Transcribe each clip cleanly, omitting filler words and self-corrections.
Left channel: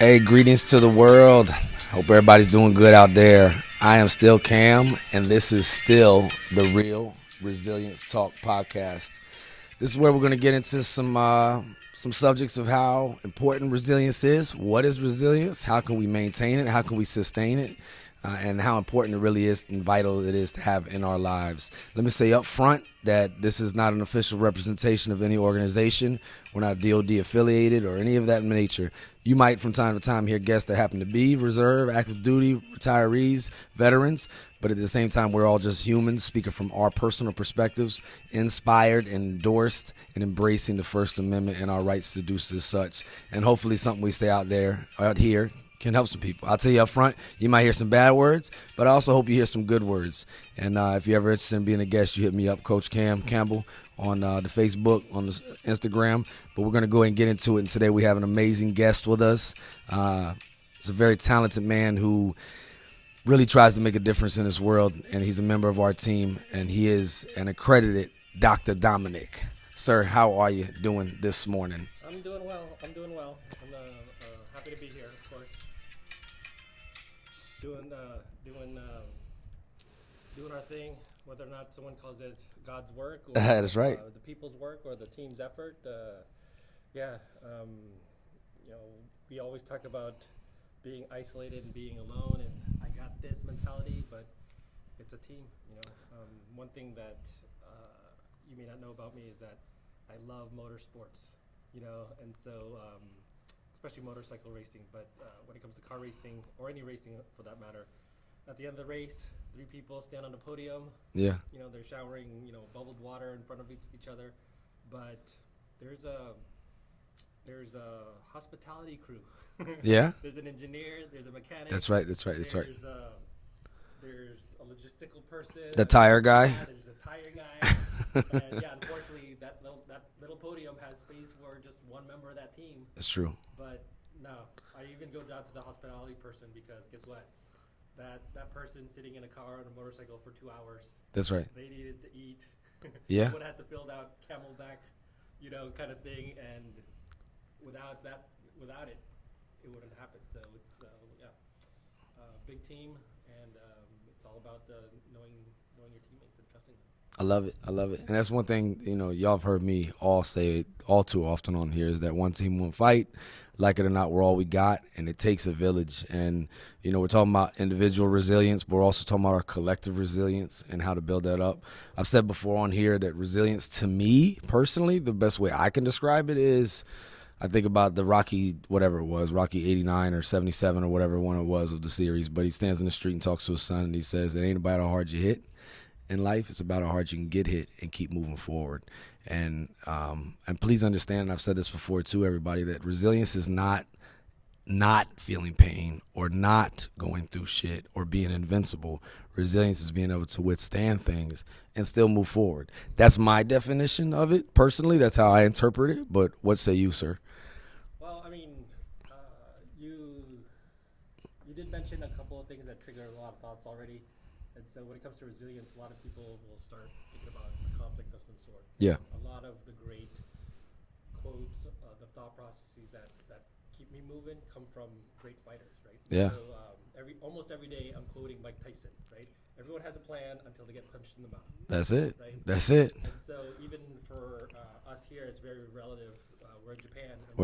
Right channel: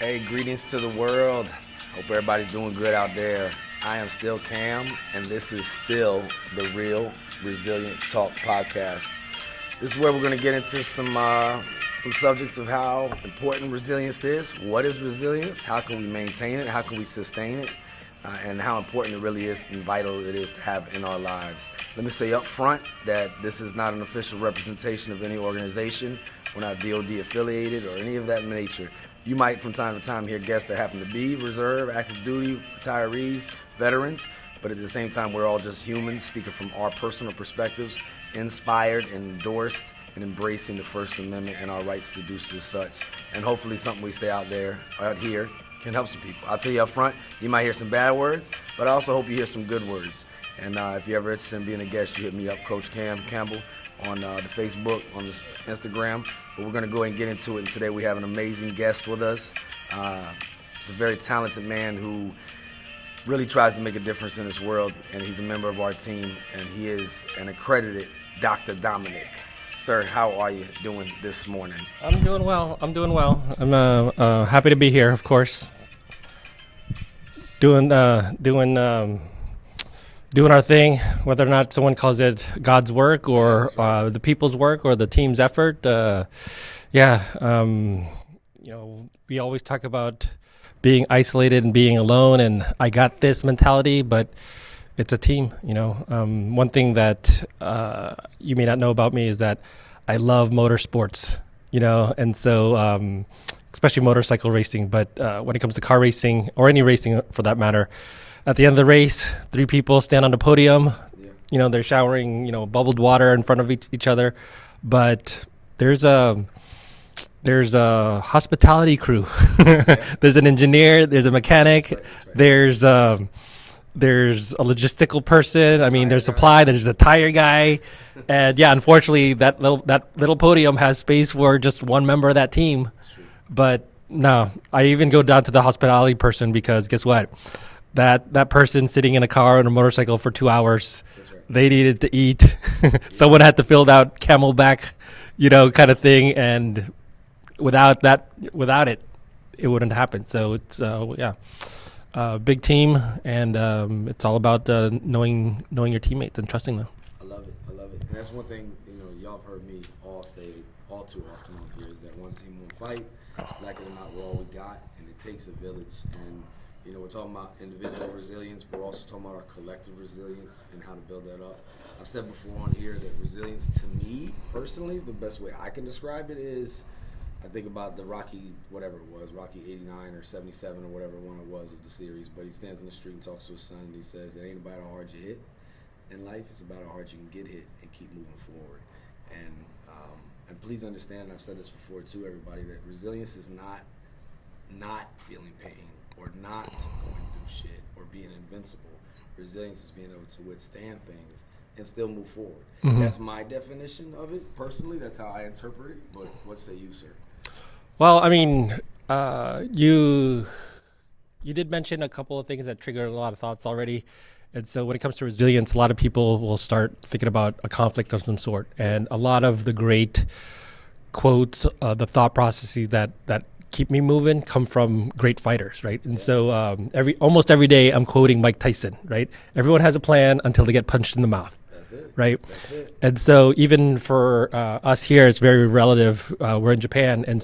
Hey, greetings to the world. Hope everybody's doing good out there. I am still Cam, and this is still the Real Resilience Talk podcast. This is where we're going to get into some subjects of how important resilience is. What is resilience? How can we maintain it? How can we sustain it? And how important it really is and vital it is to have in our lives. Let me say up front that this is not an official representation of any organization. We're not DOD affiliated or any of that nature. You might from time to time hear guests that happen to be reserve, active duty, retirees, veterans, but at the same time we're all just humans speaking from our personal perspectives, inspired, endorsed, and embracing the First Amendment and our rights to do such. And hopefully something we say out here can help some people. I'll tell you up front, you might hear some bad words, but I also hope you hear some good words. And if you're ever interested in being a guest, you hit me up, Coach Cam Campbell, on the Facebook, on the Instagram. But we're going to go ahead and get into it. And today we have an amazing guest with us. He's a very talented man who really tries to make a difference in this world. And he's a member of our team. And he is an accredited Dr. Dominick. Sir, how are you doing this morning? I'm doing well. I'm happy to be here, of course. Doing our thing, whether or not someone calls it God's work or right. The people's work or the team's effort. We always talk about being isolated and being alone, and I got this mentality, but it's a team. One thing that you may not know about me is that I love motorsports, and so especially motorcycle racing. But when it comes to car racing or any racing for that matter, at the end of the race, 3 people stand on the podium. Yeah. They're showering, bubbled water in front of each other. But there's a hospitality crew. Yeah. There's an engineer. There's a mechanic. That's right. There's a logistical person. There's supply. There's a tire guy. And yeah, unfortunately, that little podium has space for just one member of that team. That's true. But no, I even go down to the hospitality person because guess what? That person sitting in a car on a motorcycle for 2 hours. That's right. They needed to eat. Yeah. Someone had to fill out Camelback, kind of thing. And without it wouldn't happen. So it's big team, and it's all about knowing your teammates and trusting them. I love it. And that's one thing, y'all have heard me all say all too often on here is that one team, one fight. Like it or not, we're all we got, and it takes a village. And we're talking about individual resilience, but we're also talking about our collective resilience and how to build that up. I've said before on here that resilience, to me personally, the best way I can describe it is, I think about the Rocky, whatever it was, Rocky 89 or 77 or whatever one it was of the series, but he stands in the street and talks to his son, and he says, it ain't about how hard you hit in life, it's about how hard you can get hit and keep moving forward. And please understand, and I've said this before too, everybody, that resilience is not feeling pain or not going through shit or being invincible. Resilience is being able to withstand things and still move forward. Mm-hmm. That's my definition of it. Personally, that's how I interpret it. But what say you, sir? Well, you did mention a couple of things that triggered a lot of thoughts already. And so when it comes to resilience, a lot of people will start thinking about a conflict of some sort. Yeah. And a lot of the great quotes, the thought processes that keep me moving come from great fighters, right? And so almost every day I'm quoting Mike Tyson, right? Everyone has a plan until they get punched in the mouth. That's it. Right? That's it. And so even for us here, it's very relative. We're in Japan. And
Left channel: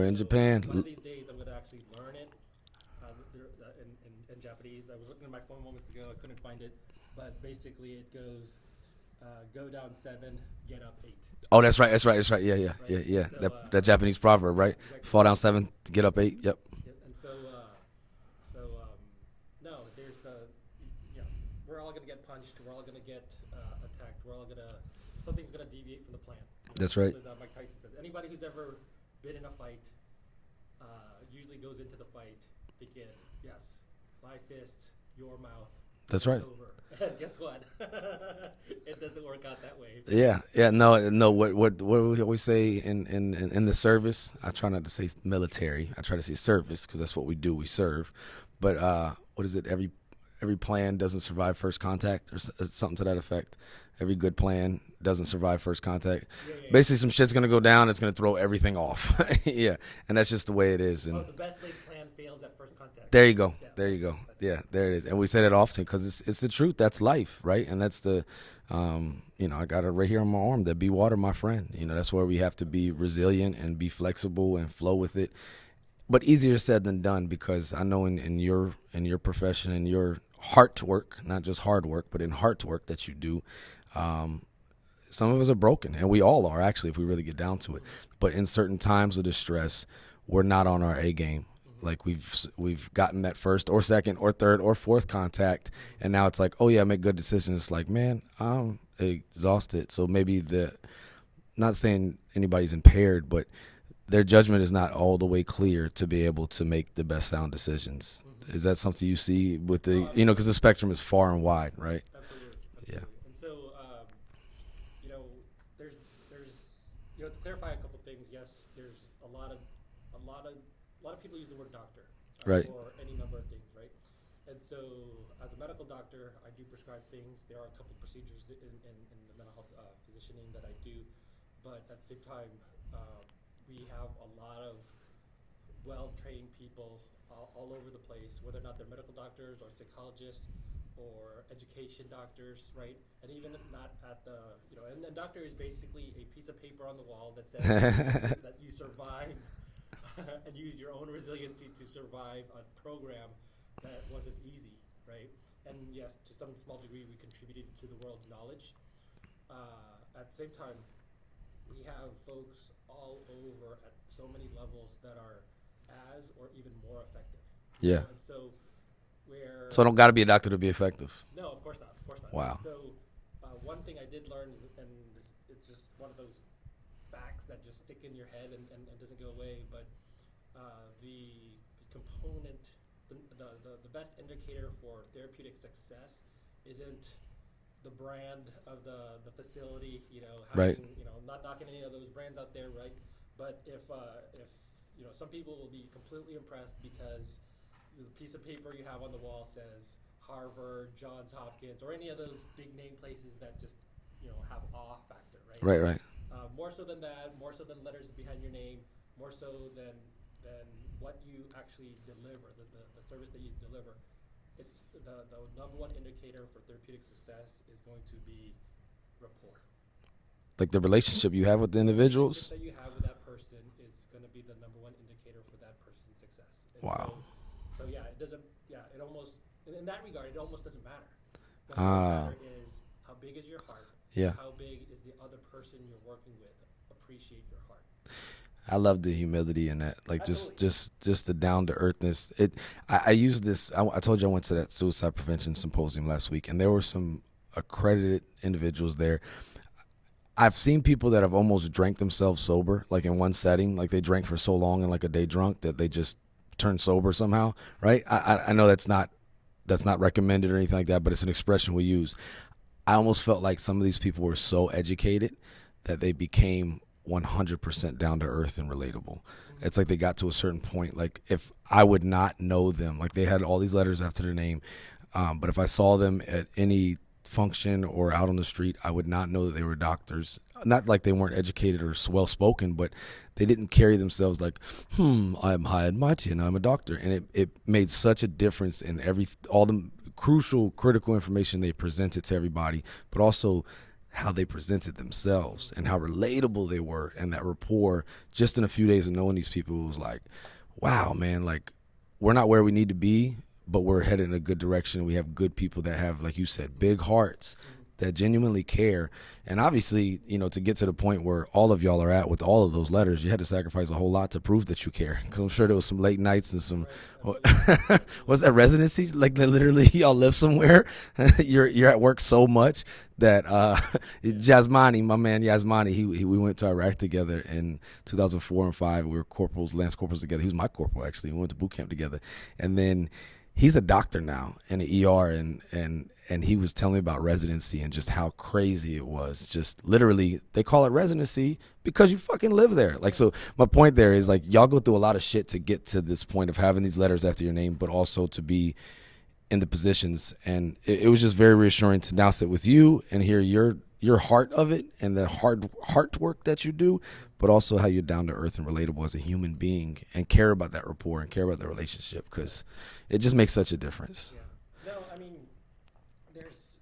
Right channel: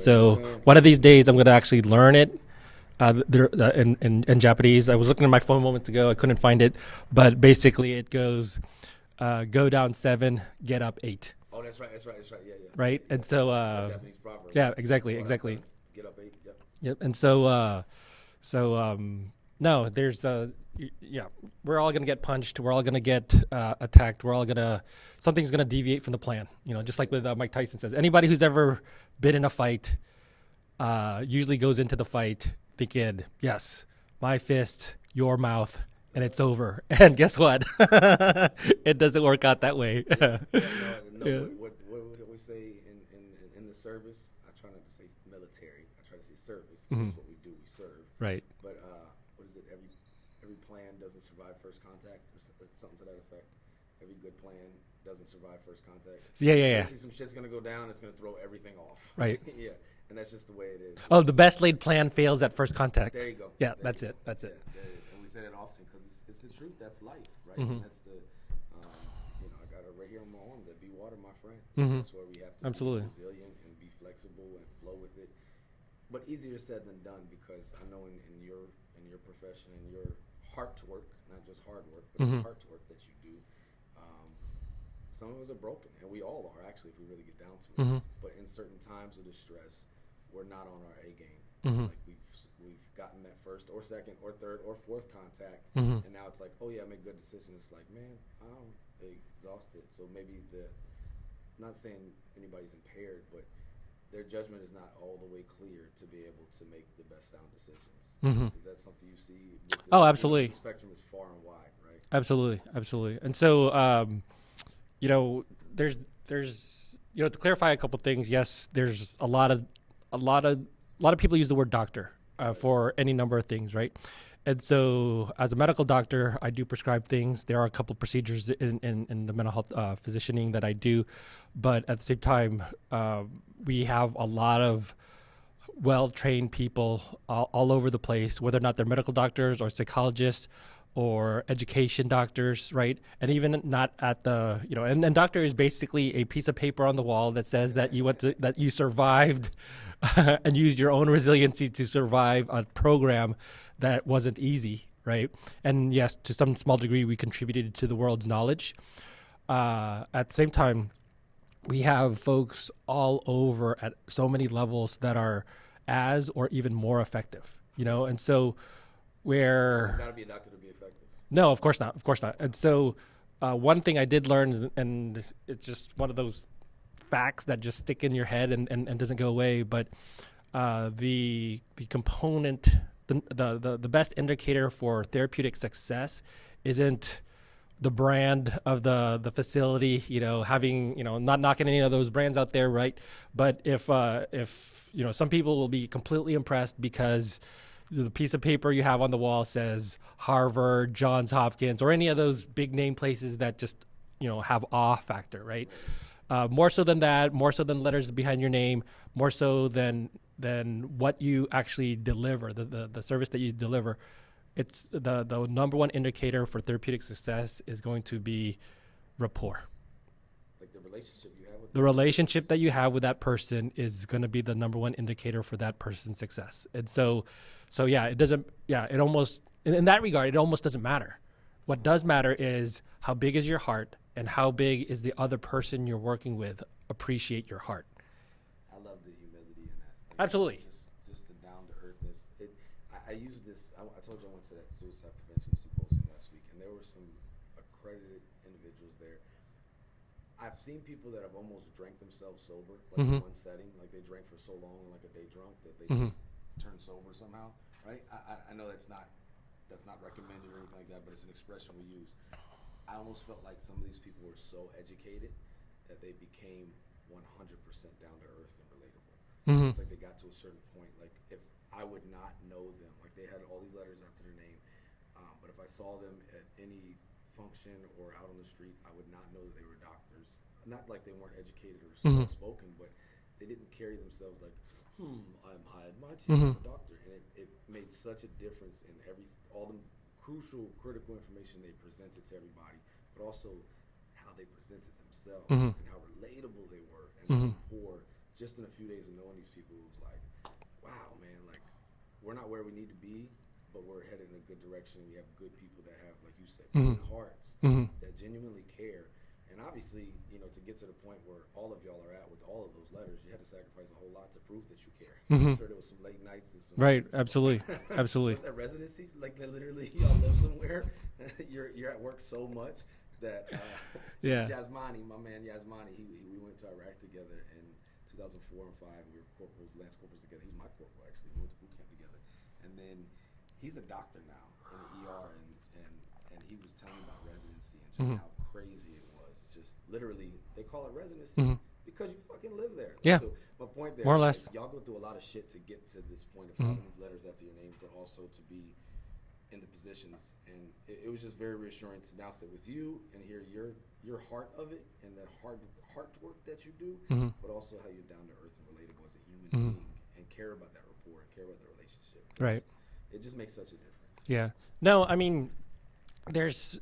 one of these days I'm going to actually learn it in Japanese. I was looking at my phone moments ago. I couldn't find it. But basically it goes, go down 7, get up 8. Oh, that's right. Yeah. Right. Yeah. And so that Japanese proverb, right? Exactly. Fall down 7, get up 8. Yep. And so, no, there's we're all gonna get punched. We're all gonna get attacked. Something's gonna deviate from the plan. That's just right. like with Mike Tyson says. Anybody who's ever been in a fight usually goes into the fight thinking, yes, my fist, your mouth. That's and it's right. over. And guess what? It doesn't work out that way. No. What we always say in the service, I try not to say military. I try to say service because that's what we do. We serve. Right. But what is it? Every plan doesn't survive first contact or something to that effect. every good plan doesn't survive first contact. Yeah. Basically, some shit's gonna go down. It's gonna throw everything off. Right. Yeah, and that's just the way it is. Oh, the best laid plan fails at first contact. There you go. Yeah, there you that's go. it. That's yeah, it. there it is. And we say that often because it's the truth. That's life, right? Mm-hmm. And that's the, I got it right here on my arm. That be water, my friend. You know, that's where we have to Absolutely. be resilient and be flexible and flow with it. But easier said than done, because I know in your profession and your heart work, not just hard work, but in heart work that you do, some of us are broken, and we all are, actually, if we really get down to it. But in certain times of distress, we're not on our A game. Like we've gotten that first or second or third or fourth contact, and now it's like, oh yeah, make good decisions. It's like, man, I'm exhausted. So maybe not saying anybody's impaired, but their judgment is not all the way clear to be able to make the best sound decisions. Is that something you see with the, absolutely. because the spectrum is far and wide, right? Absolutely. And so, there's to clarify a couple things. Yes, there's a lot of people use the word doctor Right. for any number of things, right? And so, as a medical doctor, I do prescribe things. There are a couple procedures in the mental health physicianing that I do, but at the same time, we have a lot of well-trained people all over the place, whether or not they're medical doctors or psychologists or education doctors, right? And even not at the, and doctor is basically a piece of paper on the wall that says that that you survived and used your own resiliency to survive a program that wasn't easy, right? And yes, to some small degree, we contributed to the world's knowledge. At the same time, we have folks all over at so many levels that are as or even more effective, you know? And so So I don't got to be a doctor to be effective. No, of course not. Wow. And so one thing I did learn, and it's just one of those facts that just stick in your head and doesn't go away, but the component, the best indicator for therapeutic success isn't the brand of the facility, having, Right. Not knocking any of those brands out there, right? But if some people will be completely impressed because the piece of paper you have on the wall says Harvard, Johns Hopkins, or any of those big name places that just, have awe factor, right? Right. More so than that, more so than letters behind your name, more so than what you actually deliver, the service that you deliver. It's the number one indicator for therapeutic success is going to be rapport. Like the relationship you have with the relationship that you have with that person is going to be the number one indicator for that person's success. And so yeah, it doesn't, it almost, in that regard, it almost doesn't matter. What does matter is how big is your heart and how big is the other person you're working with appreciate your heart. I love the humility in that, like Absolutely. just the down to earthness. I use this. I told you I went to that suicide prevention symposium last week, and there were some accredited individuals there. I've seen people that have almost drank themselves sober, like in one setting, like they drank for so long and like a day drunk that they just turned sober somehow, right? I know that's not recommended or anything like that, but it's an expression we use. I almost felt like some of these people were so educated that they became 100% down to earth and relatable. It's like they got to a certain point, like if I would not know them, like they had all these letters after their name, but if I saw them at any function or out on the street, I would not know that they were doctors. Not like they weren't educated or well spoken, but they didn't carry themselves like, I'm high and mighty and I'm a doctor. And it made such a difference in all the crucial, critical information they presented to everybody, but also how they presented themselves and how relatable they were, and that rapport. Just in a few days of knowing these people, it was like, wow, man, like we're not where we need to be, but we're headed in a good direction. We have good people that have, like you said, big hearts that genuinely care. And obviously, to get to the point where all of y'all are at with all of those letters, you had to sacrifice a whole lot to prove that you care. I'm sure there was some late nights and some. Right. Absolutely. Absolutely. Was that residency? Like literally y'all live somewhere. you're at work so much that Yasmani, my man Yasmani, we went to Iraq together in 2004 and 2005. We were lance corporals together. He was my corporal, actually. We went to boot camp together. And then he's a doctor now in the ER, and he was telling me about residency and just how crazy it was. Just literally, they call it residency because you fucking live there. Like, so my point there is like, y'all go through a lot of shit to get to this point of having these letters after your name, but also to be in the positions. And it was just very reassuring to now sit with you and hear your your heart of it and the heart work that you do, but also how you're down to earth and relatable as a human being and care about that rapport and care about the relationship, because it just makes such a difference. Yeah. No, I mean, there's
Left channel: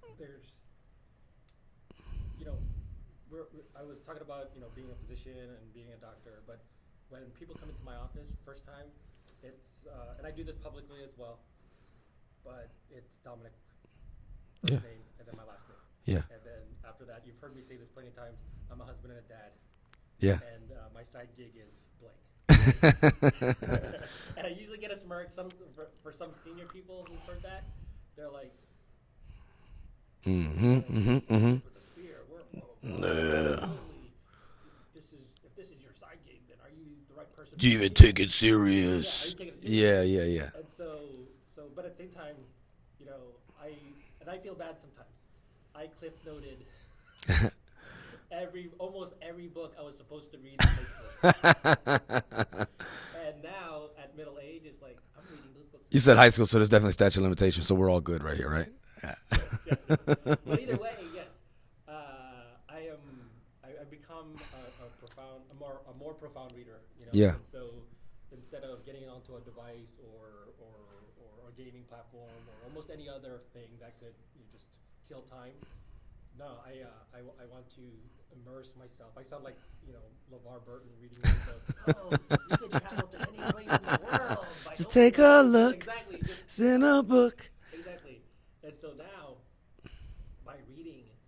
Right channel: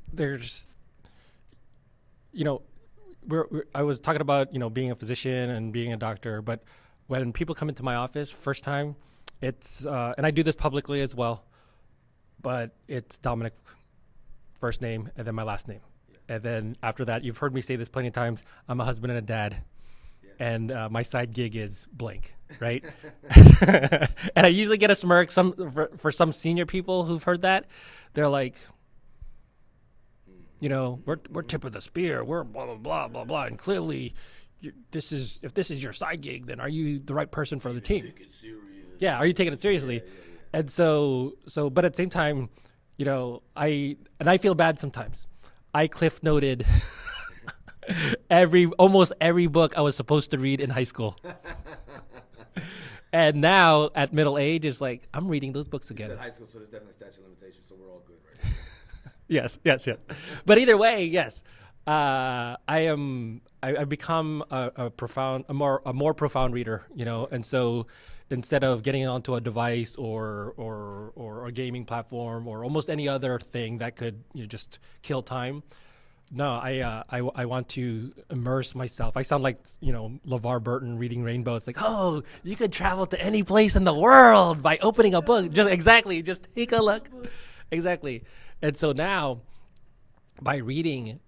I was talking about, being a physician and being a doctor, but when people come into my office first time, it's, and I do this publicly as well, but it's Dominick, first name, and then my last name. Yeah. And then after that, you've heard me say this plenty of times, I'm a husband and a dad. Yeah. And my side gig is blank, right? And I usually get a smirk for some senior people who've heard that. They're like, we're tip of the spear. We're blah, blah, blah, blah, blah. And clearly, if this is your side gig, then are you the right person for the team? Do you take it serious? Yeah, are you taking it seriously? Yeah. And so, but at the same time, I feel bad sometimes. I cliff noted almost every book I was supposed to read in high school. And now at middle age, it's like, I'm reading those books again. You said high school, so there's definitely statute of limitations, so we're all good right here, right? Yes. But either way, yes. I've become a more profound reader, and so instead of getting onto a device or a gaming platform or almost any other thing that could just kill time, no, I want to immerse myself. I sound like LeVar Burton reading Rainbow. It's like, oh, you could travel to any place in the world by opening a book. Just take a look. Exactly. And so now, by reading,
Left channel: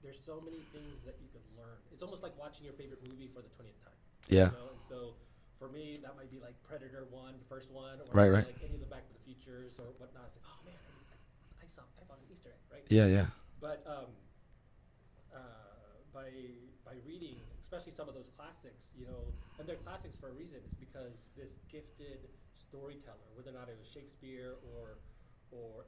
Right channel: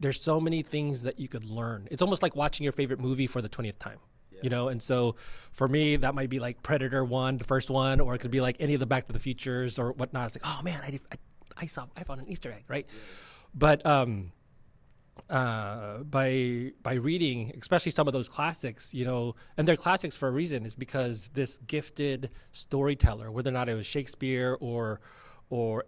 there's so many things that you could learn. It's almost like watching your favorite movie for the 20th time. Yeah. And so for me, that might be like Predator 1, the first one, or it could be like any of the Back to the Futures or whatnot. It's like, oh man, I found an Easter egg, right? Yeah. But by reading, especially some of those classics, and they're classics for a reason, is because this gifted storyteller, whether or not it was Shakespeare or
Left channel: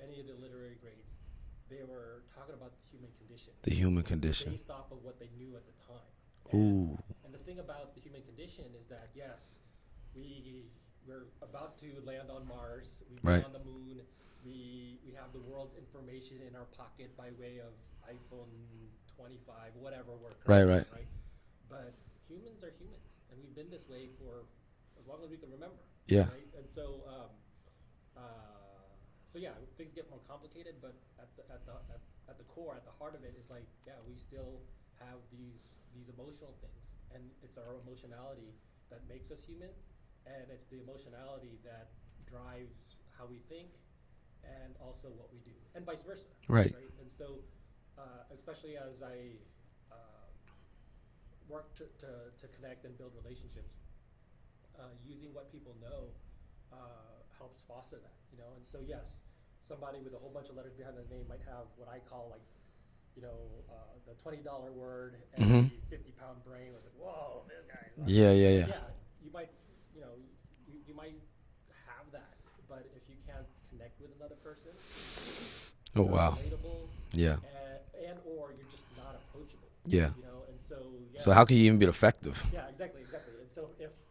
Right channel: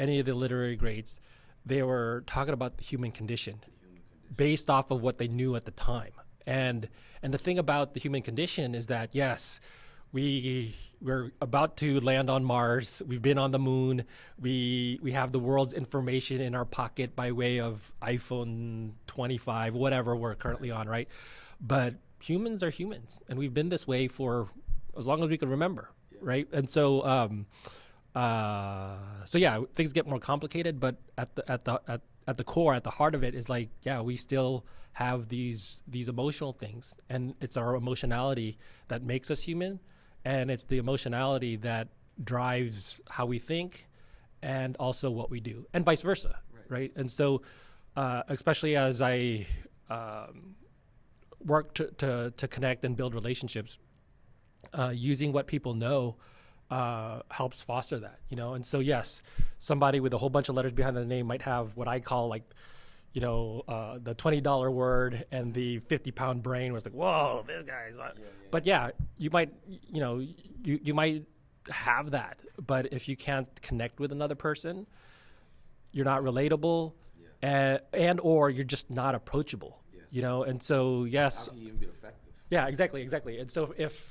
any of the literary greats, they were talking about the human condition. The human condition. Based off of what they knew at the time. And the thing about the human condition is that, yes, we're about to land on Mars. We've been on the moon. We have the world's information in our pocket by way of iPhone 25, whatever we're currently on, right? But humans are humans, and we've been this way for as long as we can remember, right? And so, things get more complicated, but at the core, at the heart of it is like, we still have these emotional things, and it's our emotionality that makes us human, and it's the emotionality that drives how we think and also what we do, and vice versa, right? And so, especially as I work to connect and build relationships, using what people know helps foster that, and so yes, somebody with a whole bunch of letters behind their name might have what I call like, the $20 word and the 50-pound brain was like, whoa, this guy's on. But you might, you might have that, but if you can't connect with another person, you're not relatable. And or you're just not approachable. And so yes. So how can you even be effective? Yeah, exactly. And so if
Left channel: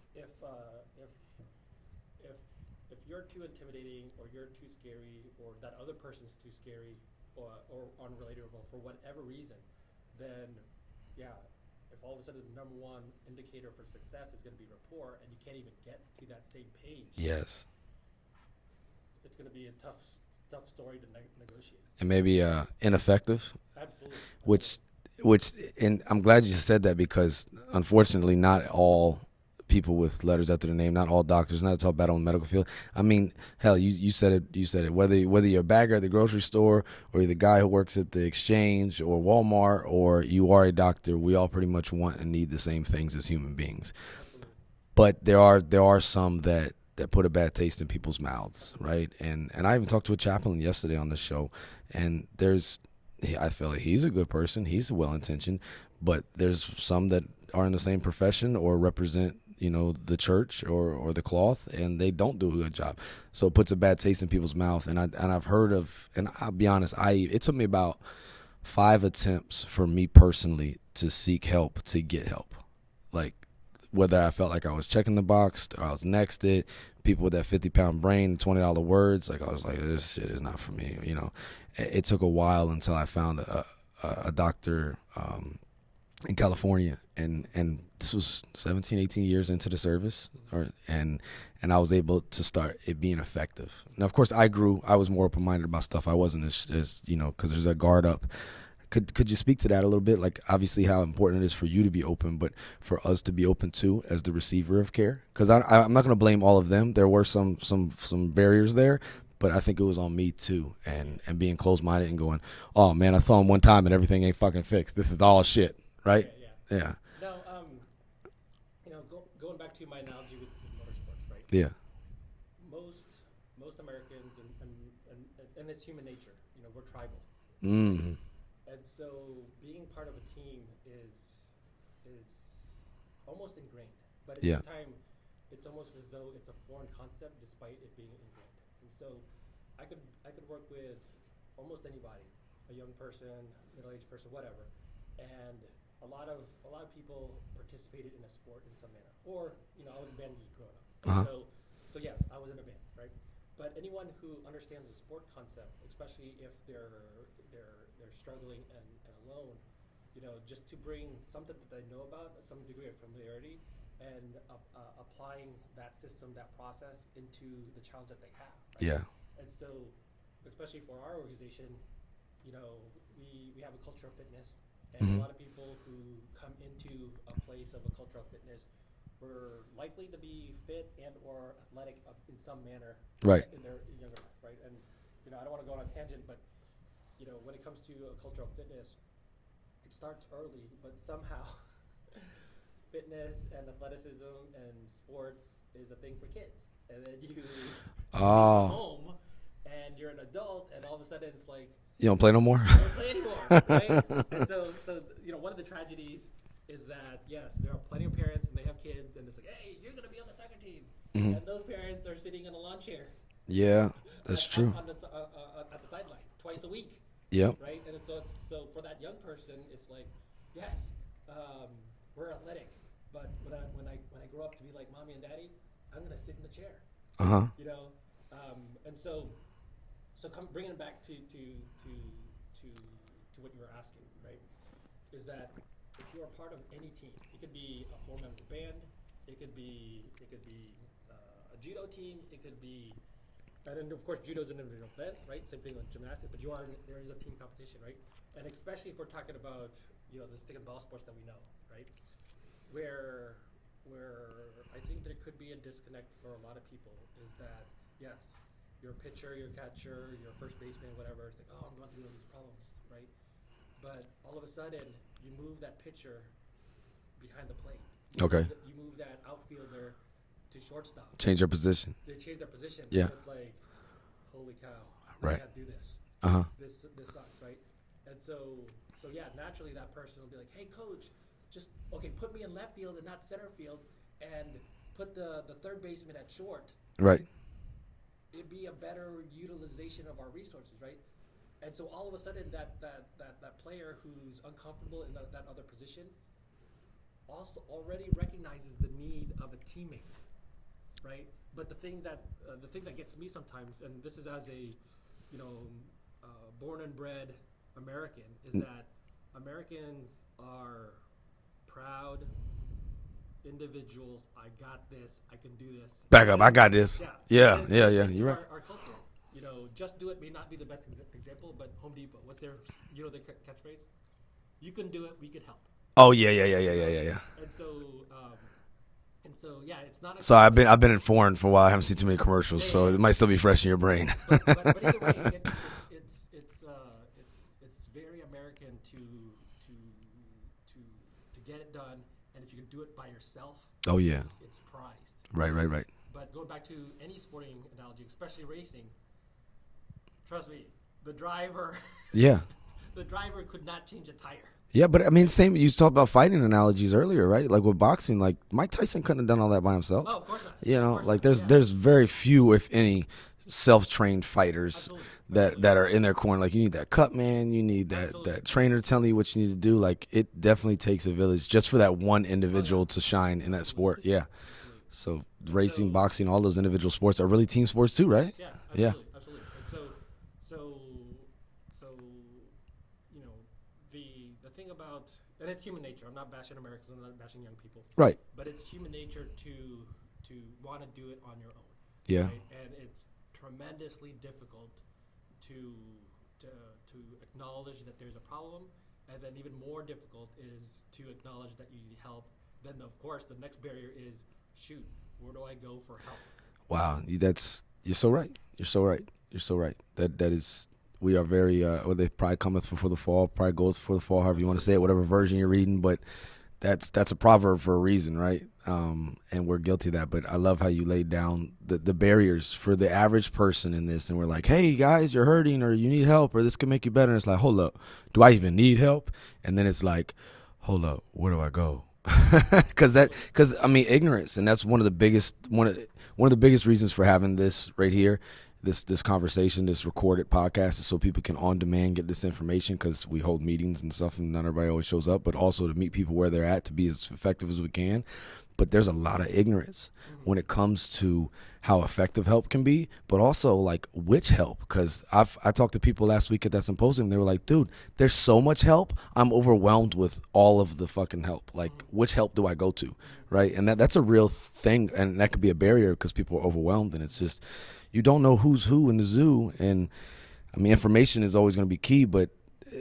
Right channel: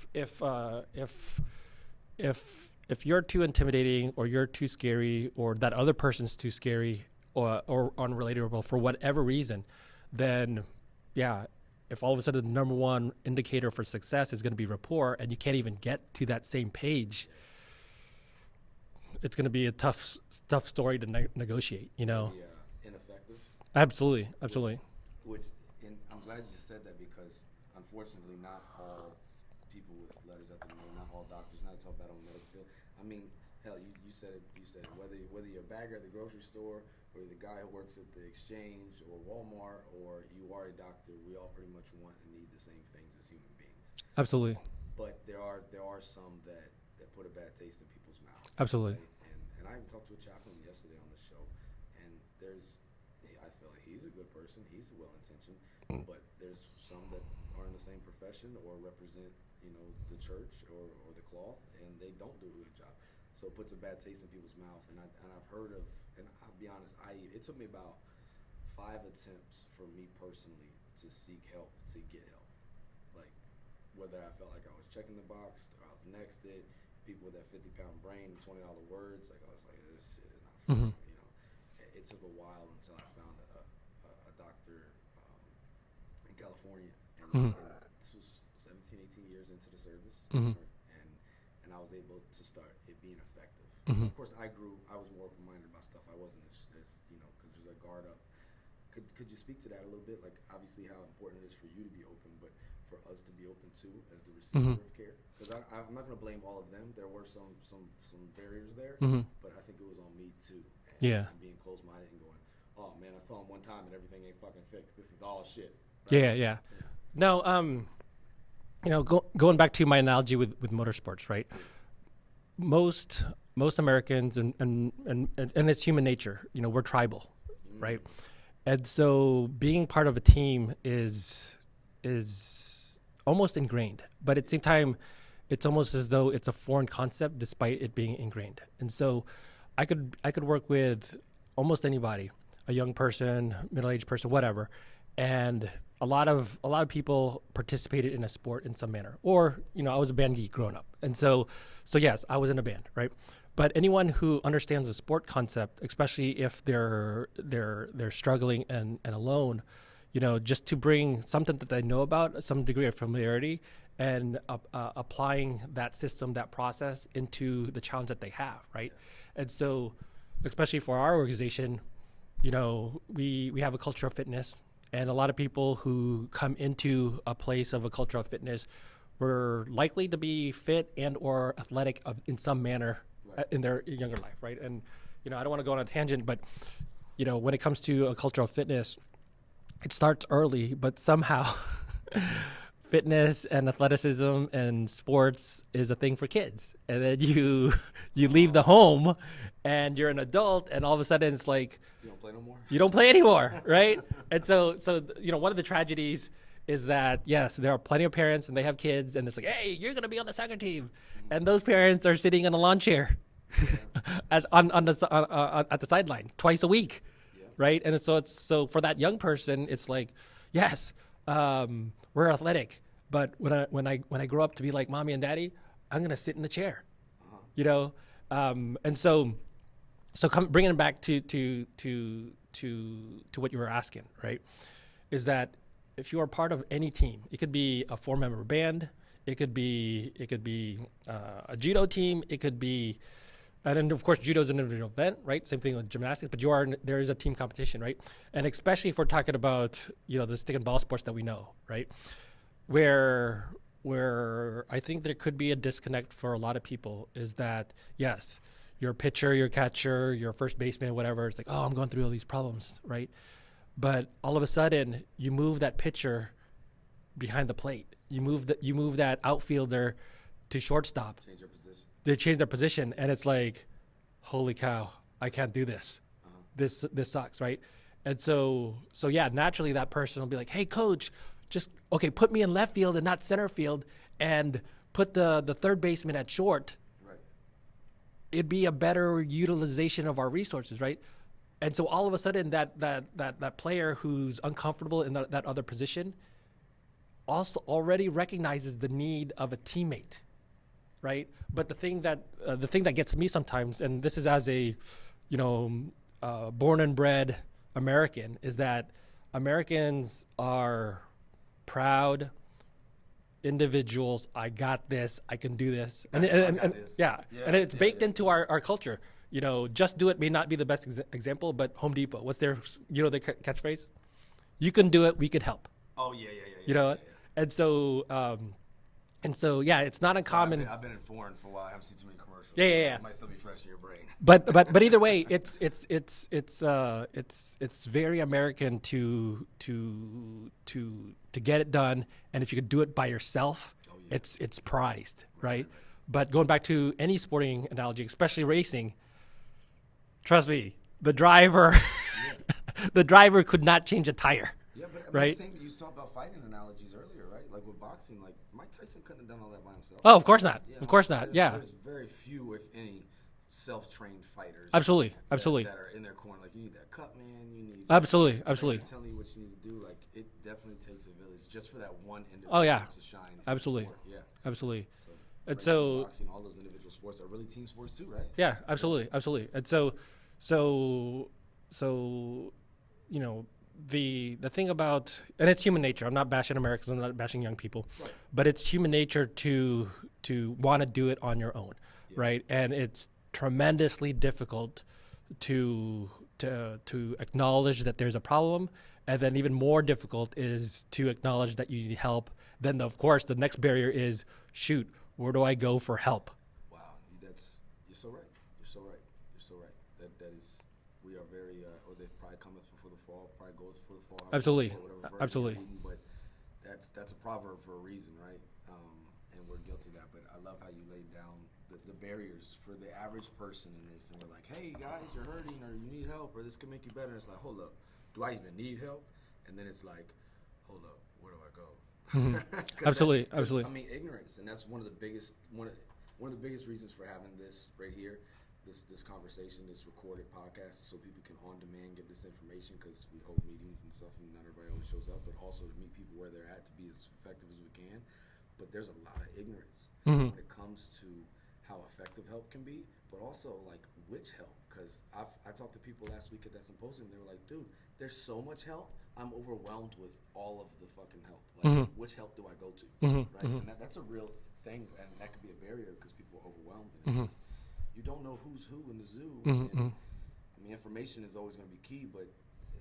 you're too intimidating or you're too scary or that other person's too scary or unrelatable for whatever reason, then if all of a sudden the number one indicator for success is going to be rapport and you can't even get to that same page, it's going to be a tough story to negotiate. Maybe ineffective. Absolutely. Which, and I'm glad you said that, because unfortunately not all people with letters after their name, not all doctors, not to talk bad on the medical field. I mean, hell, you said it. Whether you're a bagger at the grocery store or you're the guy who works at the exchange or Walmart or you are a doctor, we all pretty much want and need the same things as human beings. Absolutely. But there are some that put a bad taste in people's mouths. Absolutely. Right? And I even talked to a chaplain yesterday on the show, and I feel like he's a good person. He's well-intentioned, but there's some that are in the same profession or represent the church or the cloth, and they don't do a good job. So it puts a bad taste in people's mouth. And I've heard of, and I'll be honest, it took me about 5 attempts for me personally to seek help, to get help. Like, whether I felt like I was checking the box or I was nexted, people with that 50-pound brain, $20 words, like I was like, this shit is not for me. It took a while until I found a doctor in California, and this was 17, 18 years into the service, and I was able to start it being effective. Now, of course, I was more open-minded about stuff. I wasn't as because there's a guard up. Could you speak to that a little bit? Like, obviously, how important it is for you to be open, but for us to be open too as the receiver of care. Because I'm not going to blame all of them. There were some barriers there, but I think it was on me too, and being closed-minded and going, oh man, I saw him one time and everything ain't fucking fixed. This is all shit, right? Yeah. No, going back to my analogy with motorsports, right? Yeah. Most Americans and it's human nature. We're tribal, right? And so being part of a team is almost ingrained, but at the same time, it's almost as though it's a foreign concept, despite it being ingrained. And so, I could work with almost anybody, a young person, middle-aged person, whatever, and a lot of people participated in a sport in some manner, or I was a band geek growing up, and so yes, I was in a band, right? But anyone who understands the sport concept, especially if they're struggling and alone, just to bring something that they know about, some degree of familiarity, and applying that system, that process into the challenge that they have, right? Yeah. And so, especially for our organization, we have a culture of fitness, and a lot of people who come into a place of a culture of fitness were likely to be fit and or athletic in some manner in their younger life, right? And I don't want to go on a tangent, but when it comes to a culture of fitness, it starts early, but somehow fitness and athleticism and sports is a thing for kids, and then you leave the home and you're an adult, and all of a sudden it's like you don't play no more. You don't play anymore, right? And so one of the tragedies is that, yes, there are plenty of parents and they have kids, and it's like, hey, you're going to be on the soccer team. And those parents are sitting in a lawn chair. Yeah. at the sideline twice a week. Yeah. Right. And so for that young person, it's like, yes, we're athletic, but when I grow up to be like mommy and daddy, I'm going to sit in the chair. And so bringing it back to what you were asking, right, is that if you are part of any team, it could be a 4-member band, it could be a judo team, it could be, and then of course judo is an individual event, right? Same thing with gymnastics, but there is a team competition, right? And especially if we're talking about the stick and ball sports that we know, right? Where I think there could be a disconnect for a lot of people is that, yes, your pitcher, your catcher, your first baseman, whatever, it's like, oh, I'm going through all these problems, right? But all of a sudden, you move that pitcher behind the plate. You move that outfielder to shortstop. Change their position. They change their position, and it's like, holy cow, I can't do this. This sucks, right? And so naturally that person will be like, hey, coach, just put me in left field and not center field, and put the third baseman at short. Right. It'd be a better utilization of our resources, right? And so all of a sudden that player who's uncomfortable in that other position also already recognizes the need of a teammate, right? But the thing that gets me sometimes, and this is as a born and bred American, is that Americans are proud individuals. I got this. I can do this. Back up. I got this. Yeah. Yeah. It's baked into our culture. Just do it may not be the best example, but Home Depot, what's their their catchphrase? You can do it. We could help. Oh yeah. And so it's not uncommon. So I've been in foreign for a while. I haven't seen too many commercials, so it might still be fresh in your brain. But either way, it's very American to get it done, and if you could do it by yourself, it's prized. Right. But going back to any sporting analogy, especially racing, trust me, the driver, the driver could not change a tire. Yeah, but I mean, same. You talked about fighting analogies earlier, right? Like with boxing, like Mike Tyson couldn't have done all that by himself. Oh, of course not. Of course not. There's very few, if any, self-trained fighters. Absolutely. That are in their corner. Like you need that cut man, you need that trainer telling you what you need to do. Like it definitely takes a village just for that one individual to shine in that sport. Yeah, absolutely. So racing, boxing, all those individual sports are really team sports too, right? Yeah, absolutely. And so the thing about, and it's human nature. I'm not bashing Americans. I'm not bashing young people. Right. But it's human nature to want to do it on your own. Yeah. Right. And it's tremendously difficult to acknowledge that there's a problem, and then even more difficult is to acknowledge that you need help. Then of course the next barrier is, shoot, where do I go for help? Wow, you're so right. You're so right. You're so right. That is, we are very. Well, they probably cometh before the fall. Probably goes before the fall. However you want to say it, whatever version you're reading. But that's a proverb for a reason, right? And we're guilty of that. But I love how you laid down the barriers for the average person in this. And we're like, hey guys, you're hurting, or you need help, or this could make you better. And it's like, hold up, do I even need help? And then it's like, hold up, where do I go? Because I mean, ignorance, and that's one of the biggest reasons for having this right here, this conversation, this recorded podcast, is so people can on demand get this information, because we hold meetings and stuff and not everybody always shows up, but also to meet people where they're at, to be as effective as we can. But there's a lot of ignorance when it comes to how effective help can be, but also like which help. Because I talked to people last week at that symposium. They were like, dude, there's so much help. I'm overwhelmed with all of the fucking help. Like, which help do I go to? Right. And that's a real thing. And that could be a barrier because people are overwhelmed. And it's just, you don't know who's who in the zoo. And I mean, information is always going to be key, but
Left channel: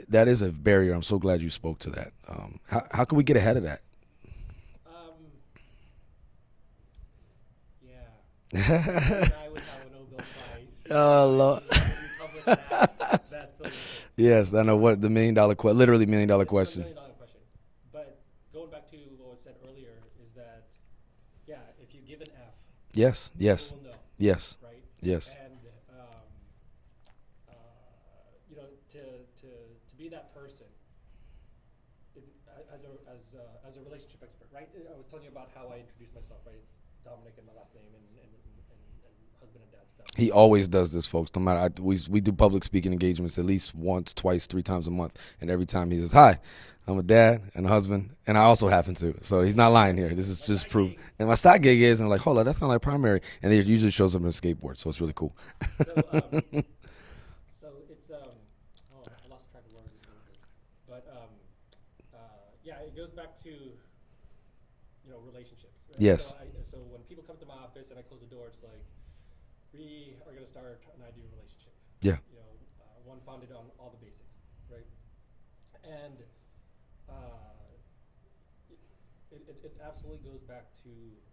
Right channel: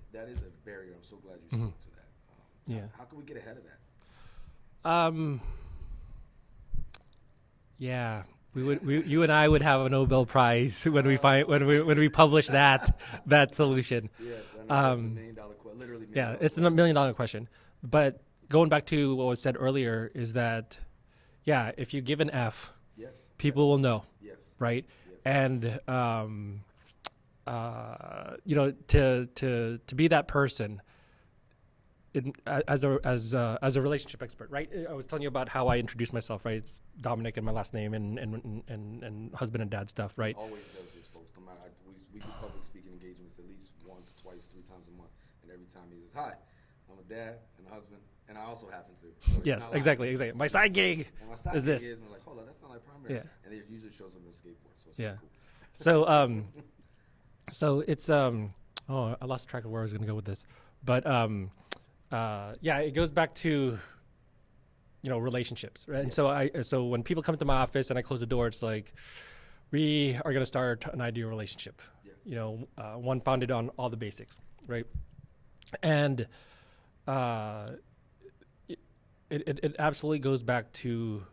that is a barrier. I'm so glad you spoke to that. How can we get ahead of that? Yeah. You and I would have a Nobel Prize when we publish that solution. Yes, I know what the $1 million literally $1 million question. It's a $1 million question. But going back to what was said earlier is that, yeah, if you give an F, people will know. Yes. Right. Yes. And you know, to be that person. As a relationship expert, right? I was telling you about how I introduced myself, right? It's Dominick and my last name and husband and dad stuff. Right? He always does this, folks. No matter, we do public speaking engagements at least once, twice, 3 times a month, and every time he says, "Hi, I'm a dad and a husband, and I also happen to." So he's not lying here. Exactly. My side gig. And my side gig is, and I'm like, hold on, that's not like primary. And it usually shows up on a skateboard, so it's really cool. So so it's I lost track of where I was going to go with this, but it goes back to, you know, relationships, right? Yes. So when people come to my office and I close the door, it's like, we are going to start an ideal relationship. Yeah. You know, one founded on all the basics, right? And it absolutely goes back to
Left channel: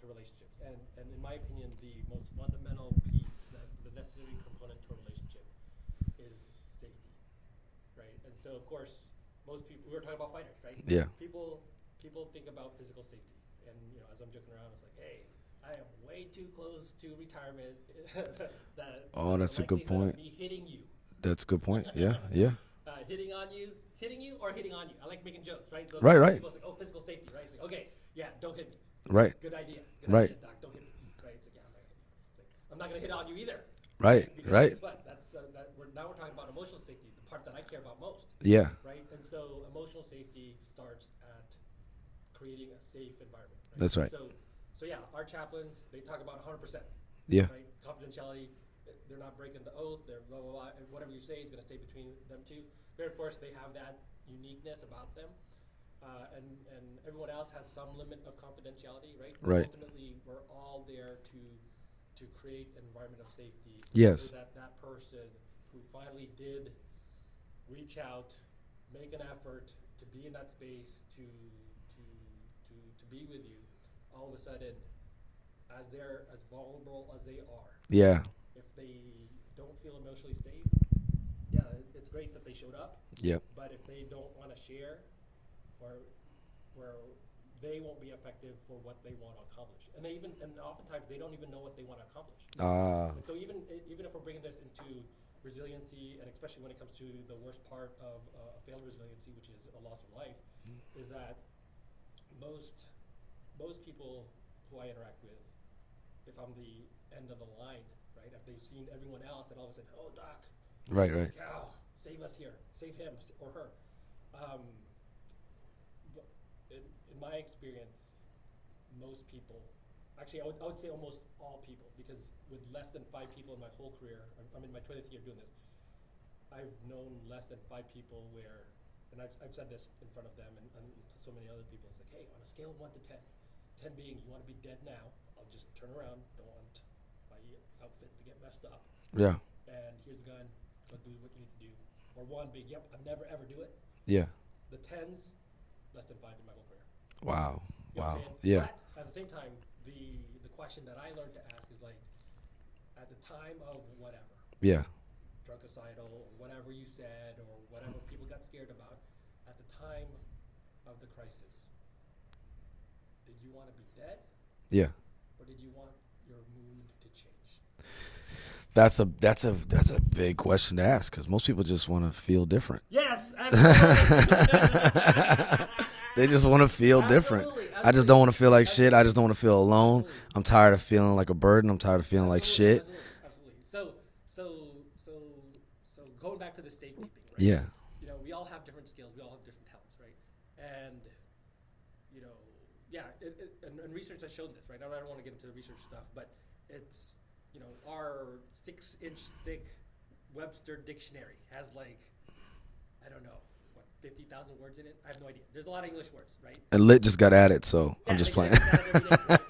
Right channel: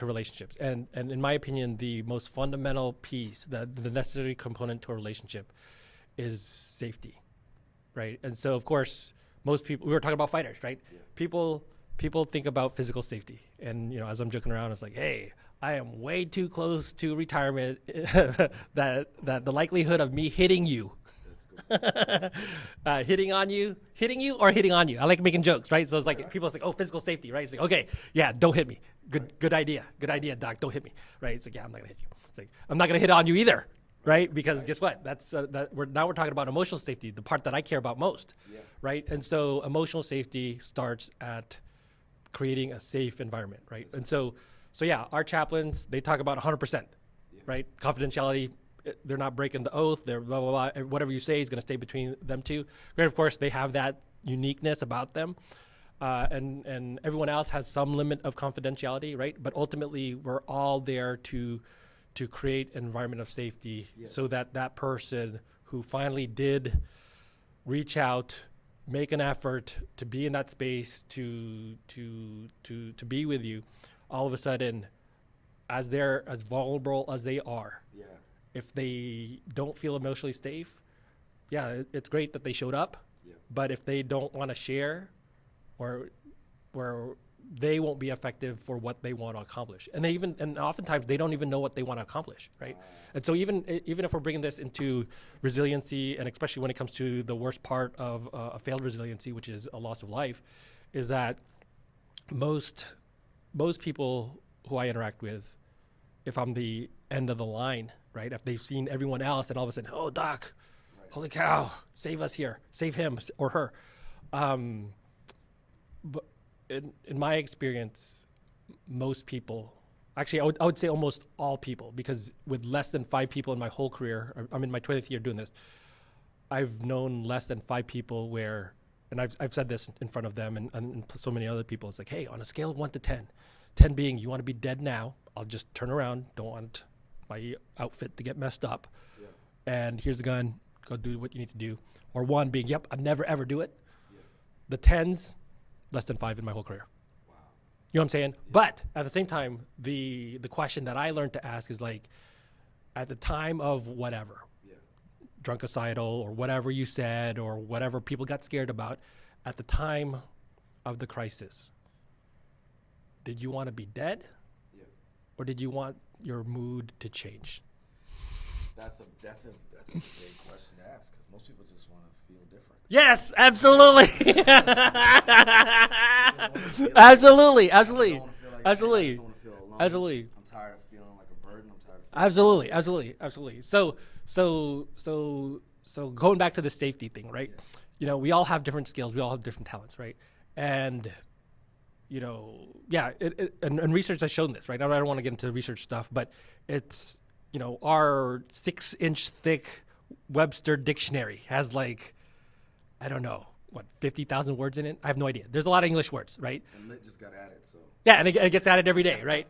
relationships. And in my opinion, the most fundamental piece, the necessary component to a relationship, is safety, right? And so, of course, most people, we were talking about fighters, right? Yeah. People think about physical safety. And, you know, as I'm joking around, it's like, hey, I am way too close to retirement that the likelihood of me hitting you. That's a good point. Yeah. Hitting you or hitting on you. I like making jokes, right? So it's like people say, oh, physical safety, right? It's like, okay, yeah, don't hit me. Good idea. Good idea, doc. Don't hit me. Right? It's like, yeah, I'm not going to hit you. It's like, I'm not going to hit on you either. Right? Because guess what? That's we're talking about emotional safety, the part that I care about most. Yeah. Right? And so emotional safety starts at creating a safe environment, right? That's right. So yeah, our chaplains, they talk about 100%. Yeah. Right? Confidentiality, they're not breaking the oath, they're blah, blah, blah. Whatever you say is going to stay between them two. Granted, of course, they have that uniqueness about them. And everyone else has some limit of confidentiality, right? But ultimately, we're all there to create an environment of safety, so that person who finally did reach out, make an effort to be in that space, to be with you, all of a sudden, as vulnerable as they are, if they don't feel emotionally safe, it's great that they showed up. But if they don't want to share, where they won't be effective for what they want to accomplish, and oftentimes they don't even know what they want to accomplish. Right? And so even if we're bringing this into resiliency, and especially when it comes to the worst part of a failed resiliency, which is a loss of life, is that most people who I interact with, if I'm the end of the line, right? If they've seen everyone else, and all of a sudden, oh, doc, holy cow, save us here, save him or her. But in my experience, most people, actually, I would say almost all people, because with less than 5 people in my whole career, I'm in my 20th year doing this, I've known less than 5 people where, and I've said this in front of them and so many other people. It's like, hey, on a scale of 1 to 10, 10 being you want to be dead now. I'll just turn around. Don't want my outfit to get messed up. Yeah. And here's the gun. Go do what you need to do. Or 1 being, yep, I'd never ever do it. Yeah. The 10s, less than 5 in my whole career. Wow. You know what I'm saying? Yeah. But at the same time, the question that I learned to ask is like, at the time of whatever, Yeah. drunkicidal or whatever you said or whatever people got scared about, at the time of the crisis, did you want to be dead? Yeah. Or did you want your mood to change? That's a big question to ask because most people just want to feel different. Yes, absolutely. They just want to feel absolutely, different. absolutely. I just don't want to feel like shit. I Absolutely. just don't want to feel alone. Absolutely. I'm tired of feeling like a burden. I'm tired of feeling Absolutely, like shit. absolutely. So going back to the safety thing, right? Yeah. You know, we all have different skills. We all have different talents, right? And, you know, yeah, and research has shown this, right? I don't want to get into research stuff, but it's, you know, our 6-inch thick Webster dictionary has like, I don't know, what, 50,000 words in it? I have no idea. There's a lot of English words, right? And lit just got added, so Yeah, and it gets added every day, right?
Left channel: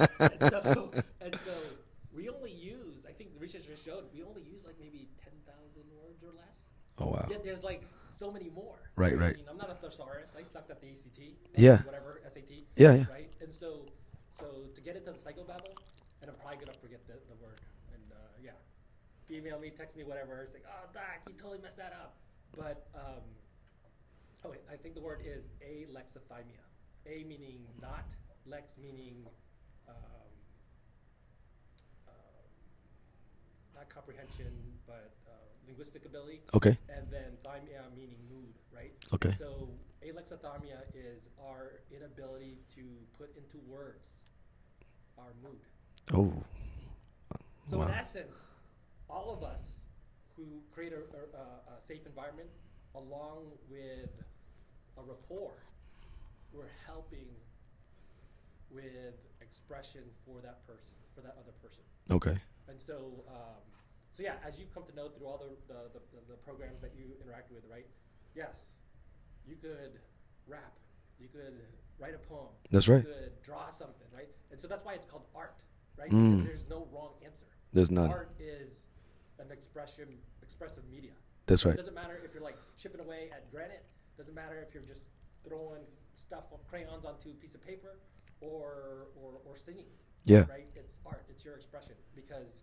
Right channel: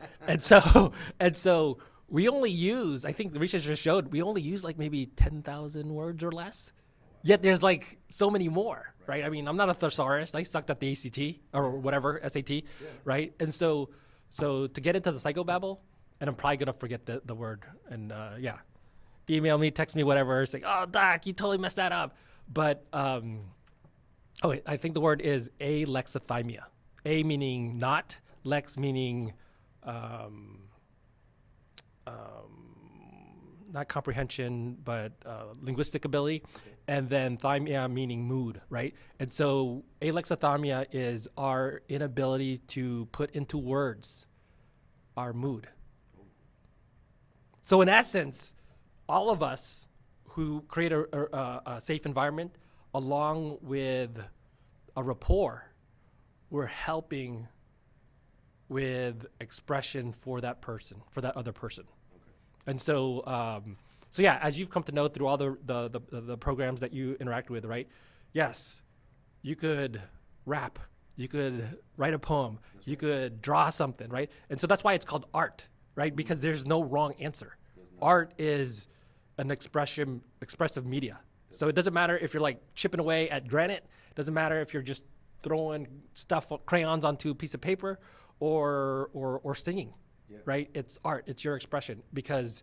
and so we only use, I think the research just showed, we only use like maybe 10,000 words or less. Oh wow. Yet there's like so many more, Right, I right. mean, I'm not a thesaurus. I sucked at the ACT or Yeah. whatever, SAT, Yeah. right? And so to get into the psychobabble, and I'm probably gonna forget the word, and yeah, email me, text me, whatever. It's like, oh, doc, you totally messed that up. But I think the word is alexithymia. A meaning not, lex meaning not comprehension, but linguistic ability. Okay. And then thymia meaning mood, right? Okay. And so alexithymia is our inability to put into words our mood. Oh. So in essence, all of us who create a safe environment, along with a rapport, we're helping with expression for that person, for that other person. Okay. And so, so yeah, as you've come to know through all the programs that you interact with, right? Yes, you could rap, you could write a poem, That's you right. could draw something, right? And so that's why it's called art, right? Because there's no wrong answer. There's none. Art is an expressive media. That's so right. it doesn't matter if you're like chipping away at granite. It doesn't matter if you're just throwing crayons onto a piece of paper or singing. Yeah. Right? It's art. It's your expression because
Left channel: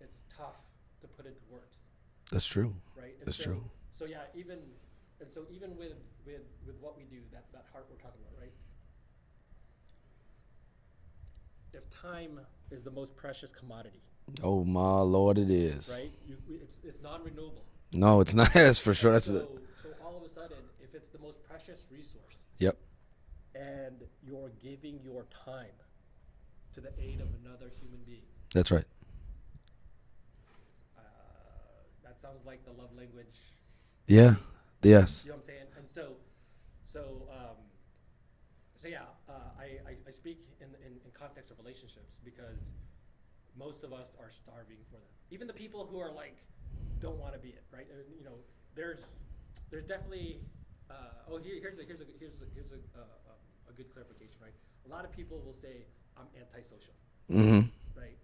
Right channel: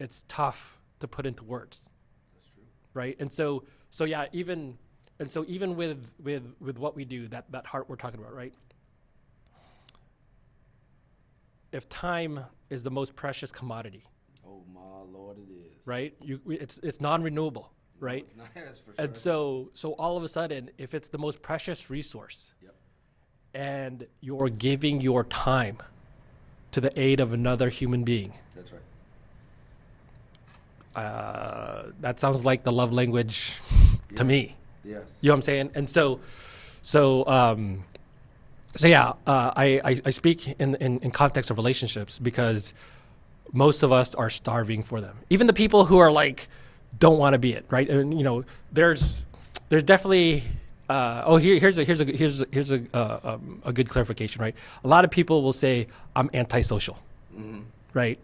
it's tough to put into words. That's true. Right? And That's so true. so yeah, even with what we do, that heart we're talking about, right? If time is the most precious commodity, Oh my Lord, it is. right? It's non-renewable. No, right? it's not. That's for sure. And That's it. so all of a sudden, if it's the most precious resource Yep. and you're giving your time to the aid of another human being, That's right. that sounds like the love language Yeah. to me. Yes. You know what I'm saying? And so yeah, I speak in context of relationships because most of us are starving for them. Even the people who are like don't want to be it, right? And you know, there's definitely here's a good clarification, right? A lot of people will say I'm antisocial, right?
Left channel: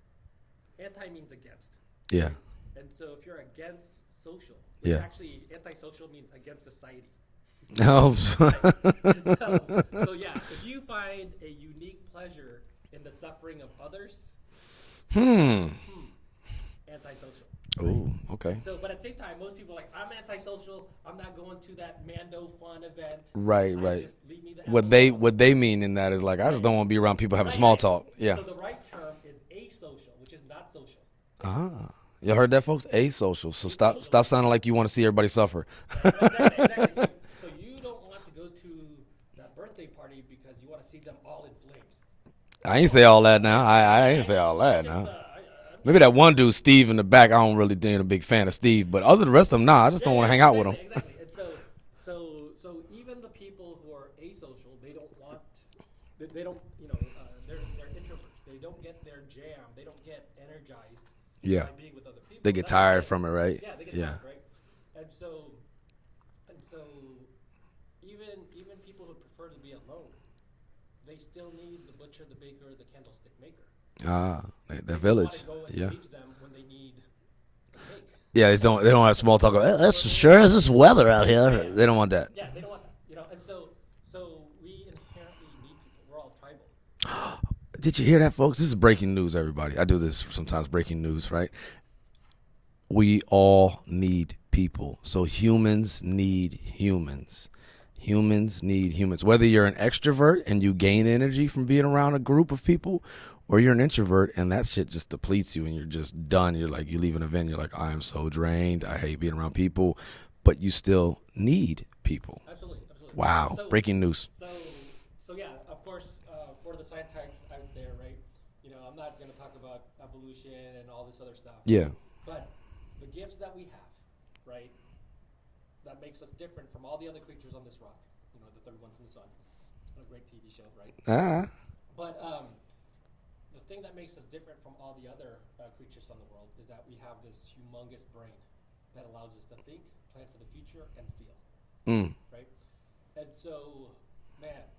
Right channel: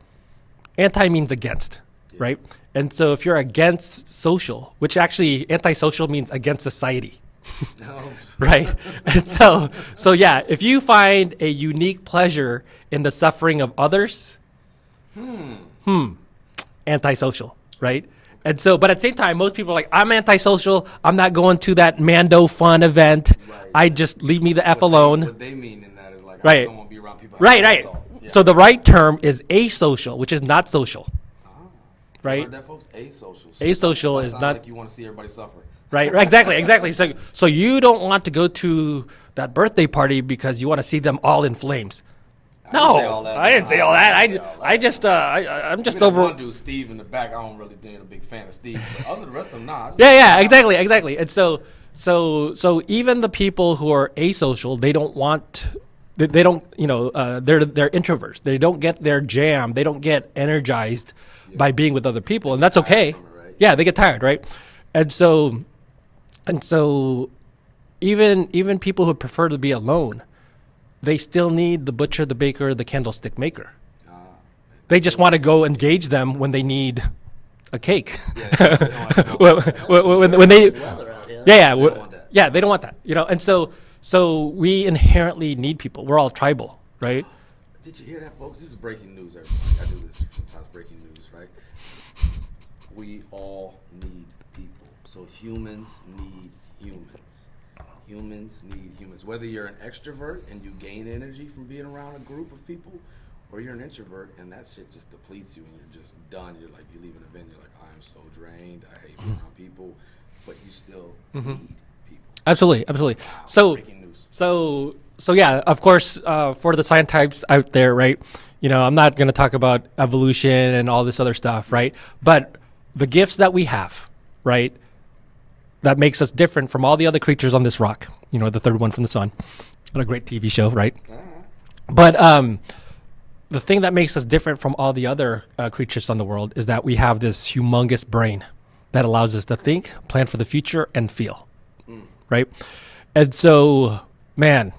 Anti means against, Yeah. right? And so if you're against social, which Yeah. actually antisocial means against society, Oh. right? And so yeah, if you find a unique pleasure in the suffering of others, antisocial, right? okay. And so, but at the same time, most people are like, I'm antisocial. I'm not going to that Mando fun event. Right, I right. just leave me the F What alone. what they mean in that is like, I Right. just don't want to be around people having right, small right. talk. Yeah. So the right term is asocial, which is not social. You right. heard that, folks? Asocial. So Asocial Stop is sounding not- like you want to see everybody suffer. Right, exactly. So you don't want to go to that birthday party because you want to see them all in flames. I didn't say all that. I didn't say all that. I didn't say all that. I just, I'm just Maybe that over. one dude, Steve, in the back. I don't really ain't a big fan of Steve, but other the rest of them, nah. I just Yeah, don't wanna yeah, hang out with exactly. And so even the people who are asocial, they don't want. They don't, they're introverts. They don't get their jam. They don't get energized Yeah. by being with other people, They and get that's tired okay. from it, right? Yeah, they get tired, right? And so even people who prefer to be alone, they still need the butcher, the baker, the candlestick maker. They just want to go engage them when they need a cake. Yeah, they don't have small talk. When there's weather out here. Yeah, They don't want that. Yeah, they don't want that. And so we inherently need people. We're all tribal, right? Did you hear that, folks? This is breaking news, everybody. I do this sometimes, breaking news, right? We all need people. So humans need humans. Humans need humans. Whether you're an extrovert and you gain energy from being around a group of people, or you're an introvert and that shit just depletes you and you're just done. You're like, you leave an event, you're like, I am so drained. I hate being around people. But you still need people. Absolutely. Wow. So breaking news. So yeah, of course, for the science types out there, right? I'm not going to talk about evolution and all this other stuff, right? But the gifts that we have, right, that makes us different from all the other creatures on this rock. The third one from the sun, on a great TV show, right? But the thing that makes us different from all the other creatures on the world is that we have this humongous brain that allows us to think, plan for the future, and feel, right? And so, man,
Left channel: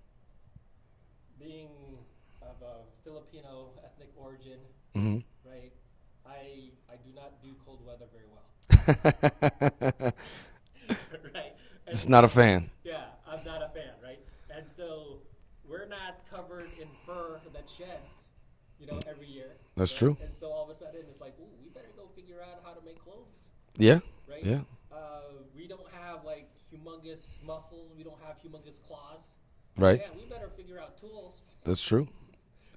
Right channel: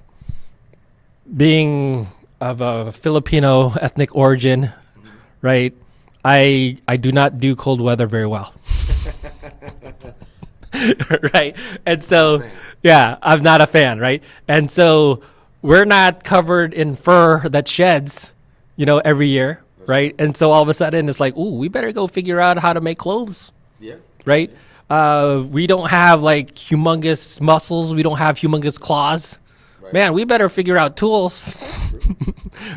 being of a Filipino ethnic origin, right, I do not do cold weather very well. Right. And so, not a fan. Yeah, I'm not a fan. Right. And so we're not covered in fur that sheds, every year. That's right. true. And so all of a sudden it's like, ooh, we better go figure out how to make clothes. Yeah. Right. Yeah. We don't have like humongous muscles. We don't have humongous claws. Right. Man, we better figure out tools. That's true.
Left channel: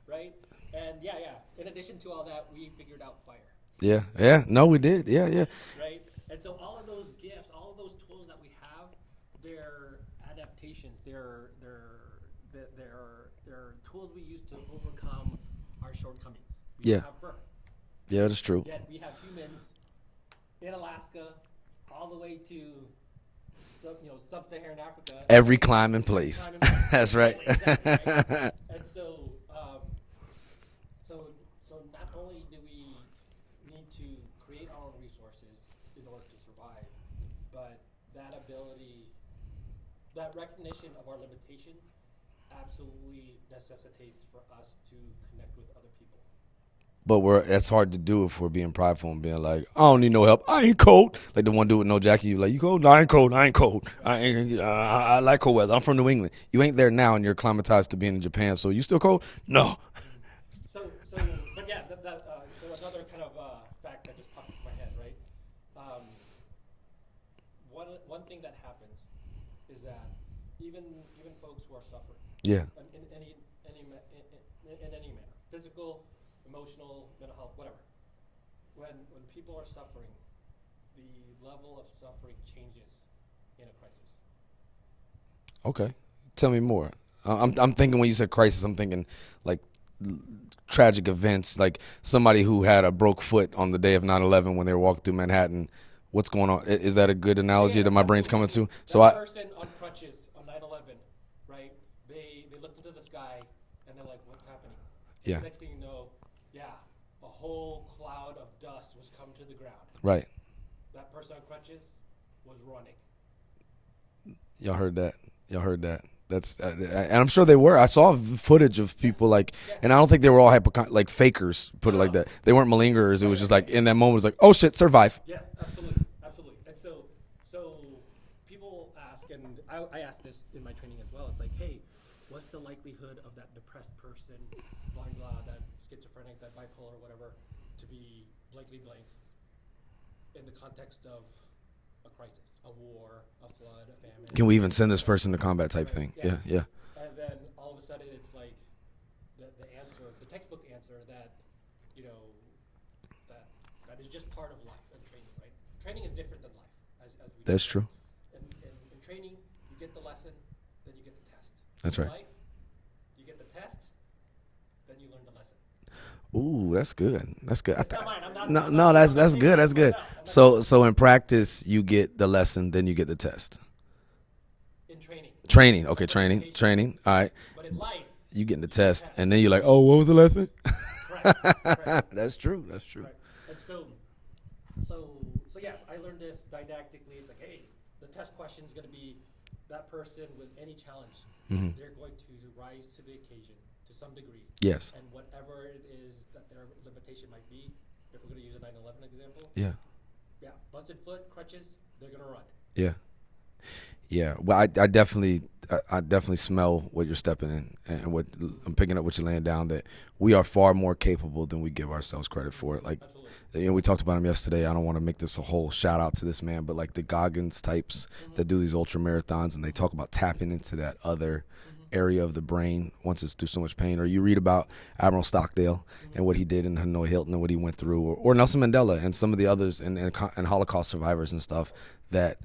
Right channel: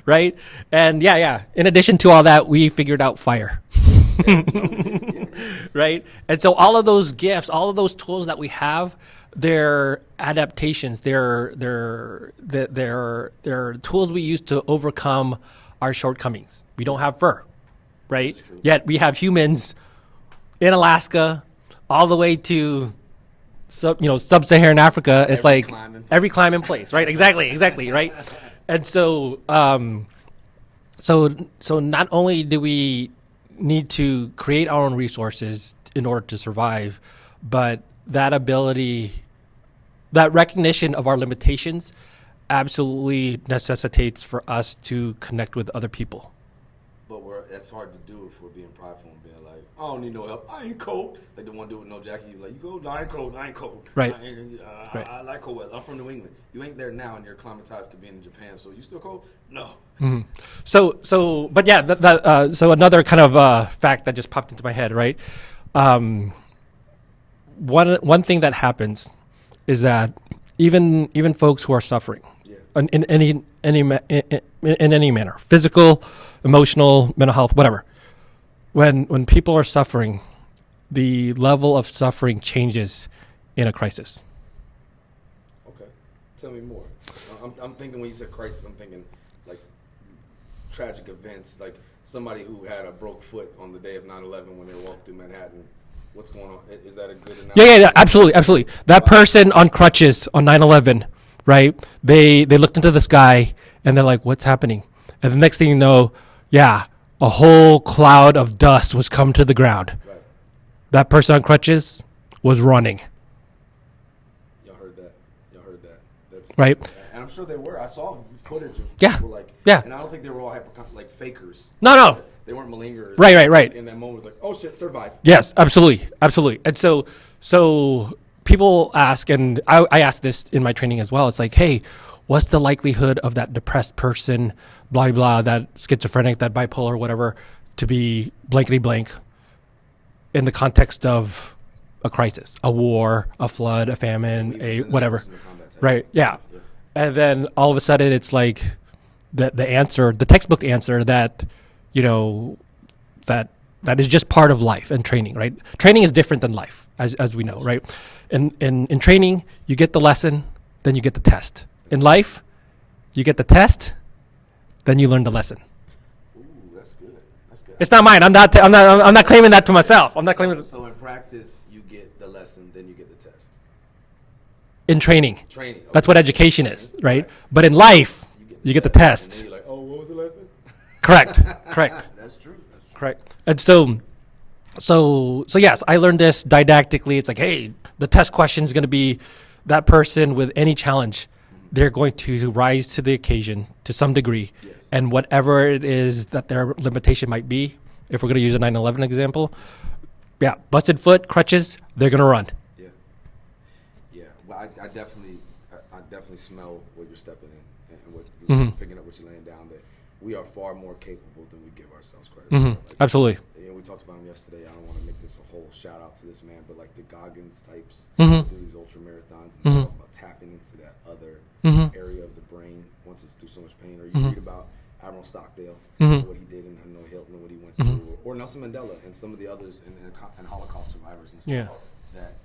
Right. And yeah. In addition to all that, we figured out fire. Yeah. No, we did. Yeah. Right. And so all of those gifts, all of those tools that we have, they're adaptations. They're tools we use to overcome our shortcomings. We don't have fur. Right. Yeah, that's true. Yet we have humans in Alaska all the way to sub-Saharan Africa. It's Every like climb in place. every climb in place, right? Exactly, right? And so not only do we need to create our own resources in order to survive, but that ability, that recognition of our limitations absolutely necessitates for us to connect with other people. But that's hard to do if we're being prideful and being like, I don't need no help. I ain't cold. Like the one dude with no jacket, you like, you cold? No, I ain't cold. Right. I like cold weather. I'm from New England. You ain't there now and you're acclimatized to being in Japan. So you still cold? No. Mm-hmm. But yeah, so another kind of fact that just popped into my head, right? One thing that happens is that even folks who are suffering, in any manner, physical, emotional, mental health, whatever, when people are suffering, the level of suffering changes in a crisis. Okay. Tell me more. I'm thinking when you said crisis, I'm thinking like tragic events, like somebody who had a broke foot on the day of 9/11 when they were walking through Manhattan. What's going on? Is that a good analogy? Yeah, absolutely. That person on crutches on 9/11, right? They looked into the sky and they're like, what's happening? And the next thing you know, a whole cloud of dust was come to the ground. Right. That person on crutches was running. Y'all heard that. That's right. And I'm sure they were. I saw footage of people and I don't think they were all like fakers. No. Like they weren't malingerers. Right. In that moment, it was like, oh shit, survive. Yes, absolutely. And so people ask, and I ask this in my training as well. It's like, hey, what's the likelihood of that depressed person, blah, blah, that schizophrenic, that bipolar, whatever, to be blankety blank in the context of a crisis, a war, a flood, a famine, Can we even send this whatever. person to combat type Right, thing? yeah. Yeah. And then all of a sudden it's like the answer, the textbook answer that, that is just part of life and training, right? Training is different than life, as we know, That's right? true. In training, you get the lesson, then you get the test. In life, you get the test, then you learn the lesson. Ooh, that's good. It's not mine. I'm not claiming that to myself. I'm not claiming. So in practice, you get the lesson, then you get the test. In training. Okay, that's what education is, right? Right. But in life, you get the test. And then you're like, oh, what was the lesson? Correct. That's true. Correct. And so So yes, I learned this didactically. It's like, hey, the test question is going to be that person with any challenge. They're going to rise to the occasion to some degree. Yes. And whatever it is that their limitation might be, if we're going to use a 9/11 example, busted foot, crutches, they're going to run. Yeah. Yeah. Well, I definitely smell what you're stepping in and what picking up what you're laying down, that we are far more capable than we give ourselves credit for. Like, absolutely. We talked about him yesterday. I don't want to make this a whole shout out to this man, but like the Goggins types that do these ultra marathons, and they talk about tapping into that other area of the brain once it's through so much pain. Or you read about Admiral Stockdale and what he did, and Hanoi Hilton and what he went through, or Nelson Mandela and some of the others and Holocaust survivors and stuff that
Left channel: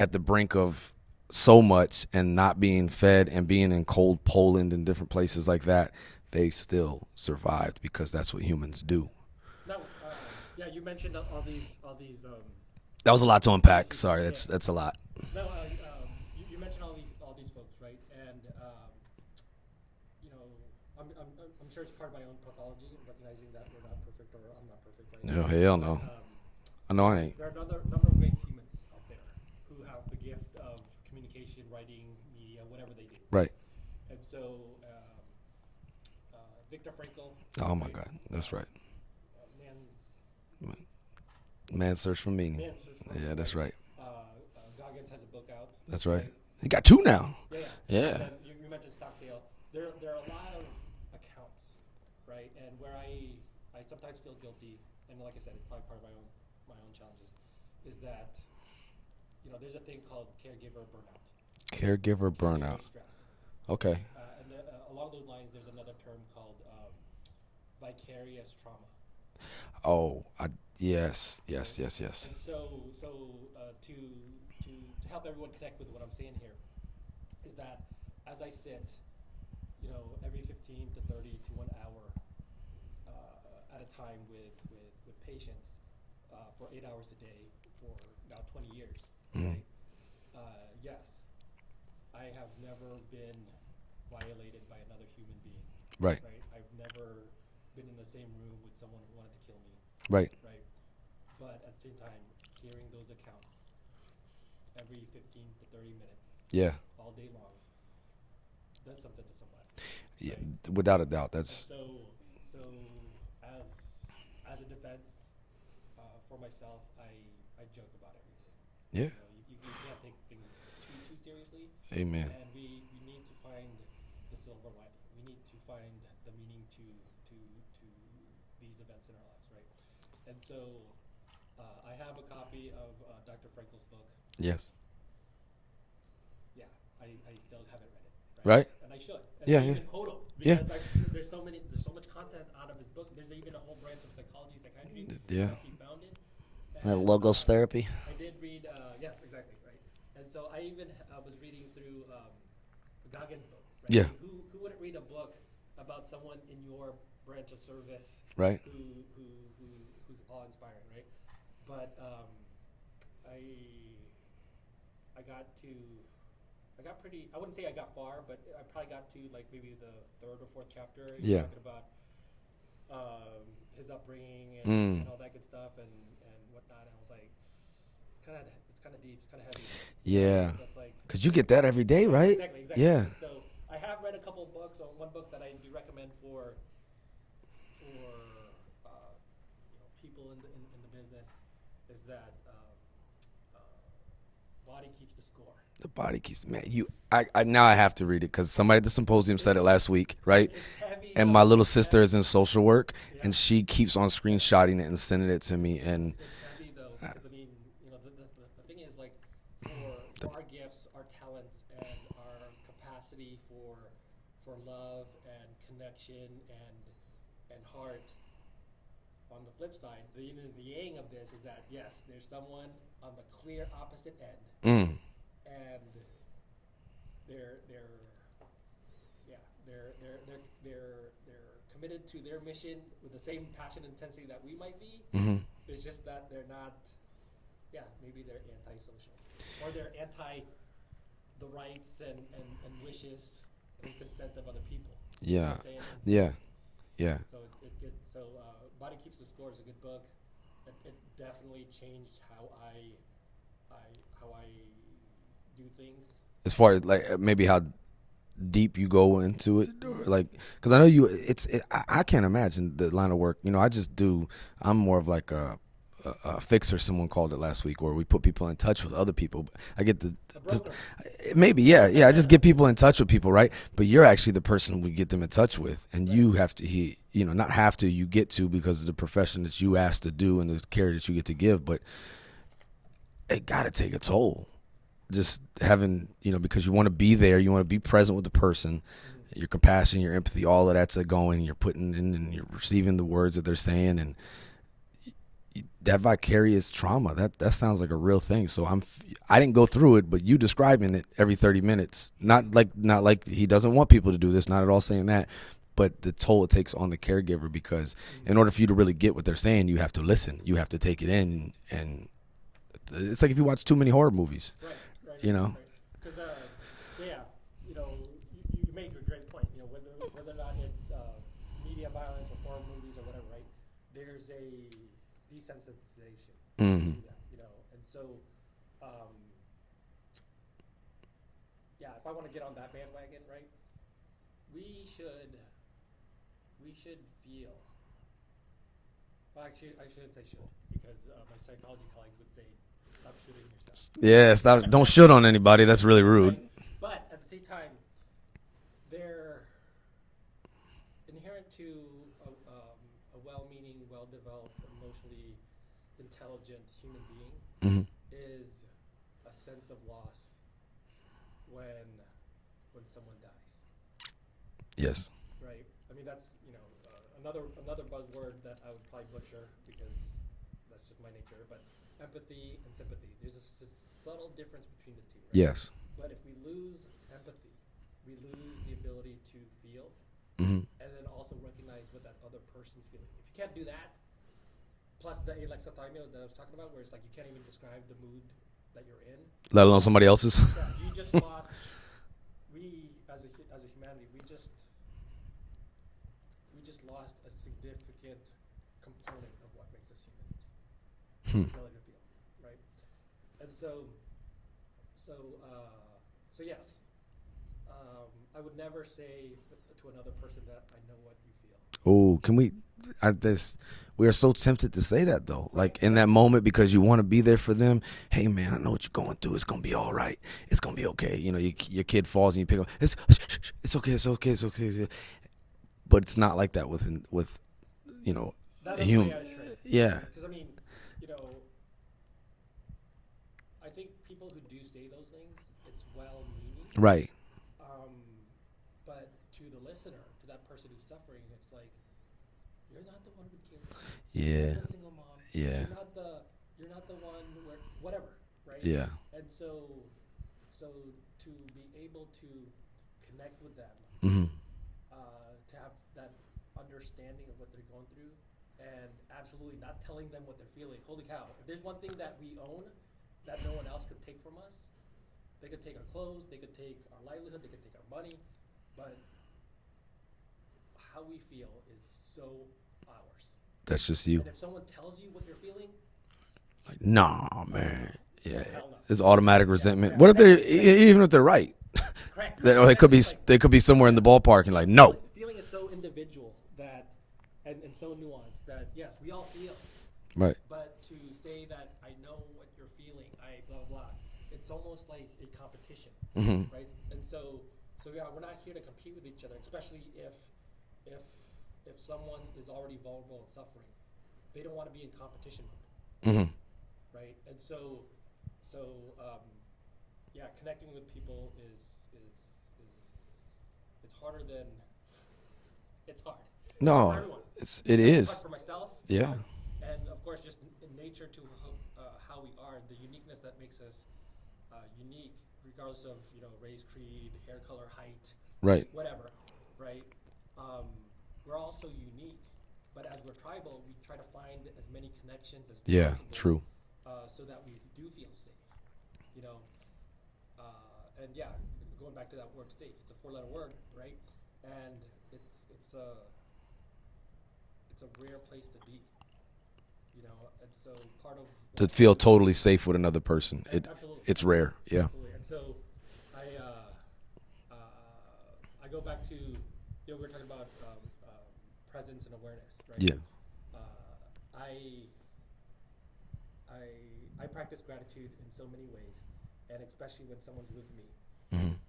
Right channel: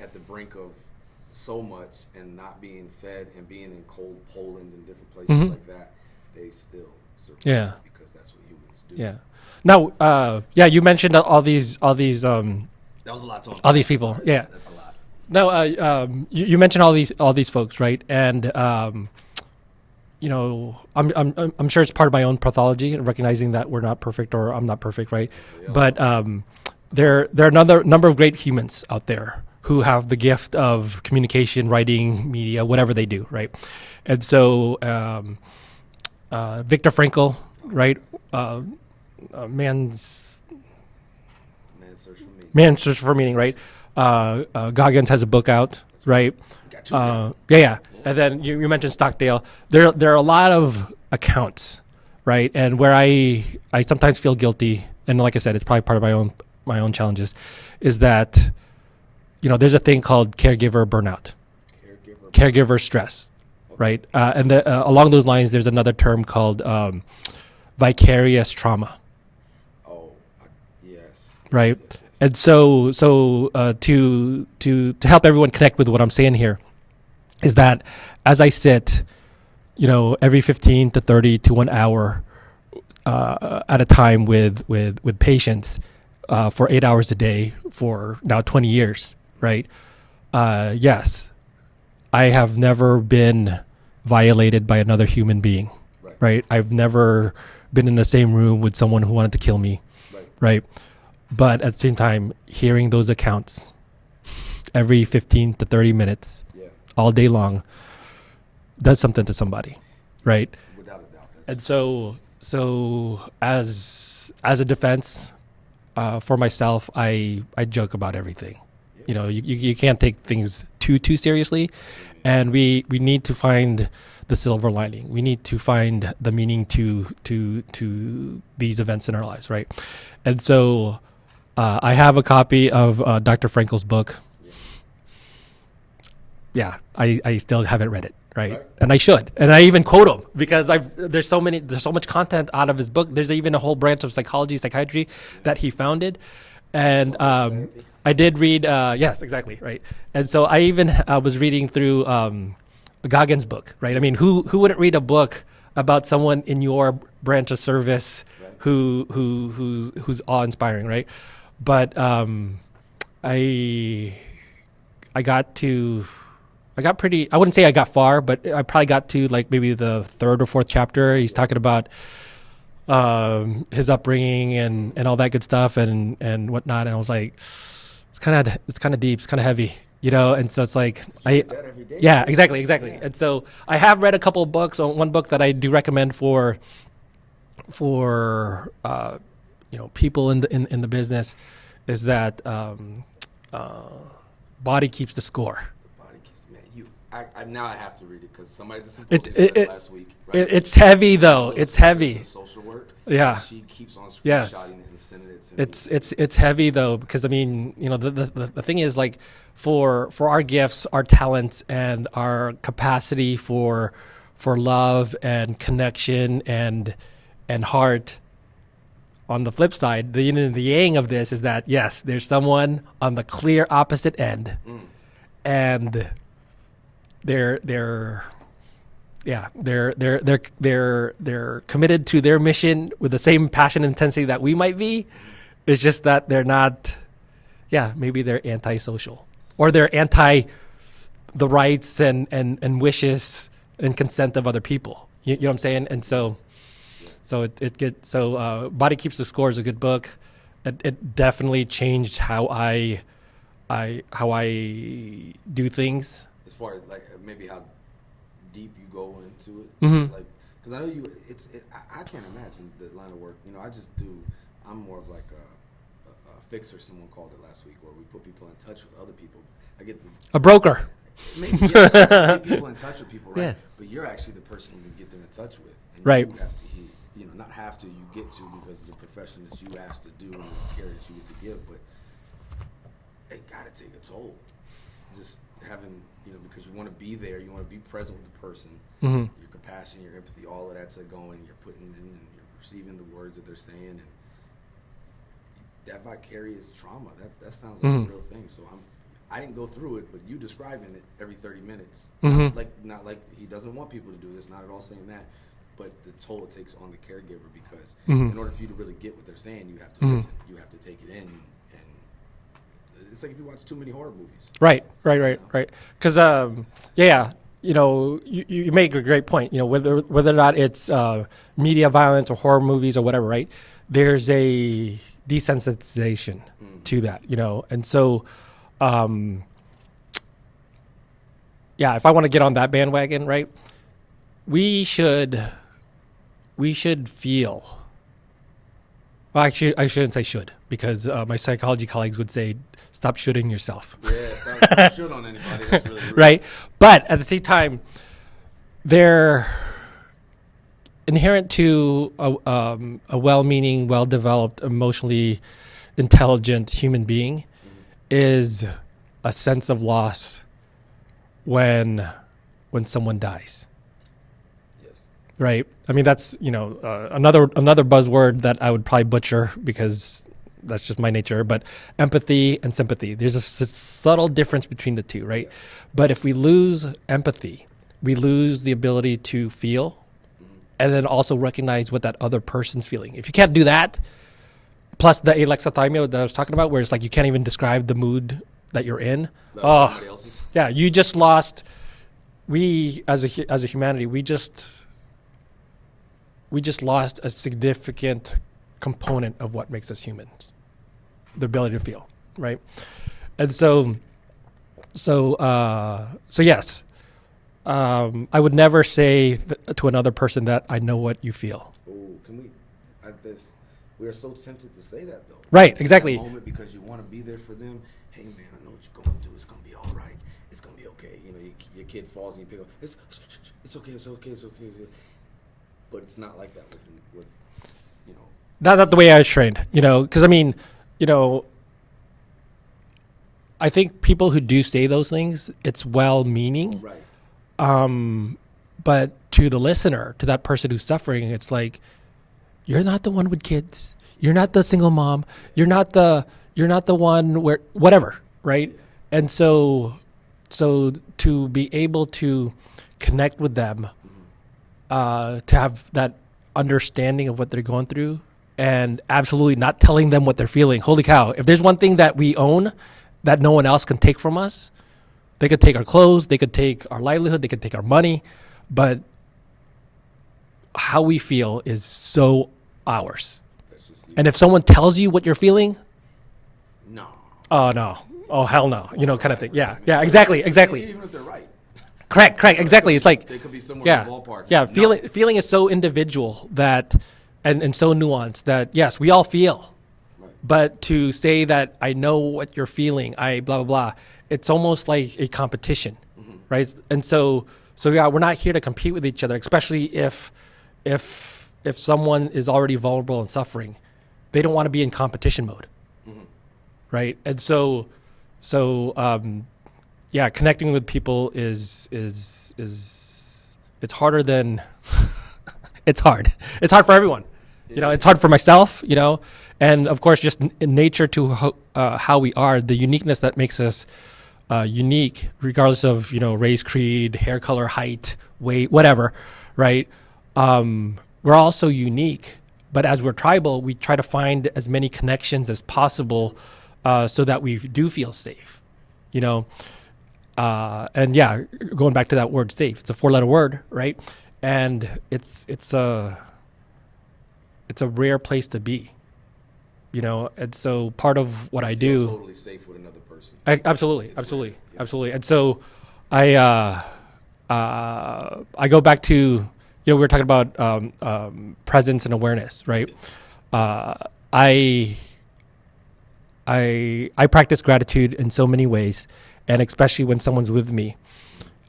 at the brink of so much and not being fed and being in cold Poland and different places like that, they still survived because that's what humans do. Yeah. Now, you mentioned all these. That was a lot to unpack. All these people. Sorry, that's a lot. No, you mentioned all these folks, right? And I'm sure it's part of my own pathology and recognizing that we're not perfect, or I'm not perfect, right? But there are another number of great humans out there who have the gift of communication, writing, media, whatever they do, right? And so Viktor Frankl, right? Man's Search for Meaning. Man's Search for Meaning, right? Goggins has a book out, That's right? You got two now. Yeah. And then you mentioned Stockdale. There are a lot of accounts, right? And where I sometimes feel guilty, and like I said, it's probably part of my own challenges, is that there's a thing called caregiver burnout, caregiver stress. Okay. Right. And along those lines, there's another term called vicarious trauma. Yes. Right. Yes. And so to help everyone connect with what I'm saying here is that as I sit, every 15 to 30 to 1 hour at a time with patients for 8 hours a day for now 20 years, right? Yes. I have never been violated by another human being. Right. I've never been in the same room with someone who wanted to kill me. Right. But at the same time, hearing those accounts every 15 to 30 minutes, all day long, does something to somebody. Right. Without a doubt. And so as a defense for myself, I joke about everything. Yeah. You can't take things too seriously. Amen. And we need to find the silver lining. We need to find the meaning to these events in our lives, right? And so I have a copy of Dr. Frankl's book. Yeah, I still haven't read it, right? And I should. And I even quote him because there's so much content out of his book. There's even a whole branch of psychiatry that he founded. And logos therapy. I did read, yes, exactly, right. And so I even was reading through Goggins' book, right? I mean, who wouldn't read a book about someone in your branch of service, who's awe-inspiring, right? But I wouldn't say I got far, but I probably got to like maybe the third or fourth chapter. He's talking about his upbringing and all that good stuff and whatnot. And I was like, it's kind of deep. It's kind of heavy, And so it's like, 'cause you get that every day. Yeah, right? exactly. Yeah. And so I have read a couple of books. One book that I do recommend for people in the business is that Body Keeps the Score. The Body Keeps, man. I now I have to read it because somebody at the symposium said it last week, right? It's heavy though. My little sister's in social work. Yeah. And she keeps on screenshotting it and sending it to me. It's heavy though, because I mean, the thing is like for our gifts, our talents, and our capacity for love and connection and heart. On the flip side, the yin and the yang of this is that yes, there's someone on the clear opposite end, and they're committed to their mission with the same passion and intensity that we might be. It's just that they're not. Yeah, maybe they're antisocial, or they're anti the rights and wishes and consent of other people. You know what I'm saying? And so. Yeah. So Body Keeps the Score is a good book. it definitely changed how I do things. As far as like maybe how deep you go into it, Mm-hmm. like because I know I can't imagine the line of work. I'm more of like a fixer. Someone called it last week, where we put people in touch with other people. I get A broker. maybe yeah, I just get people in touch with people, right? Yeah. But you're actually the person we get them in touch with, and Right. you have to not have to, you get to, because of the profession that you asked to do and the care that you get to give. But it got to take a toll. Just having, because you want to be there, you want to be present with the person, Mm-hmm. your compassion, your empathy, all of that's going, you're putting in and you're receiving the words that they're saying, and that vicarious trauma, that sounds like a real thing. So I didn't go through it, but you describing it every 30 minutes, not like he doesn't want people to do this, not at all saying that, but the toll it takes on the caregiver, because in order for you to really get what they're saying, you have to listen, you have to take it in, and it's like if you watch too many horror movies. Right. know? Right. Because you make a great point. Whether or not it's media violence or horror movies or whatever, right? There's a desensitization to that, and so, if I want to get on that bandwagon, right, we should feel. Well, actually, I shouldn't say should, because my psychology colleagues would say, stop shooting yourself. Yeah, don't shoot on anybody. That's really rude. Right. But at the same time, they're inherent to a well-meaning, well-developed, emotionally intelligent human being is a sense of loss when someone dies. Yes. Right. I mean, that's, another buzzword that I would probably butcher, because that's just my nature, but empathy and sympathy. There's a subtle difference between the two, right? Yes. But if we lose empathy, we lose the ability to feel and then also recognize what that other person's feeling. If you can't do that, plus the alexithymia that I was talking about, where it's like you can't even describe the mood that you're in. Let alone somebody else's. Yeah, you just lost. We as a humanity, we just lost a significant component of what makes us human, the ability to feel, right? And so yes, I would never say to another person that I know what you feel. Oh, can we? We are so tempted to say that, though. Right, like, exactly. In that moment, because you want to be there for them. Hey, man, I know what you're going through. It's going to be all right. It's going to be okay. Your kid falls and you pick up. It's okay. It's okay. It's okay. But it's not like that with. Not the way I was trained, because I think people who do say those things, it's well-meaning. Right. But to the listener, to that person who's suffering, it's like, you're not the one with kids. Yeah. You're not the single mom. Yeah. You're not the one where whatever, right? Yeah. And so to be able to connect with them, to have that understanding of what they're going through, and absolutely not telling them what they're feeling. Holy cow! If there's one thing that we own that no one else can take from us, they could take our clothes, they could take our livelihood, they could take our money, but how we feel is so ours. That's just you. And if someone tells you what you're feeling, no. Man. Oh no. Oh hell no. It's automatic resentment. Yeah, exactly. Even if they're right. Correct. Exactly. It's like they could be somewhere in the ballpark. Yeah. Like, feeling is so individual that, and so nuanced that yes, we all feel. Right. But to say that I know what you're feeling, I blah blah blah, it's almost like a competition, right? And so yeah, we're not here to compete with each other, especially if someone is already vulnerable and suffering. They don't want to be in competition mode, right? And so connecting with people is it's harder than it's hard. It's hard for everyone. It's hard for myself, and of course, just in nature to how we are, the uniqueness that makes us unique, regardless of race, creed, hair color, height, weight, whatever, right? We're all so unique, but as we're tribal, we try to find as many connections as possible, so that we do feel safe, and going back to that word safe, it's a 4-letter word, right? And it's a rare place to be. And so part of what to I feel do, totally safe with another person. absolutely, it's absolutely, rare. Yeah. absolutely. And so I go back to, we were talking about presence and awareness, right? Yeah. I practice gratitude in so many ways, and especially when someone's with me.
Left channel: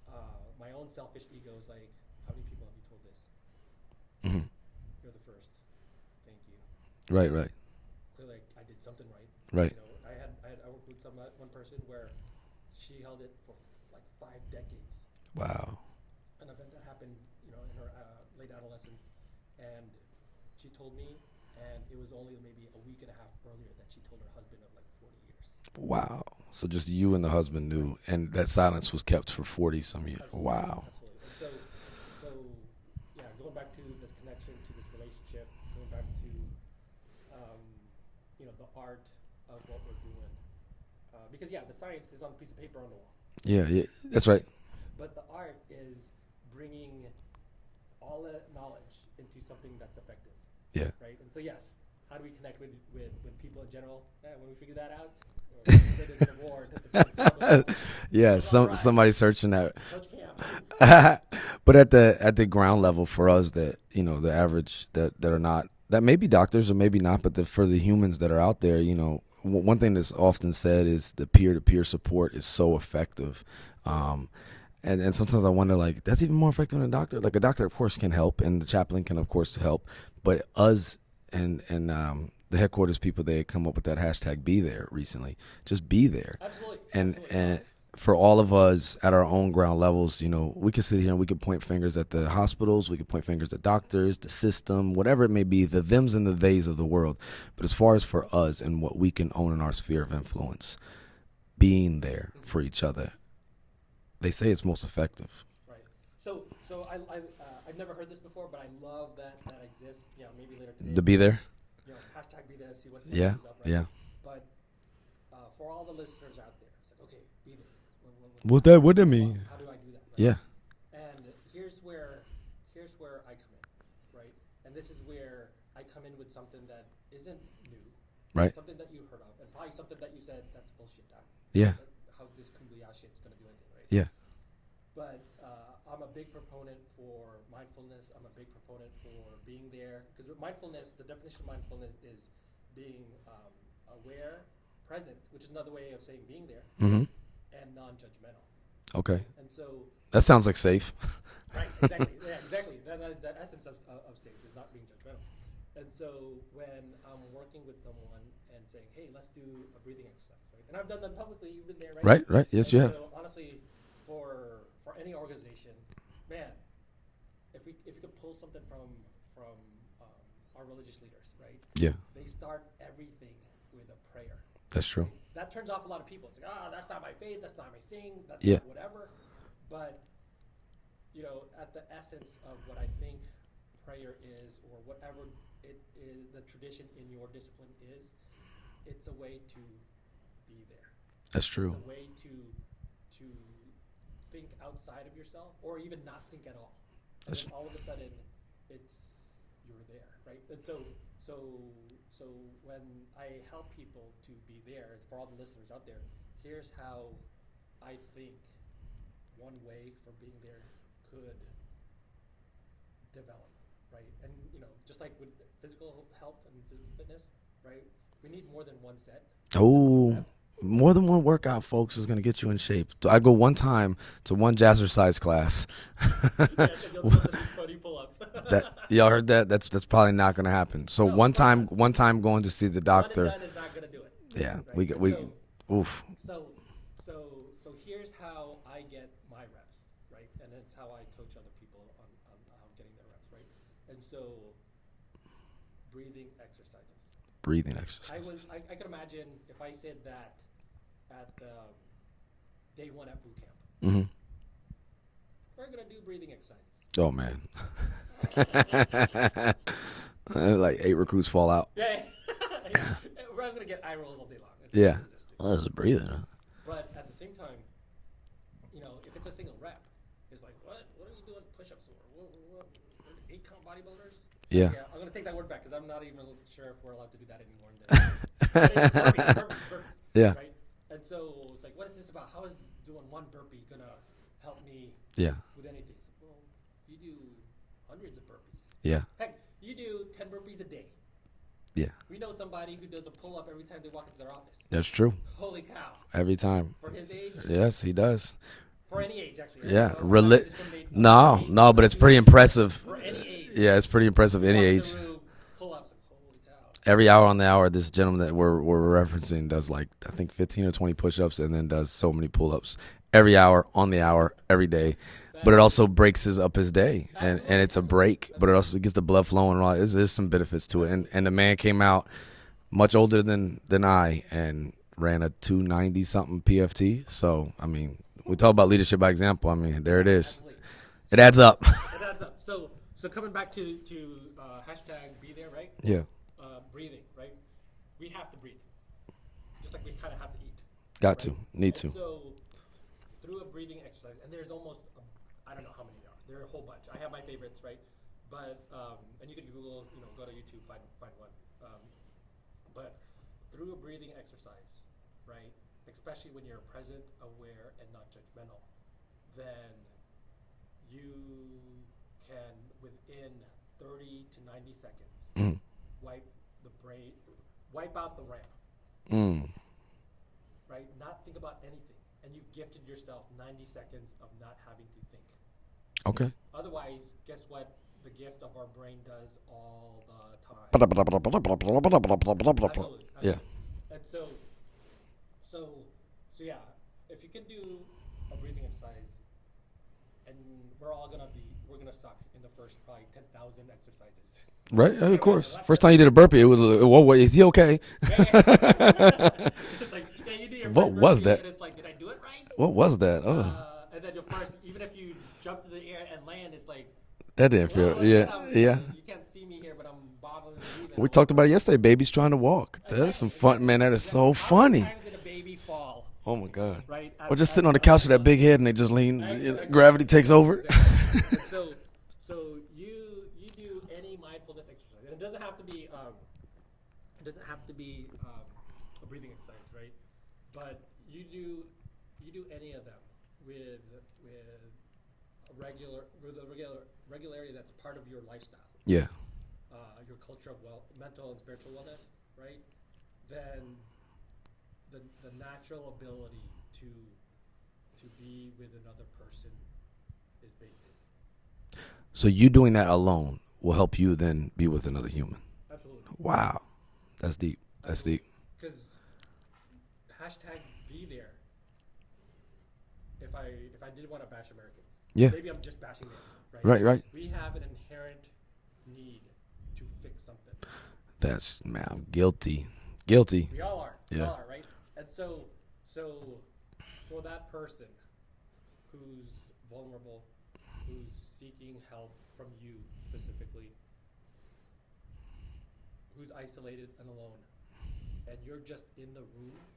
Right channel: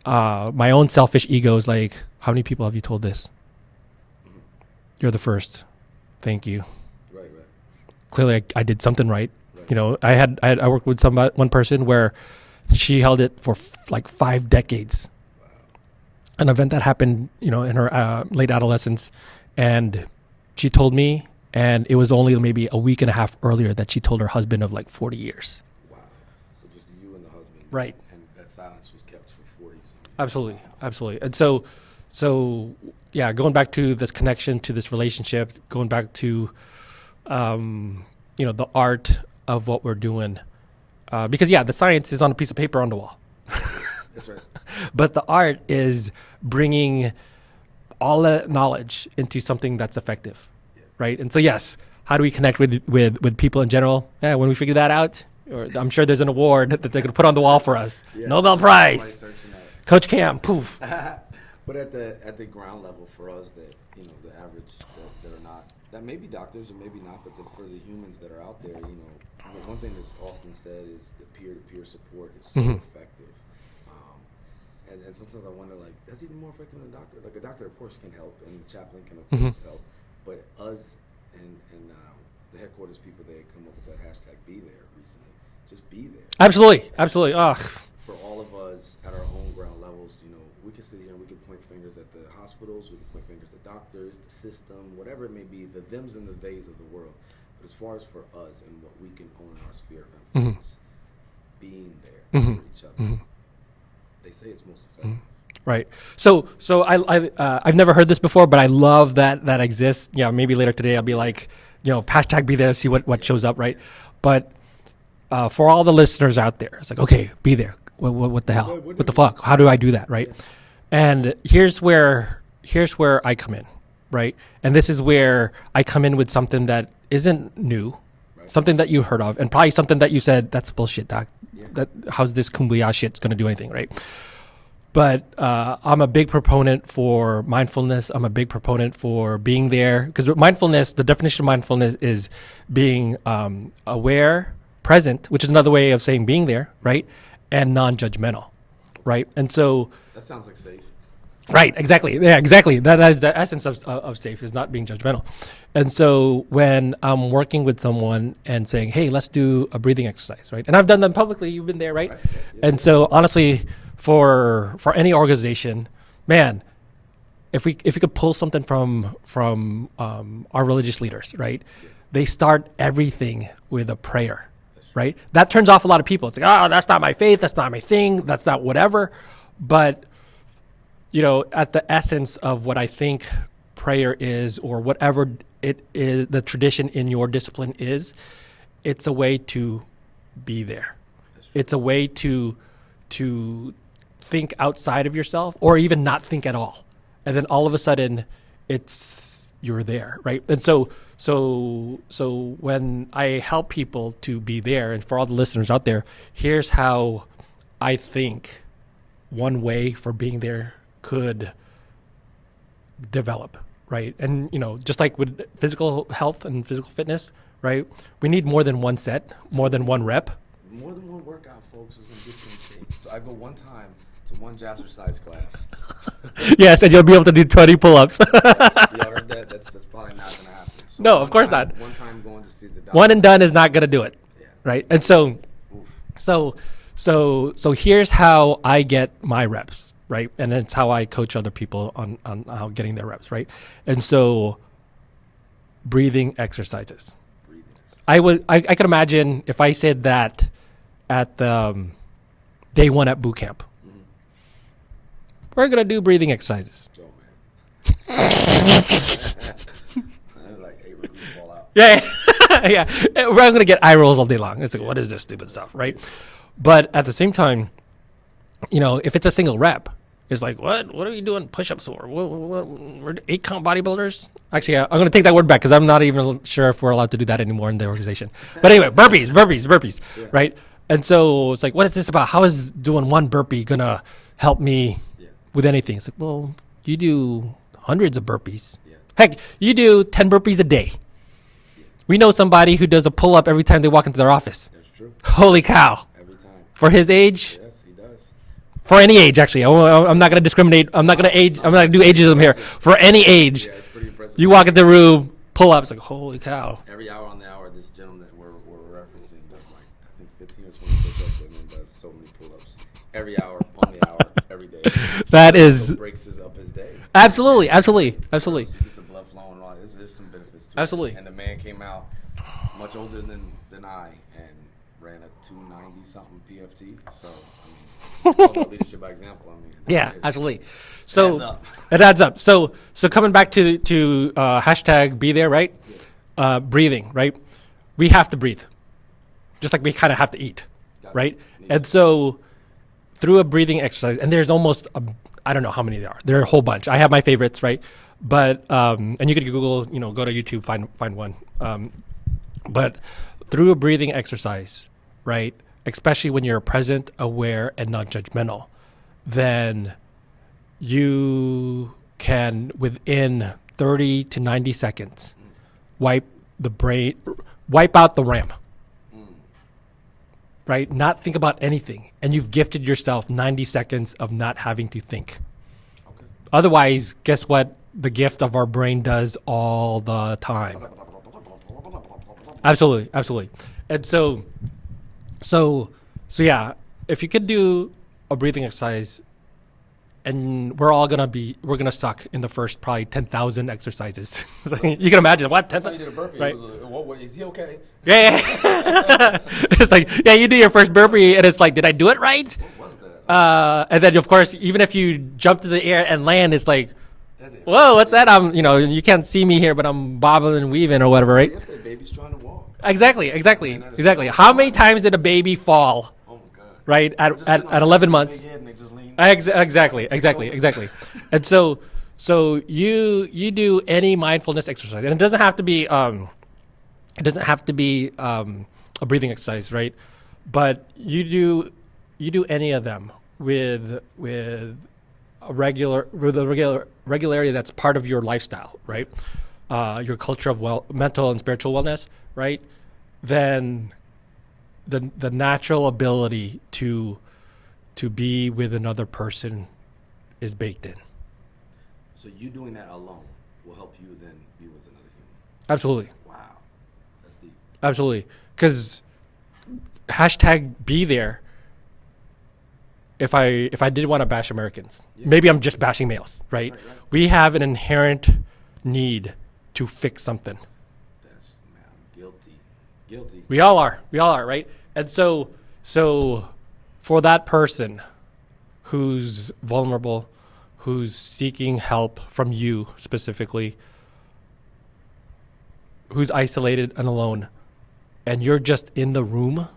My own selfish ego is like, how many people have you told this? You're the first. Thank you. Right. Clearly I did something right. Right. I worked with one person where she held it for like 5 decades. Wow. An event that happened, in her late adolescence, and she told me, and it was only maybe a week and a half earlier that she told her husband of like 40 years. Wow. So just you and the husband knew, right? And that silence was kept for 40 some years. Absolutely. Wow. Absolutely. And so yeah, going back to this connection, to this relationship, going back to, the art of what we're doing, because the science is on a piece of paper on the wall. Yeah, that's right. But the art is bringing all that knowledge into something that's effective. Yeah. Right. And so, yes, how do we connect with people in general? Yeah, when we figure that out, or I'm sure there's an award that they're going to put on the wall for us. Yeah, Nobel Prize. Somebody's searching that. Coach Cam. Poof. But at the ground level for us, that the average that are not, that may be doctors or maybe not, but for the humans that are out there, one thing that's often said is the peer-to-peer support is so effective. And sometimes I wonder, like, that's even more effective than a doctor. Like, a doctor, of course, can help, and the chaplain can, of course, help. But us and the headquarters people, they come up with that hashtag Be There recently. Just be there. Absolutely. And Absolutely. For all of us at our own ground levels, we could sit here and we could point fingers at the hospitals, we could point fingers at doctors, the system, whatever it may be, the thems and the theys of the world. But as far as for us and what we can own in our sphere of influence, being there for each other, they say it's most effective. Right. So I've never heard this before, but I love that exists. Yeah, maybe later today I'll be like, hashtag Be There, see what shows up, right? Yeah. But for all the listeners out there, it's like, okay, be there. What the hell? What the fuck? How do I do that, right? Yeah. And here's where I come in, right? And this is where I come in with something that isn't new, right? Something that you heard of, and probably something that you said, that's bullshit, doc. Yeah. How's this kumbaya shit's going to do anything, right? Yeah. But I'm a big proponent for mindfulness. I'm a big proponent for being there, because mindfulness, the definition of mindfulness is being aware, present, which is another way of saying being there, right? And non-judgmental, right? And so that sounds like safe. Right, exactly. Yeah, exactly. That is the essence of safe, is not being judgmental. And so when I'm working with someone and saying, hey, let's do a breathing exercise, right? And I've done them publicly. You've been there, right? Right. Yes, and so honestly, for any organization, man, if we could pull something from our religious leaders, right? Yeah. They start everything with a prayer. That's true. Right. That turns off a lot of people. It's like, that's not my faith. That's not my thing. That's not whatever. But at the essence of what I think prayer is, or whatever it is, the tradition in your discipline is, it's a way to be there. That's true. It's a way to think outside of yourself, or even not think at all. And then all of a sudden you're there, right? And so when I help people to be there, and for all the listeners out there, here's how I think one way for being there could develop, right? And just like with physical health and physical fitness, right? We need more than one set, more than one rep. More than one workout, folks, is going to get you in shape. So I go one time to one jazzercise class. Yes, and you'll be able to do 20 pull-ups. Y'all heard that? That's probably not going to happen. So no, of course not. One time going to see the doctor. One and done is not going to do it. Yeah. Right. So here's how I get my reps, right? And it's how I coach other people on how getting their reps, right? And so breathing exercises. I could imagine if I said that at day one at boot camp. Mm-hmm. We're going to do breathing exercises. Oh, man. Like 8 recruits fall out. Yeah. Yeah. We're going to get eye rolls all day long. It's like, what is this stupid stuff, right? But at the same time, if it's a single rep, is like, what are you doing push-ups for? We're 8-count bodybuilders? Actually, I'm going to take that word back because I'm not even sure if we're allowed to do that anymore in the organization. But anyway, burpees, right? And so it's like, what is this about? How is doing one burpee going to help me with anything? It's like, well, you do hundreds of burpees. Yeah. Heck, you do 10 burpees a day. Yeah. We know somebody who does a pull-up every time they walk into their office. That's true. Holy cow. Every time. For his age? Yes, he does. For any age, actually. I'm not going to discriminate. I'm not going to do ageism here. For any age. Yeah, it's pretty impressive. You walk in the room, pull up. It's like, holy cow. Every hour on the hour, this gentleman that we're referencing does like, I think 15 or 20 push-ups and then does so many pull-ups. Every hour, on the hour, every day. That also breaks up his day. Absolutely, and absolutely. But it also gets the blood flowing and all. There's some benefits to absolutely. it. And the man came out much older than I and ran a 290-something PFT. So, I mean, we talk about leadership by example. I mean, there it is. Absolutely. It adds up. It adds up. So coming back to hashtag be there, right? Yeah. Breathing, right? We have to breathe. Just like we kind of have to eat, right? And so through a breathing exercise, and there's almost, I don't know how many there are. There are a whole bunch. I have my favorites, right? But, and you could Google, go to YouTube, find one. But through a breathing exercise, right, especially when you're present, aware, and not judgmental, then you can, within 30 to 90 seconds, wipe out the RAM, right? Not think about anything. And you've gifted yourself 90 seconds of not having to think. Okay. Otherwise, guess what the gift of our brain does all the time? Absolutely. Yeah. And so yeah, if you could do a breathing exercise, and we're gonna suck in the first probably 10,000 exercises. Right. You can imagine what first time you did a burpee, it was whoa, is he okay? Yeah. It's like, you do your first burpee and it's like, did I do it right? What was that? And then of course, even if you jump to the air and land, it's like, that didn't whoa, what's that? You can't see me here, but I'm bobbing and weaving or whatever, right? Yesterday, baby's trying to walk. Exactly. Man, exactly. So How funny. many times did a baby fall? Oh my God! Right at 11 months, big head, and they just lean. Exactly. And so you do any mindfulness exercise, and it doesn't have to be a breathing exercise, right? But you do any of them with a regularity that's part of your lifestyle, right? Yeah. Your culture of mental and spiritual wellness, right? Then the natural ability to be with another person is baked in. So you doing that alone will help you then be with another human. Absolutely. Wow, that's deep. Absolutely, because hashtag be there. If I did want to bash Americans, maybe I'm just bashing males, right? Right. We have an inherent need to fix something. I'm guilty. We all are. We all are, right? And so for that person who's vulnerable, who's seeking help from you specifically, who's isolated and alone, and you're just in the room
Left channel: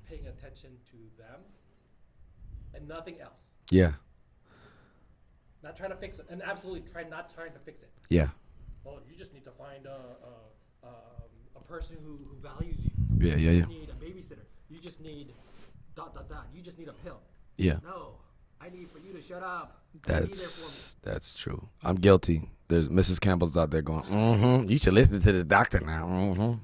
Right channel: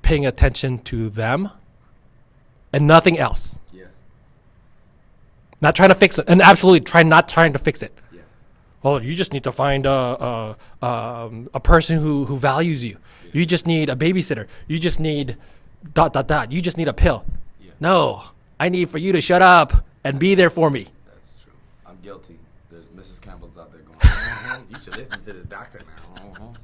paying attention to them and nothing else. Yeah. Not trying to fix it. And absolutely not trying to fix it. Yeah. Well, you just need to find a person who values you. You just need a babysitter. You just need ... You just need a pill. Yeah. No, I need for you to shut up and be there for me. That's true. I'm guilty. There's Mrs. Campbell's out there going, you should listen to the doctor now.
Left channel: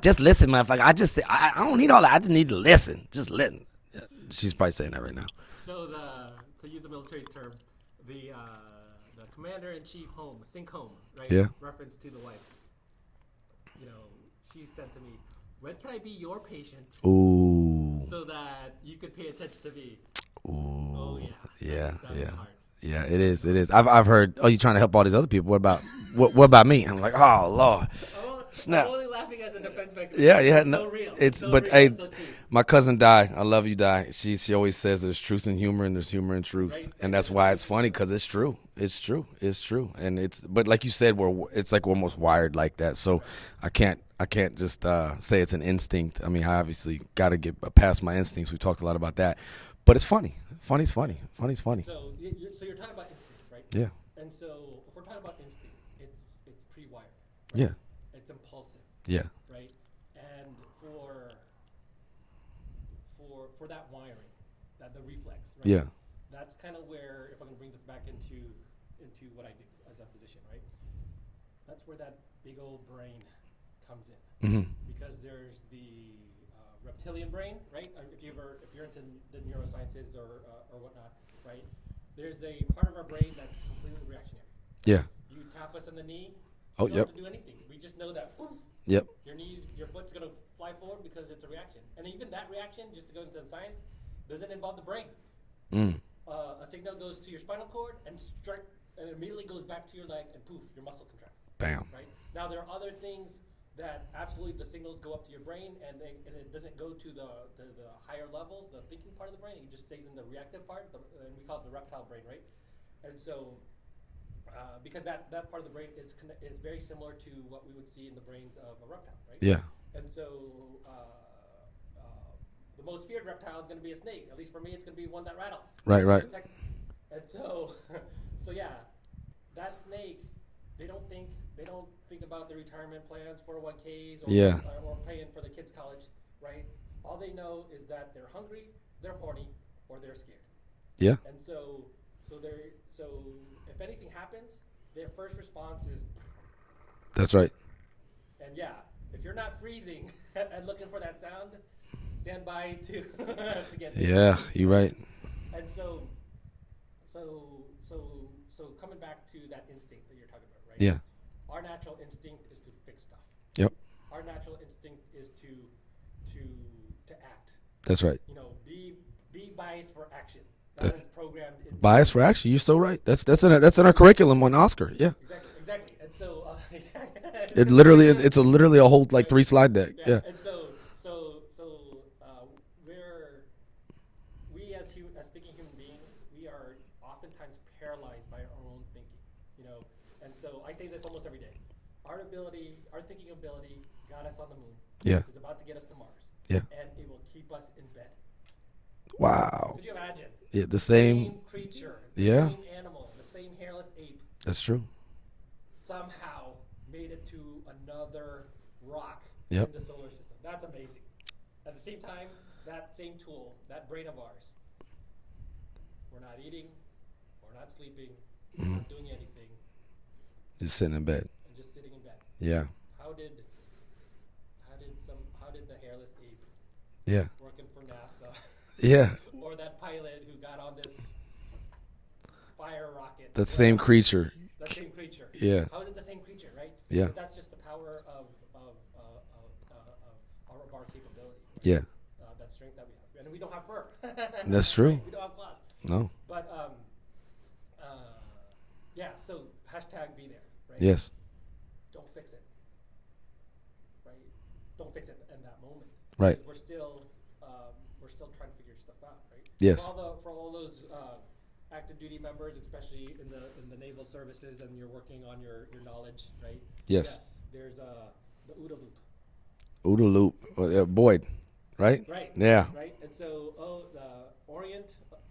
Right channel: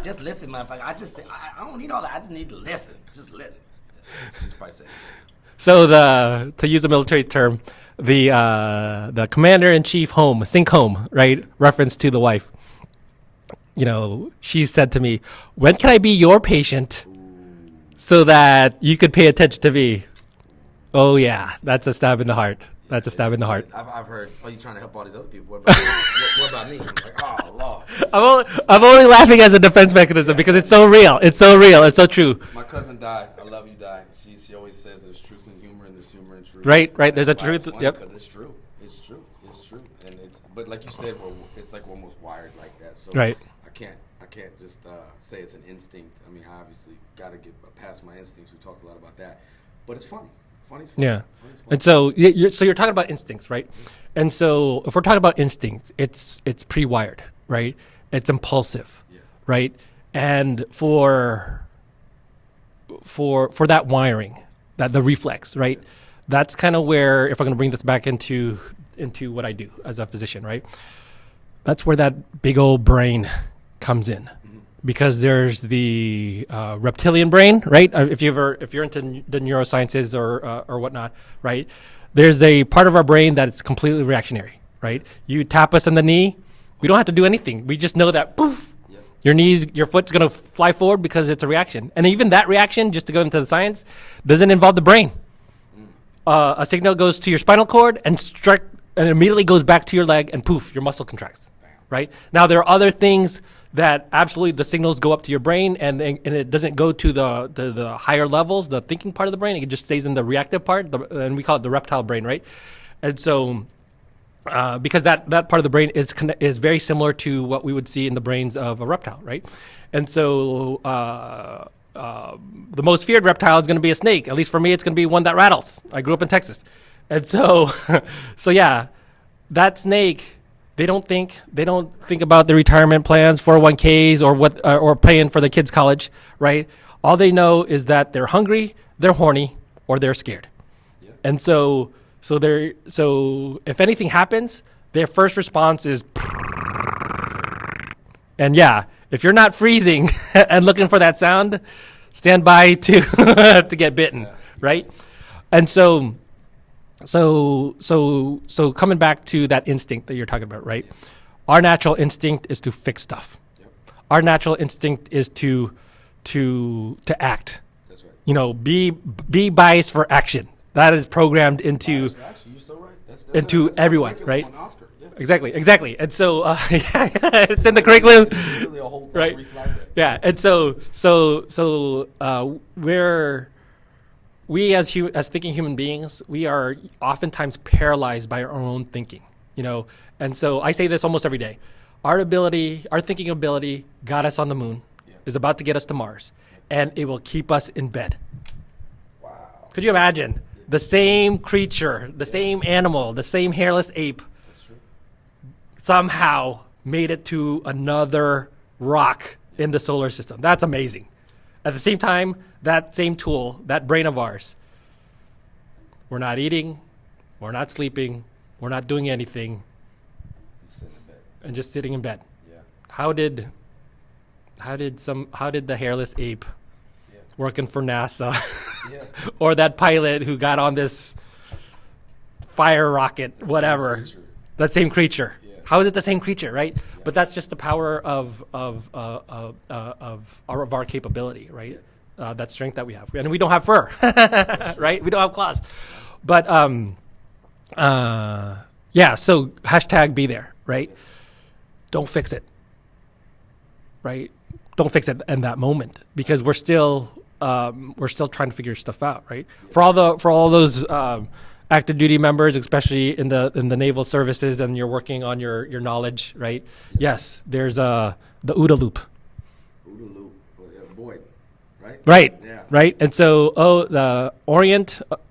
Just listen, motherfucker. I don't need all that. I just need to listen. Just listen. Yeah. She's probably saying that right now. So to use a military term, the commander-in-chief sink home, right? Yeah. Reference to the wife. She said to me, when can I be your patient? Ooh. So that you could pay attention to me? Ooh. Oh, yeah. That's a stab in the heart. Yeah, that's a stab in the heart. I've heard, you're trying to help all these other people. What about what about me? I'm like, oh, Lord. I'm only laughing as a defense mechanism because it's so real. It's so real. It's so true. My cousin Di, I love you, Di. She always says there's truth in humor and there's humor in truth. Right. There's a truth. It's funny because it's true. It's true. And but like you said, it's like we're almost wired like that. So right. I can't just say it's an instinct. I mean, I obviously got to get past my instincts. We talked a lot about that. But it's funny. Funny's funny. Yeah. Funny's funny. And so you're talking about instincts, right? Yeah. And so if we're talking about instincts, it's pre-wired, right? Yeah. It's impulsive. Yeah. Right? And for that wiring, that the reflex, right? Yeah. That's kind of where, if I'm going to bring this back into what I do as a physician, right? That's where that big old brain comes in, because there's the reptilian brain, right? If you're into the neurosciences or whatnot, right? There's a part of our brain that's completely reactionary, right? Yeah. You tap us in the knee, we don't have to do anything. We just know that, poof, Yep. your foot's gonna fly forward because it's a reaction. And even that reaction, just to go into the science, doesn't involve the brain. A signal goes to your spinal cord and immediately goes back to your leg, and poof, your muscle contracts. Bam. Right? Now there are other things that absolutely the signals go up to your brain, and it doesn't go to the higher levels, the thinking part of the brain. It just stays in the reactive part, and we call it the reptile brain, right? And so, because that part of the brain is very similar to what we would see in the brains of a reptile, right? Yeah. And so, the most feared reptile is going to be a snake. At least for me, it's going to be one that rattles. I grew up in Texas, and so, yeah, that snake. They don't think about the retirement plans, 401ks, or or paying for the kids' college, right? All they know is that they're hungry, they're horny, or they're scared. Yeah. And so if anything happens, their first response is. That's right. And yeah, if you're not freezing and looking for that sound, stand by to get bitten. Yeah, you're right? And so coming back to that instinct that you're talking about, right? Yeah. Our natural instinct is to fix stuff. Yep. Our natural instinct is to act. That's right. Be biased for action. That is programmed into bias for action. You're so right. That's into our everyone, curriculum right? on Oscar. Yeah. Exactly. And so it's in the curriculum. It's literally a whole Right. 3-slide deck. Yeah. And so we as thinking human beings, we are oftentimes paralyzed by our own thinking, And so I say this almost every day. Our thinking ability got us on the moon. Yeah. Is about to get us to Mars. Yeah. And it will keep us in bed. Wow. Could you imagine? Yeah, the same creature, the Yeah. same animal, the same hairless ape That's true. somehow made it to another rock in the solar system. That's amazing. At the same time, that same tool, that brain of ours, we're not eating, we're not sleeping, we're not doing anything, Just sitting in bed. and just sitting in bed. Yeah. How did the hairless ape Yeah. working for NASA Yeah. or that pilot who got on this fire rocket, That whatever. same creature. That same creature. Yeah. How is it the same creature, right? Yeah. But that's just the power of our capability, right? Yeah. That strength that we have, and we don't have fur. That's true. Right? We don't have claws. No. But yeah. So hashtag be there, right? Yes. Don't fix it. Right? Don't fix it in that moment because we're still trying to figure stuff out, right? Yes. For all those active duty members, especially in the naval services, and you're working on your knowledge, right? Yes. There's the OODA loop. OODA loop. Boyd, right? Right. Yeah. Right. And so the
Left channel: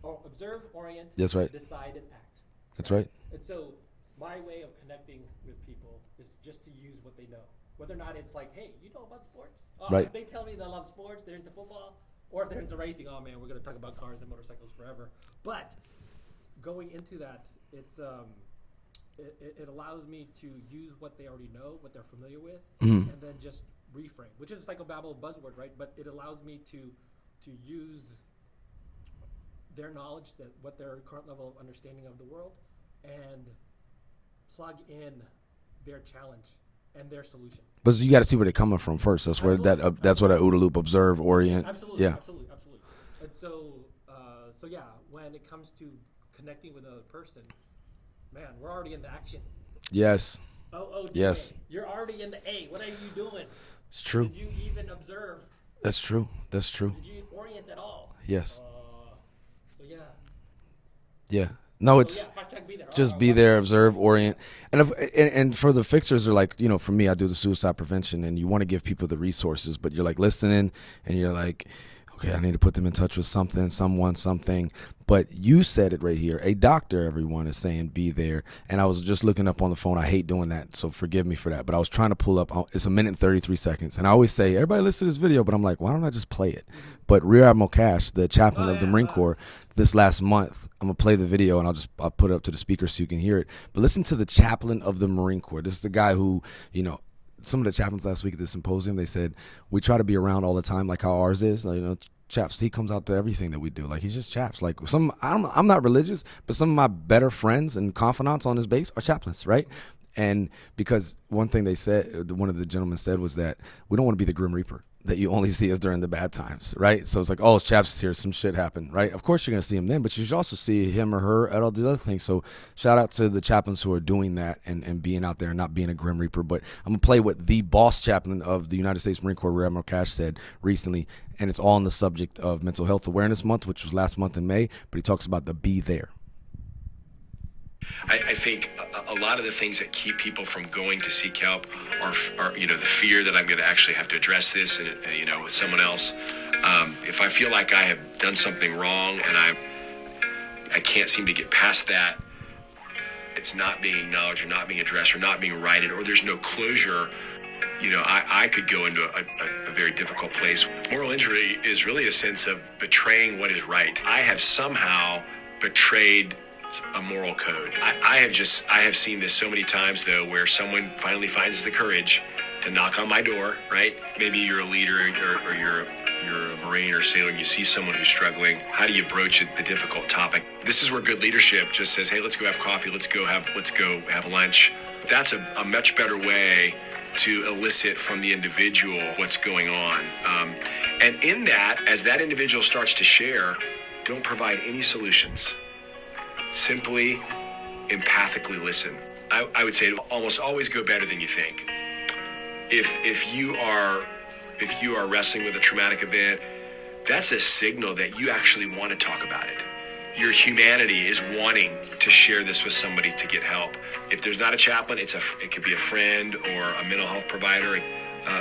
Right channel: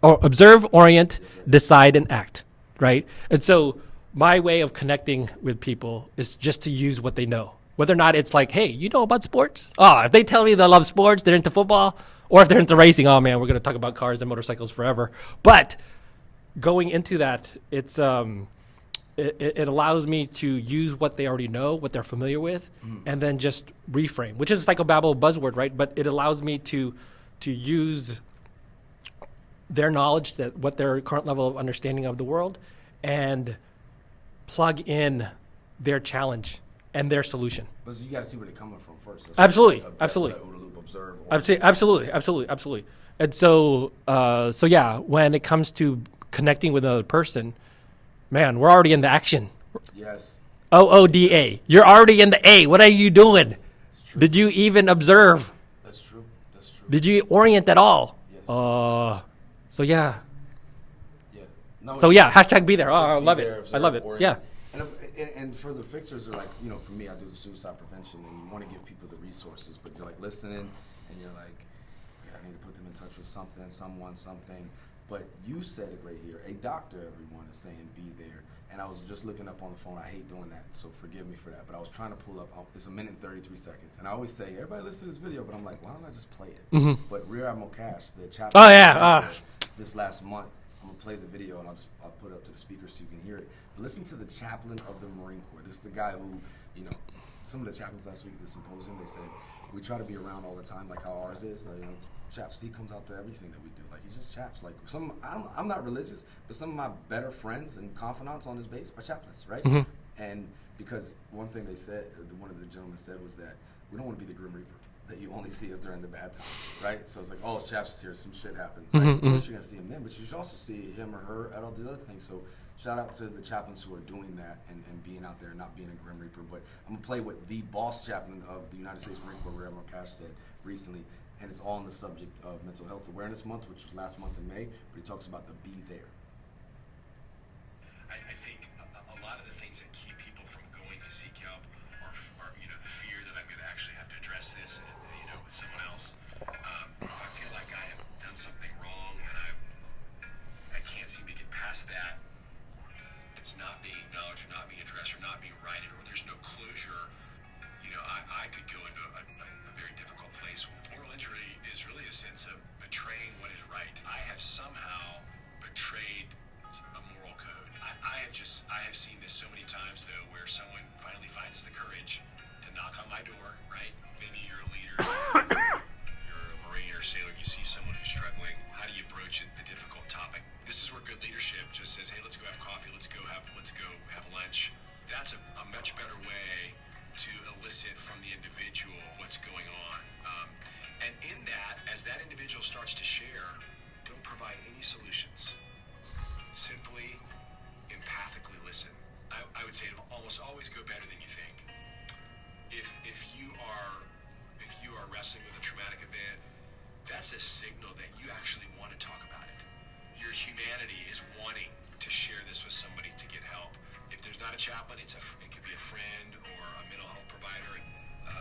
observe, orient, That's right. decide, and act. That's right. And so my way of connecting with people is just to use what they know. Whether or not it's like, hey, you know about sports? Oh, if they tell me they love sports, they're into football, or if they're into racing, oh man, we're going to talk about cars and motorcycles forever. But going into that, it's it allows me to use what they already know, what they're familiar with, and then just reframe, which is a psychobabble buzzword, right? But it allows me to use their knowledge, what their current level of understanding of the world, and plug in their challenge and their solution. But you got to see where they're coming from first. That's Absolutely. That's what an OODA loop observe orient. Absolutely. And so yeah, when it comes to connecting with another person, man, we're already in the action. Yes. OODA. Yes. You're already in the A. What are you doing? It's true. Did you even observe? That's true. That's true. Did you orient at all? Yes. So yeah. Yeah. No. So yeah, hashtag be there. Just be there, observe, orient. Yeah. And for the fixers, are like, for me, I do the suicide prevention, and you want to give people the resources, but you're like listening, and you're like, okay, I need to put them in touch with something, someone, something. But you said it right here. A doctor, everyone, is saying be there. And I was just looking up on the phone. I hate doing that, so forgive me for that. But I was trying to pull up. It's 1 minute and 33 seconds. And I always say, everybody listen to this video. But I'm like, why don't I just play it? Mm-hmm. But Rear Admiral Cash, the chaplain of the Marine Corps, this last month, I'm going to play the video, and I'll put it up to the speaker so you can hear it. But listen to the chaplain of the Marine Corps. This is the guy who, you know, some of the chaplains last week at the symposium, they said, we try to be around all the time like how ours is. You know, Chaps, he comes out to everything that we do. Like, he's just Chaps. Like, I'm not religious, but some of my better friends and confidants on this base are chaplains, right? Mm-hmm. And because one thing they said, one of the gentlemen said, was that we don't want to be the Grim Reaper that you only see us during the bad times, right? So it's like, oh, Chaps is here, some shit happened, right? Mm-hmm. Of course you're going to see him then, but you should also see him or her at all these other things. So shout out to the chaplains who are doing that and being out there and not being a Grim Reaper. But I'm going to play what the boss chaplain of the United States Marine Corps, Rear Admiral Cash, said recently, and it's all on the subject of Mental Health Awareness Month, which was last month in May, but he talks about the be there. I think a lot of the things that keep people from going to seek help are you know, the fear that I'm going to actually have to address this and you know, with someone else. If I feel like I have done something wrong and I can't seem to get past that, it's not being acknowledged or not being addressed or not being righted, or there's no closure, you know, I could go into a very difficult place. Moral injury is really a sense of betraying what is right. I have somehow betrayed a moral code. I have seen this so many times, though, where someone finally finds the courage to knock on my door, right? Maybe you're a leader or you're a Marine or sailor and you see someone who's struggling. How do you broach a difficult topic? This is where good leadership just says, hey, let's go have coffee, let's go have lunch. That's a much better way to elicit from the individual what's going on. And in that, as that individual starts to share, don't provide any solutions. Simply empathically listen. I would say it'll almost always go better than you think. If you are wrestling with a traumatic event, that's a signal that you actually want to talk about it. Your humanity is wanting to share this with somebody to get help. If there's not a chaplain, it could be a friend or a mental health provider.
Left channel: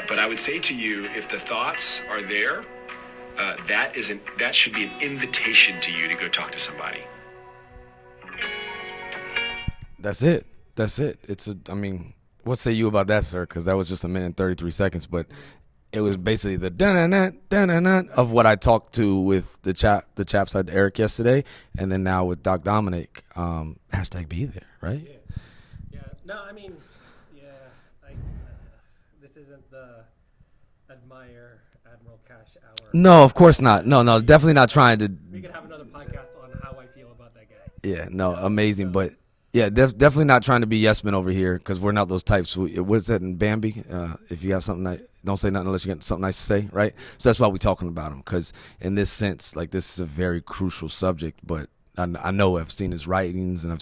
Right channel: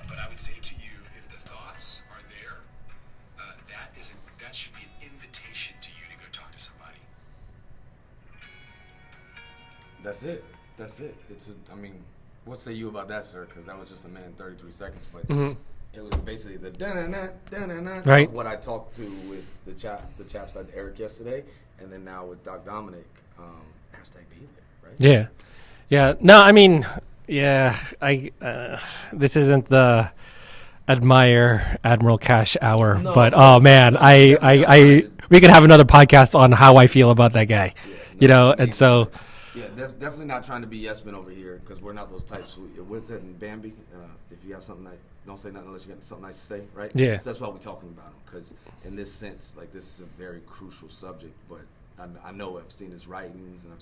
But I would say to you, if the thoughts are there, that should be an invitation to you to go talk to somebody. That's it. I mean, what say you about that, sir? Because that was just 1 minute and 33 seconds, but it was basically the right, of what I talked to with the chaps at Eric yesterday, and then now with Doc Dominick, hashtag be there, right? Yeah. No, I mean, yeah, this isn't the admire Admiral Cash hour. No, but, of course man, not. No, definitely not trying to. We could have another podcast on how I feel about that guy. Yeah, no, you know, amazing, and so. But yeah, definitely not trying to be yes men over here, because we're not those types. What's that in Bambi? If you got something, don't say nothing unless you got something nice to say, right? Yeah. So that's why we're talking about him, because in this sense, like, this is a very crucial subject. But I know I've seen his writings, and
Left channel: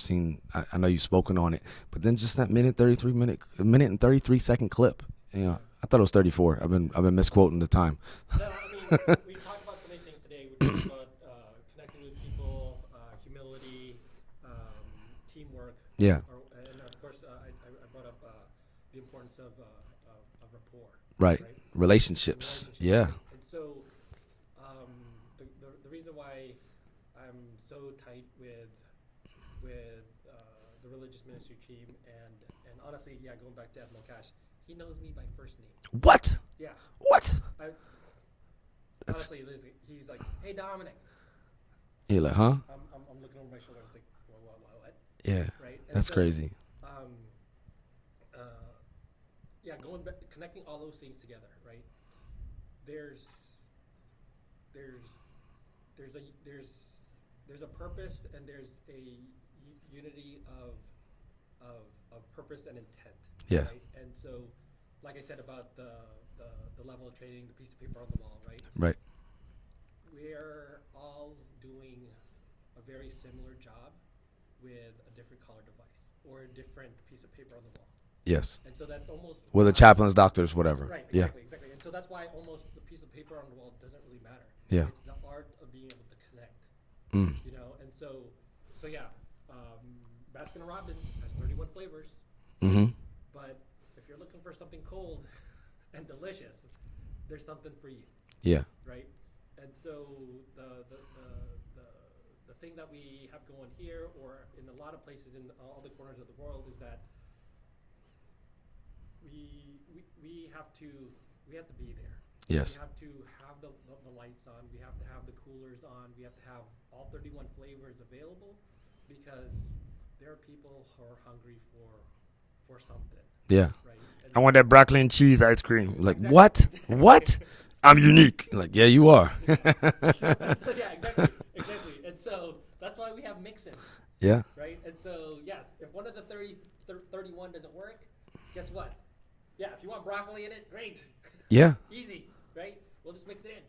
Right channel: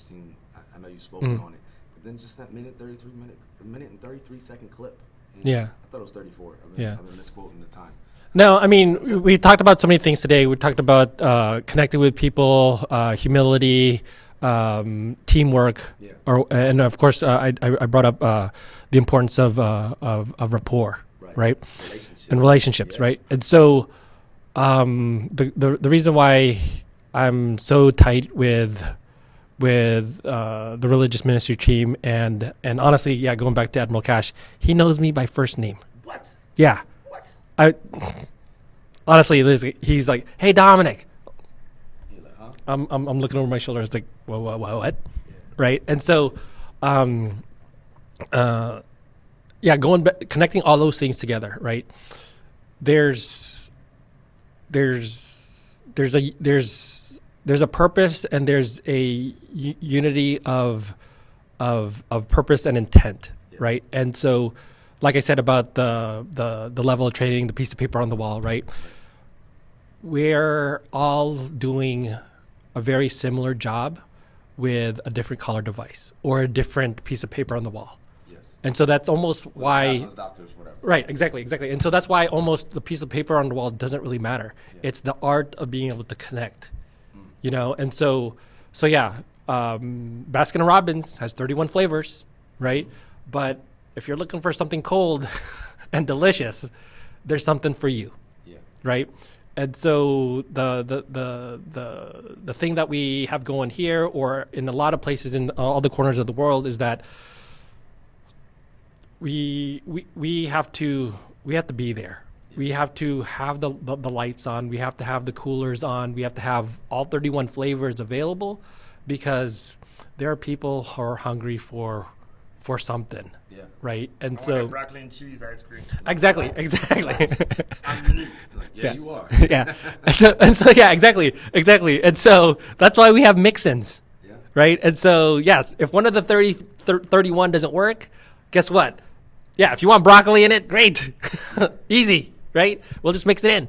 I know you've spoken on it. But then just that minute and 33 second clip. You know, yeah, I thought it was 34. I've been misquoting the time. No, I mean, we talked about so many things today. We talked about connecting with people, humility, teamwork, and of course, I brought up the importance of rapport, right, relationships, right. And so, the reason why I'm so tight with the religious ministry team, and honestly, yeah, going back to Admiral Cash, he knows me by first name. What? Yeah. What? Honestly, he's like, "Hey, Dominick." You're like, huh? I'm looking over my shoulder. It's like, what? Yeah. Right. And so, going back, connecting all those things together, right? There's a purpose, and there's a unity of purpose and intent, right? And so, like I said about the level of training, the piece of paper on the wall, right? Right. We're all doing a very similar job with a different color device or a different piece of paper on the wall. Yes. And so that's almost why... Whether chaplains, doctors, whatever. Right, exactly. And so that's why almost the piece of paper on the wall doesn't really matter. Yeah. It's the art of being able to connect, you know? And so Baskin & Robbins has 31 flavors, right? Mm-hmm. But if you're looking for something cold and delicious, there's something for you. Yeah. Right? And so the thing that we have going here, or in a lot of places in all the corners of the world, is that we have to be there. Yes. We have to have the lights on. We have to have the coolers on. We have to have all 31 flavors available, because there are people who are hungry for something. Yeah. Right. And I want that broccoli and cheese ice cream. Like, Exactly. What? Exactly. What? I'm unique. Like, yeah, you are. Yeah. And so yeah, exactly. And so that's why we have mix-ins. Yeah. Right. And so, yes, if one of the 31 doesn't work, guess what? Yeah, if you want broccoli in it, great. Yeah. Easy. Right. We'll just mix it in.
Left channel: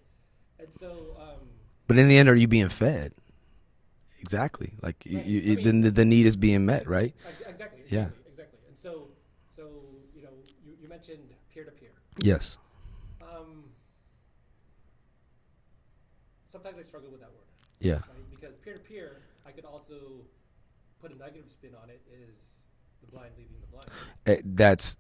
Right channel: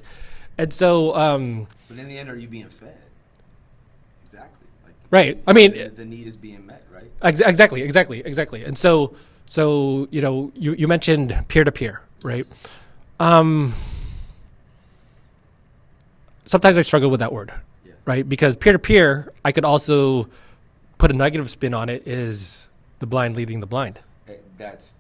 And so, But in the end, are you being fed? Exactly. Like, Right. I mean, the need is being met, right? Exactly. And so you mentioned peer-to-peer, right? Yes. Sometimes I struggle with that word, Yeah. right? Because peer-to-peer, I could also put a negative spin on it, is the blind leading the blind. That's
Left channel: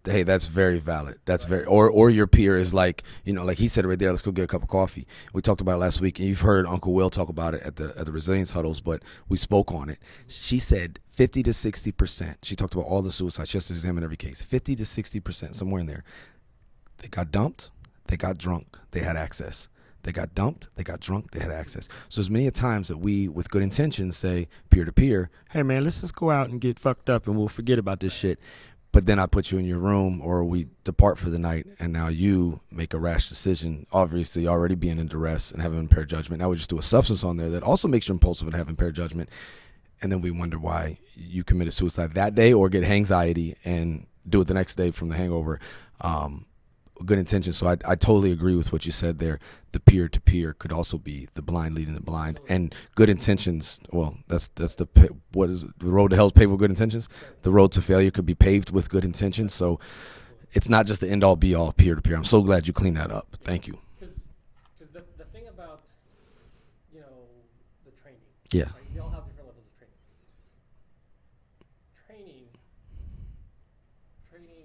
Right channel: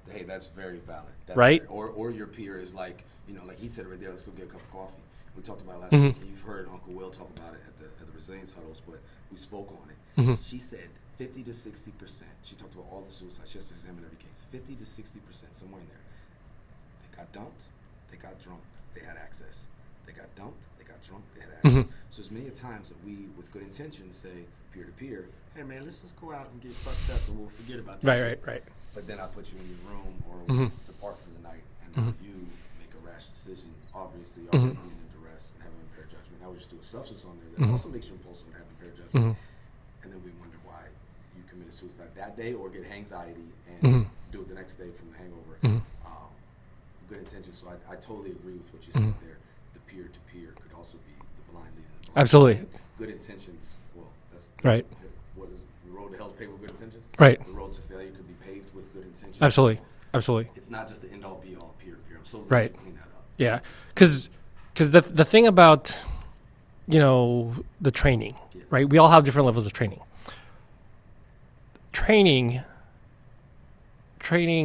very valid. That's Right? or your peer is like, like he said right there, let's go get a cup of coffee. We talked about it last week, and you've heard Uncle Will talk about it at the resilience huddles, but we spoke on it. She said 50 to 60%. She talked about all the suicides. She has to examine every case. 50 to 60%, somewhere in there. They got dumped, they got drunk, they had access. They got dumped, they got drunk, they had access. So there's many a times that we, with good intentions, say peer to peer, Hey man, let's just go out and get fucked up and we'll forget about this shit. Right. but then I put you in your room, or we depart for the night, and now you make a rash decision, obviously already being in duress and having impaired judgment. Now we just do a substance on there that also makes you impulsive and have impaired judgment. And then we wonder why you committed suicide that day, or get anxiety and do it the next day from the hangover. Good intentions. So I totally agree with what you said there. The peer-to-peer could also be the blind leading the blind. Absolutely. And good intentions, well, that's Right. what is it? The road to hell is paved with good intentions? Right. The road to failure could be paved with good intentions. Absolutely. So Absolutely. it's not just the end-all, be-all peer-to-peer. I'm so glad Right. you cleaned that up. Yeah. Thank you. Because the thing about, the training, Yeah. right? We all have different levels of training. Training,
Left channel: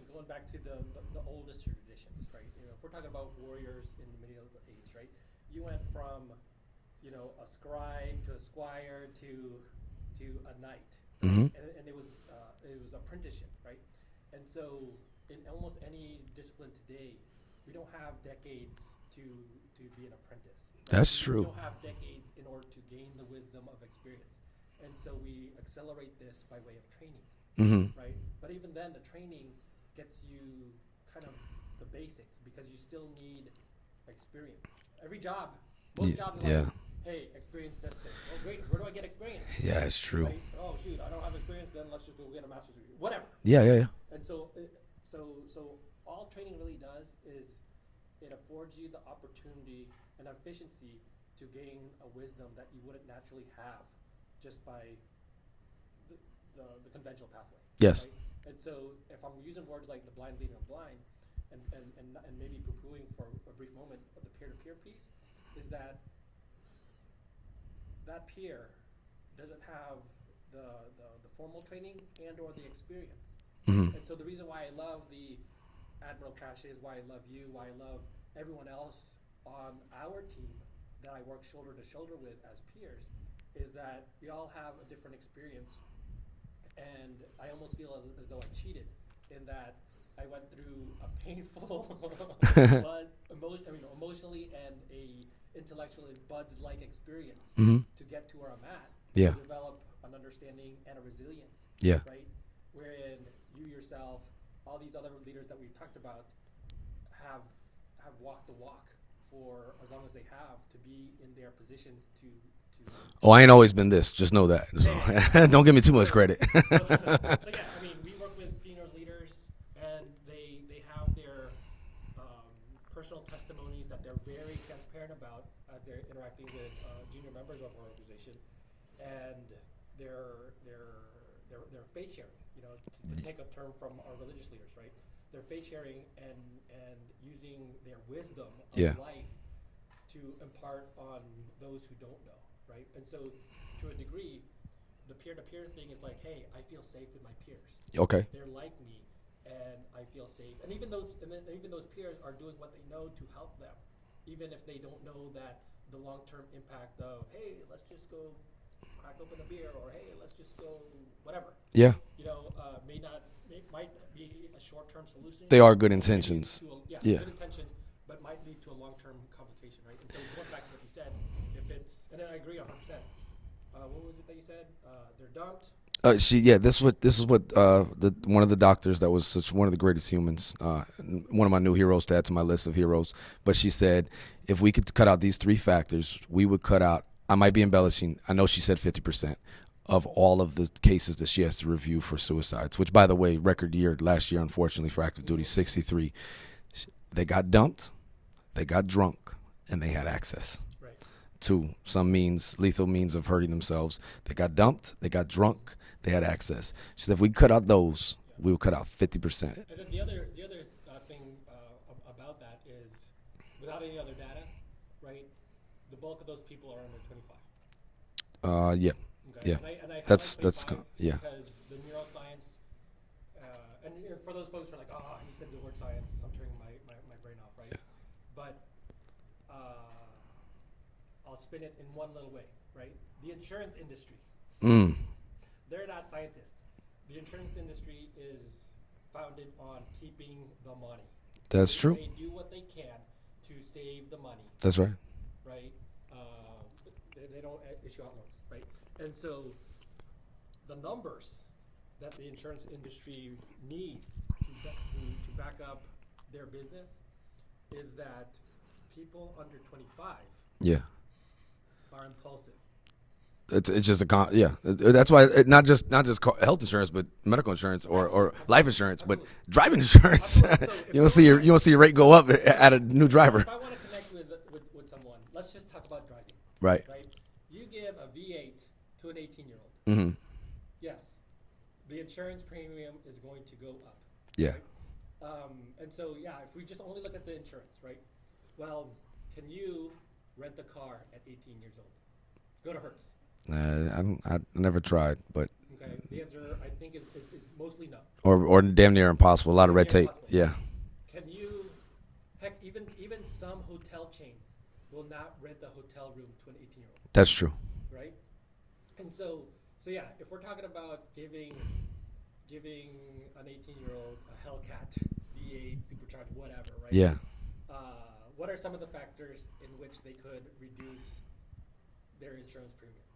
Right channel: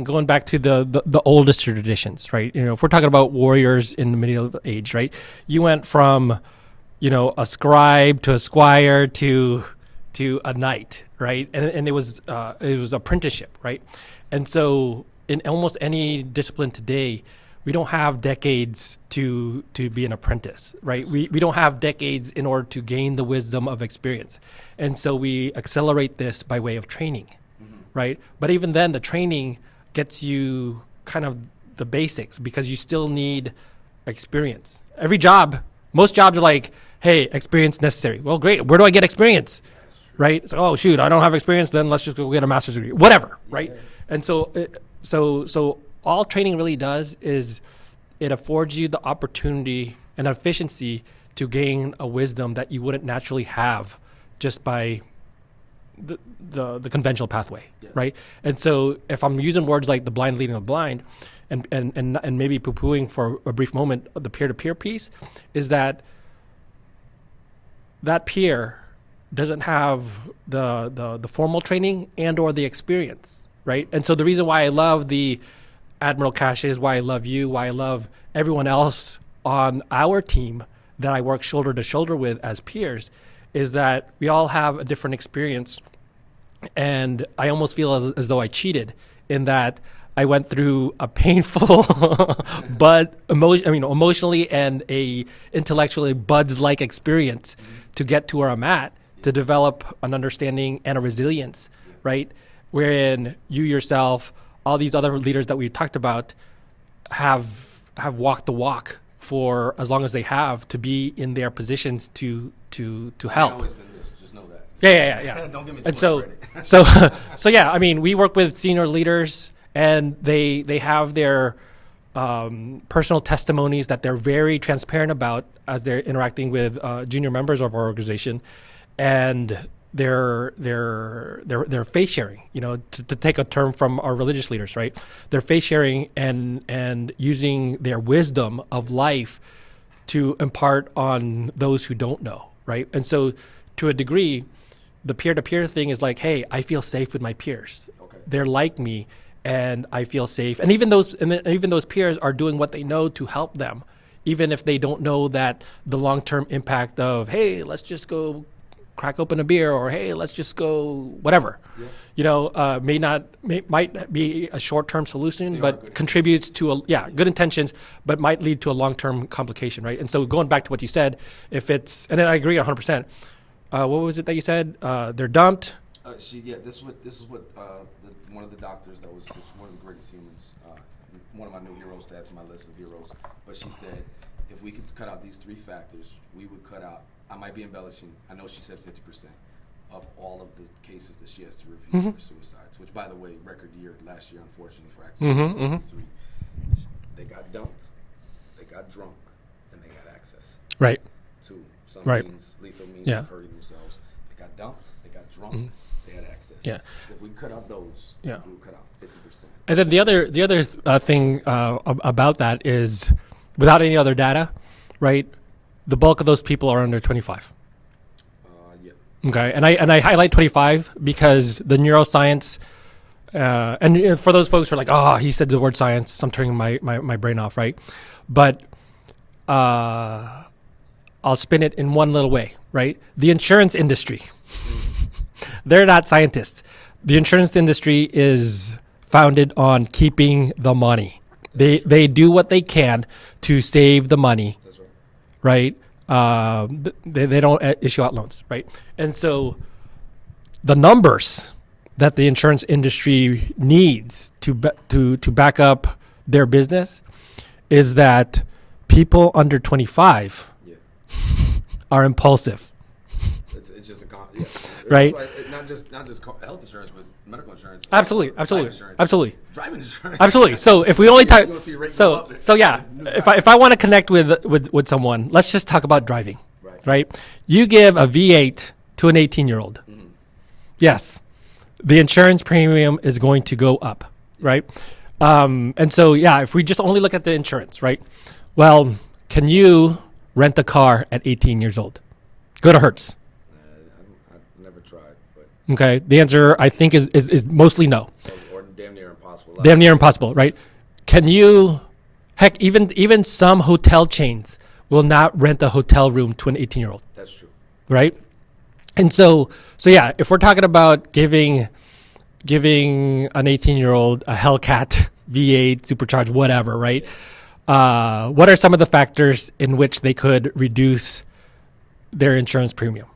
going back to the oldest traditions, right? If we're talking about warriors in the medieval age, right? You went from, a scribe to a squire to a knight, right? And it was apprenticeship, right? And so in almost any discipline today, we don't have decades to be an apprentice, right? That's We true. don't have decades in order to gain the wisdom of experience. And so we accelerate this by way of training, right? But even then, the training gets you kind of the basics, because you still need experience. Most jobs are like, hey, experience necessary. Well, great. Where do I get experience? Yeah, it's true. Right? So, oh, shoot, I don't have experience. Then let's just go get a master's degree. Whatever. Yeah, right? yeah. And so all training really does is it affords you the opportunity and efficiency to gain a wisdom that you wouldn't naturally have just by the conventional pathway. Yes. Right? And so if I'm using words like the blind leading the blind, and maybe poo-pooing for a brief moment the peer-to-peer piece, is that peer doesn't have the formal training and or the experience, right? And so the reason why I love the Admiral Caches, why I love you, why I love everyone else on our team that I work shoulder to shoulder with as peers, is that we all have a different experience. And I almost feel as though I cheated in that I went through a painful, but emotionally and a intellectually buds-like experience to get to where I'm at, to develop an understanding and a resilience, right? Wherein you yourself, all these other leaders that we talked about, have walked the walk for as long as they have to be in their positions to Well, I ain't help. always been this. Just know that. Yeah. Don't give me too And much so- credit. So yeah, I mean, we work with senior leaders, and they have their personal testimonies that they're very transparent about as they're interacting with junior members of our organization, and they're faith sharing. To take a term from our religious leaders, right? They're faith sharing and using their wisdom of life to impart on those who don't know, right? And so, to a degree, the peer-to-peer thing is like, hey, I feel safe with my peers. Okay. They're like me, and I feel safe. And even those peers are doing what they know to help them even if they don't know that the long-term impact of, hey, let's just go crack open a beer, or hey, let's just go whatever. Yeah. Might be a short-term solution. They but are good contributes intentions. to good intentions, but might lead to a long-term complication, right? And so going back to what you said, and then I agree 100%. What was it that you said? They're dumped. This is what one of the doctors that was one of the greatest humans, one of my new heroes to add to my list of heroes. But she said, if we could cut out these 3 factors, we would cut out. I might be embellishing. I know she said 50% of all of the cases that she has to review for suicides. Which, by the way, record year last year, unfortunately, for active duty, 63. They got dumped, they got drunk, and they had access. Right. To some lethal means of hurting themselves. They got dumped, they got drunk, they had access. Yeah. So if we cut out those, we would cut out 50%. And then the other thing about that is, without any other data, right? The bulk of those people are under 25. Yeah. Okay, and I highlight 25 because the neuroscience, and for those folks who are like, oh, he said the word science, I'm turning my brain off, right? But I'll spin it in one little way, right? The insurance industry, they're not scientists. The insurance industry is founded on keeping the money. That's true. They do what they can to save the money. That's right. Right? They don't issue out loans, right? And so the numbers that the insurance industry needs to back up their business is that people under 25 are impulsive. It's just Right? That's why not just health insurance, but medical insurance, or life insurance, absolutely, driving insurance, absolutely. So if we only talk, you want to see your rate go up. So yeah, new driver. if I want to connect with someone, let's just talk about driving. Right. You give a V8 to an 18-year-old. Mm-hmm. Yes, the insurance premium is going to go up. Yeah. Right. And so if we just only look at the insurance, right? Well, can you rent a car at 18 years old? Go to Hertz. I never tried, but okay. The answer I think is mostly no, or damn near impossible. Damn near impossible, right? Can you? Heck, even some hotel chains will not rent a hotel room to an 18-year-old. That's true, right? And so if we're talking about giving an 18-year-old a Hellcat V8 supercharged whatever, right? Yeah. What are some of the factors in which they could reduce their insurance premium?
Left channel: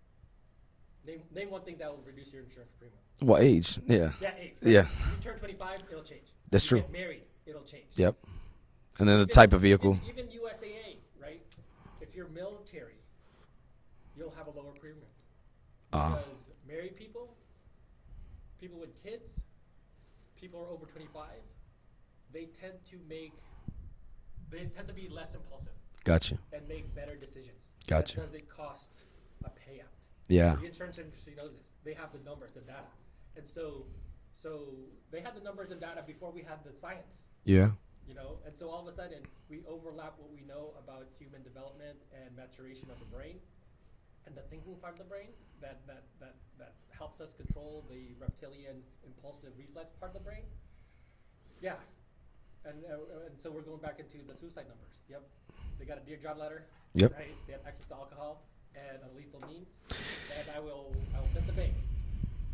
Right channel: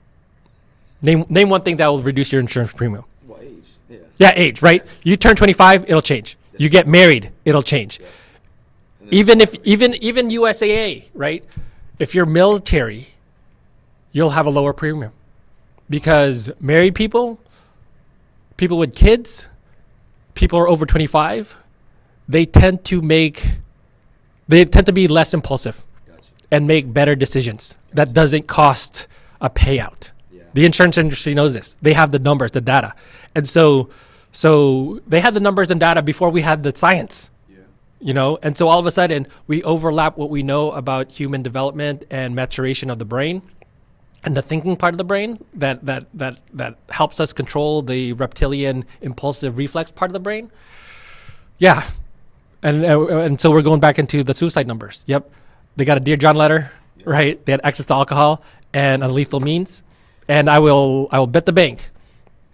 Name one thing that will reduce your insurance premium. Well, age. Yeah. Yeah, age, right? Yeah. You turn 25, it'll change. That's you true. Get married, it'll change. Yep. And then even USAA, right? If you're military, you'll have a lower premium because married people with kids, people are over 25, they tend to be less impulsive. Gotcha. And make better decisions. Gotcha. That doesn't cost a payout. Yeah. The insurance industry knows this. They have the numbers, the data. And so they had the numbers and data before we had the science. Yeah. And so all of a sudden we overlap what we know about human development and maturation of the brain and the thinking part of the brain that helps us control the reptilian impulsive reflex part of the brain. Yeah. And so we're going back into the suicide numbers. Yep. They got a Dear John letter, right? They had access to alcohol and unlethal means. And I will bet the bank.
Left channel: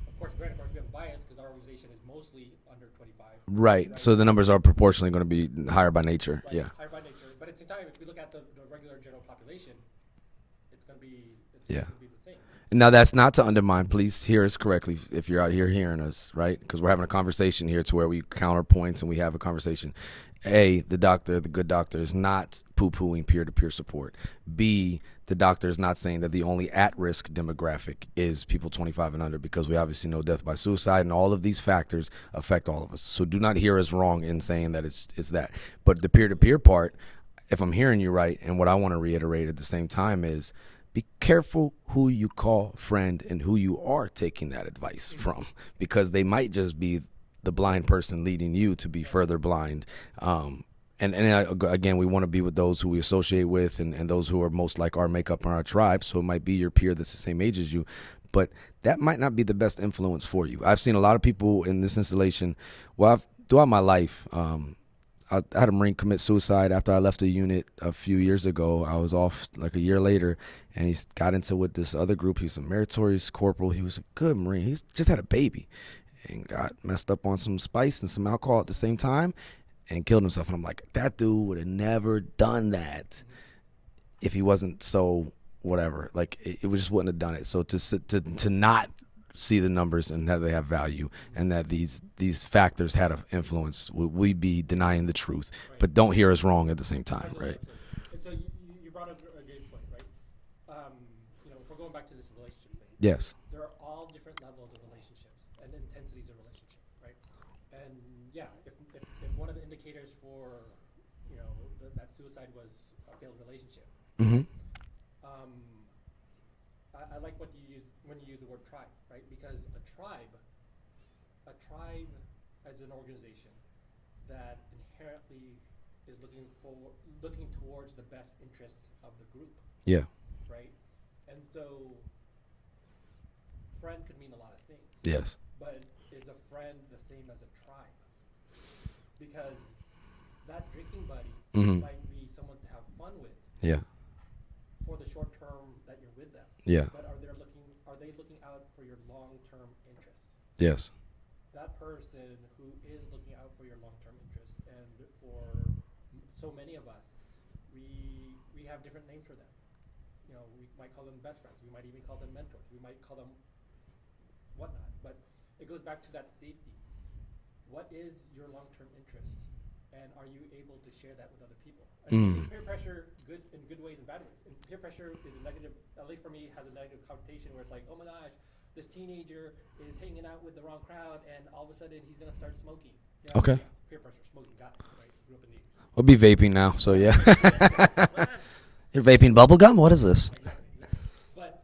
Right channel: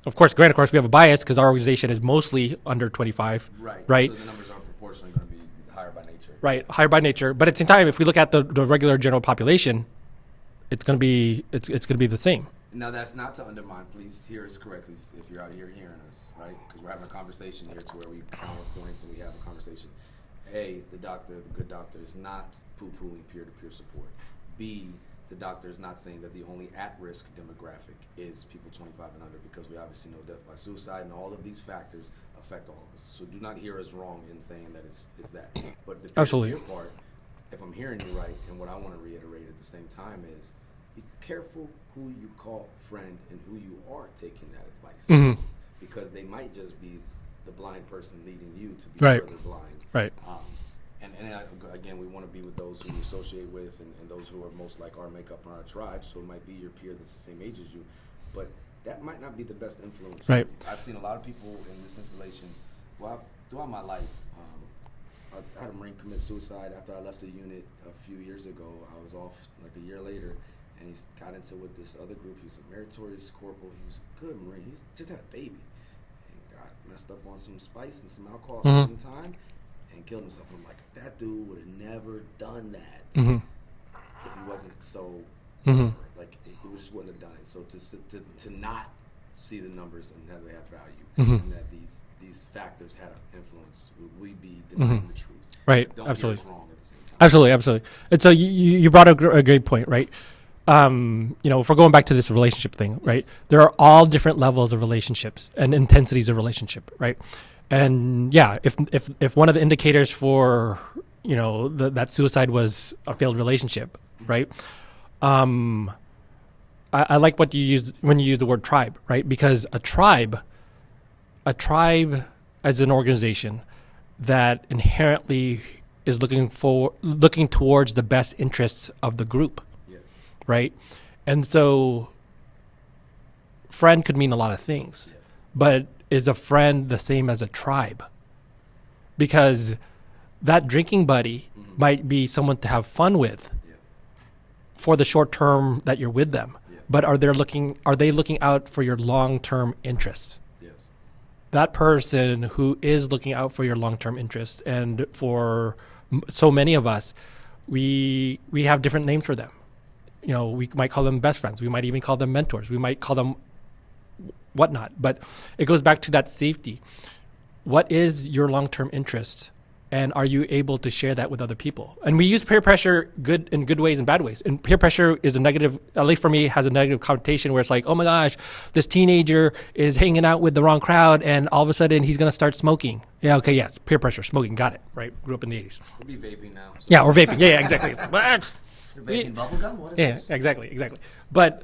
Of course, we have a bias because our organization is mostly under 25. Right. So the numbers are proportionally going to be higher by nature. Right. Yeah. Higher by nature. But at the same time, if we look at the regular general population, it's going to be it's going to be the same. Now, that's not to undermine. Please hear us correctly if you're out here hearing us, right? Because we're having a conversation here to where we counter points and we have a conversation. A, the good doctor is not poo-pooing peer-to-peer support. B, the doctor is not saying that the only at-risk demographic is people 25 and under, because we obviously know death by suicide and all of these factors affect all of us. So do not hear us wrong in saying that it's that. But the peer-to-peer part, if I'm hearing you right, and what I want to reiterate at the same time is be careful who you call friend and who you are taking that advice from, because they might just be the blind person leading you to be further blind. Right. And again, we want to be with those who we associate with and those who are most like our makeup and our tribe. So it might be your peer that's the same age as you, but that might not be the best influence for you. I've seen a lot of people in this installation. Well, throughout my life, I had a Marine commit suicide after I left the unit a few years ago. I was off like a year later, and he got into with this other group. He was a meritorious corporal. He was a good Marine. He just had a baby and got messed up on some spice and some alcohol at the same time and killed himself. And I'm like, that dude would have never done that if he wasn't so whatever. Like, it just wouldn't have done it. So to not see the numbers and that they have value and that these factors had an influence, we be denying the truth, right? But don't hear us wrong at the same time. Absolutely. And so you brought a great point, right? If we're going back to this relationship thing, right? There are all different levels of relationships and intensities of relationship, right? And yeah, if one of the indicators for that suicide was a failed relationship, right? I like what you use when you use the word tribe, right? Because a tribe as an organization that inherently is looking towards the best interests of the group. Yeah. Right. And so friend could mean a lot of things. Yes. But is a friend the same as a tribe? Because that drinking buddy might be someone to have fun with. Yeah. For the short term that you're with them. Yeah. But are they looking out for your long-term interests? Yes. That person who is looking out for your long-term interests, and for so many of us, we have different names for them. We might call them best friends. We might even call them mentors. We might call them whatnot. But it goes back to that safety. What is your long-term interest? And are you able to share that with other people? And we use peer pressure in good ways and bad ways. And peer pressure is a negative, at least for me, has a negative connotation where it's like, oh my gosh, this teenager is hanging out with the wrong crowd and all of a sudden he's going to start smoking. Yeah, okay, yes, peer pressure, smoking, got it, right? Grew up in the 80s. We'll be vaping now. So we're vaping. Yeah, exactly. It's like, what? You're vaping bubble gum? What is this? Exactly. But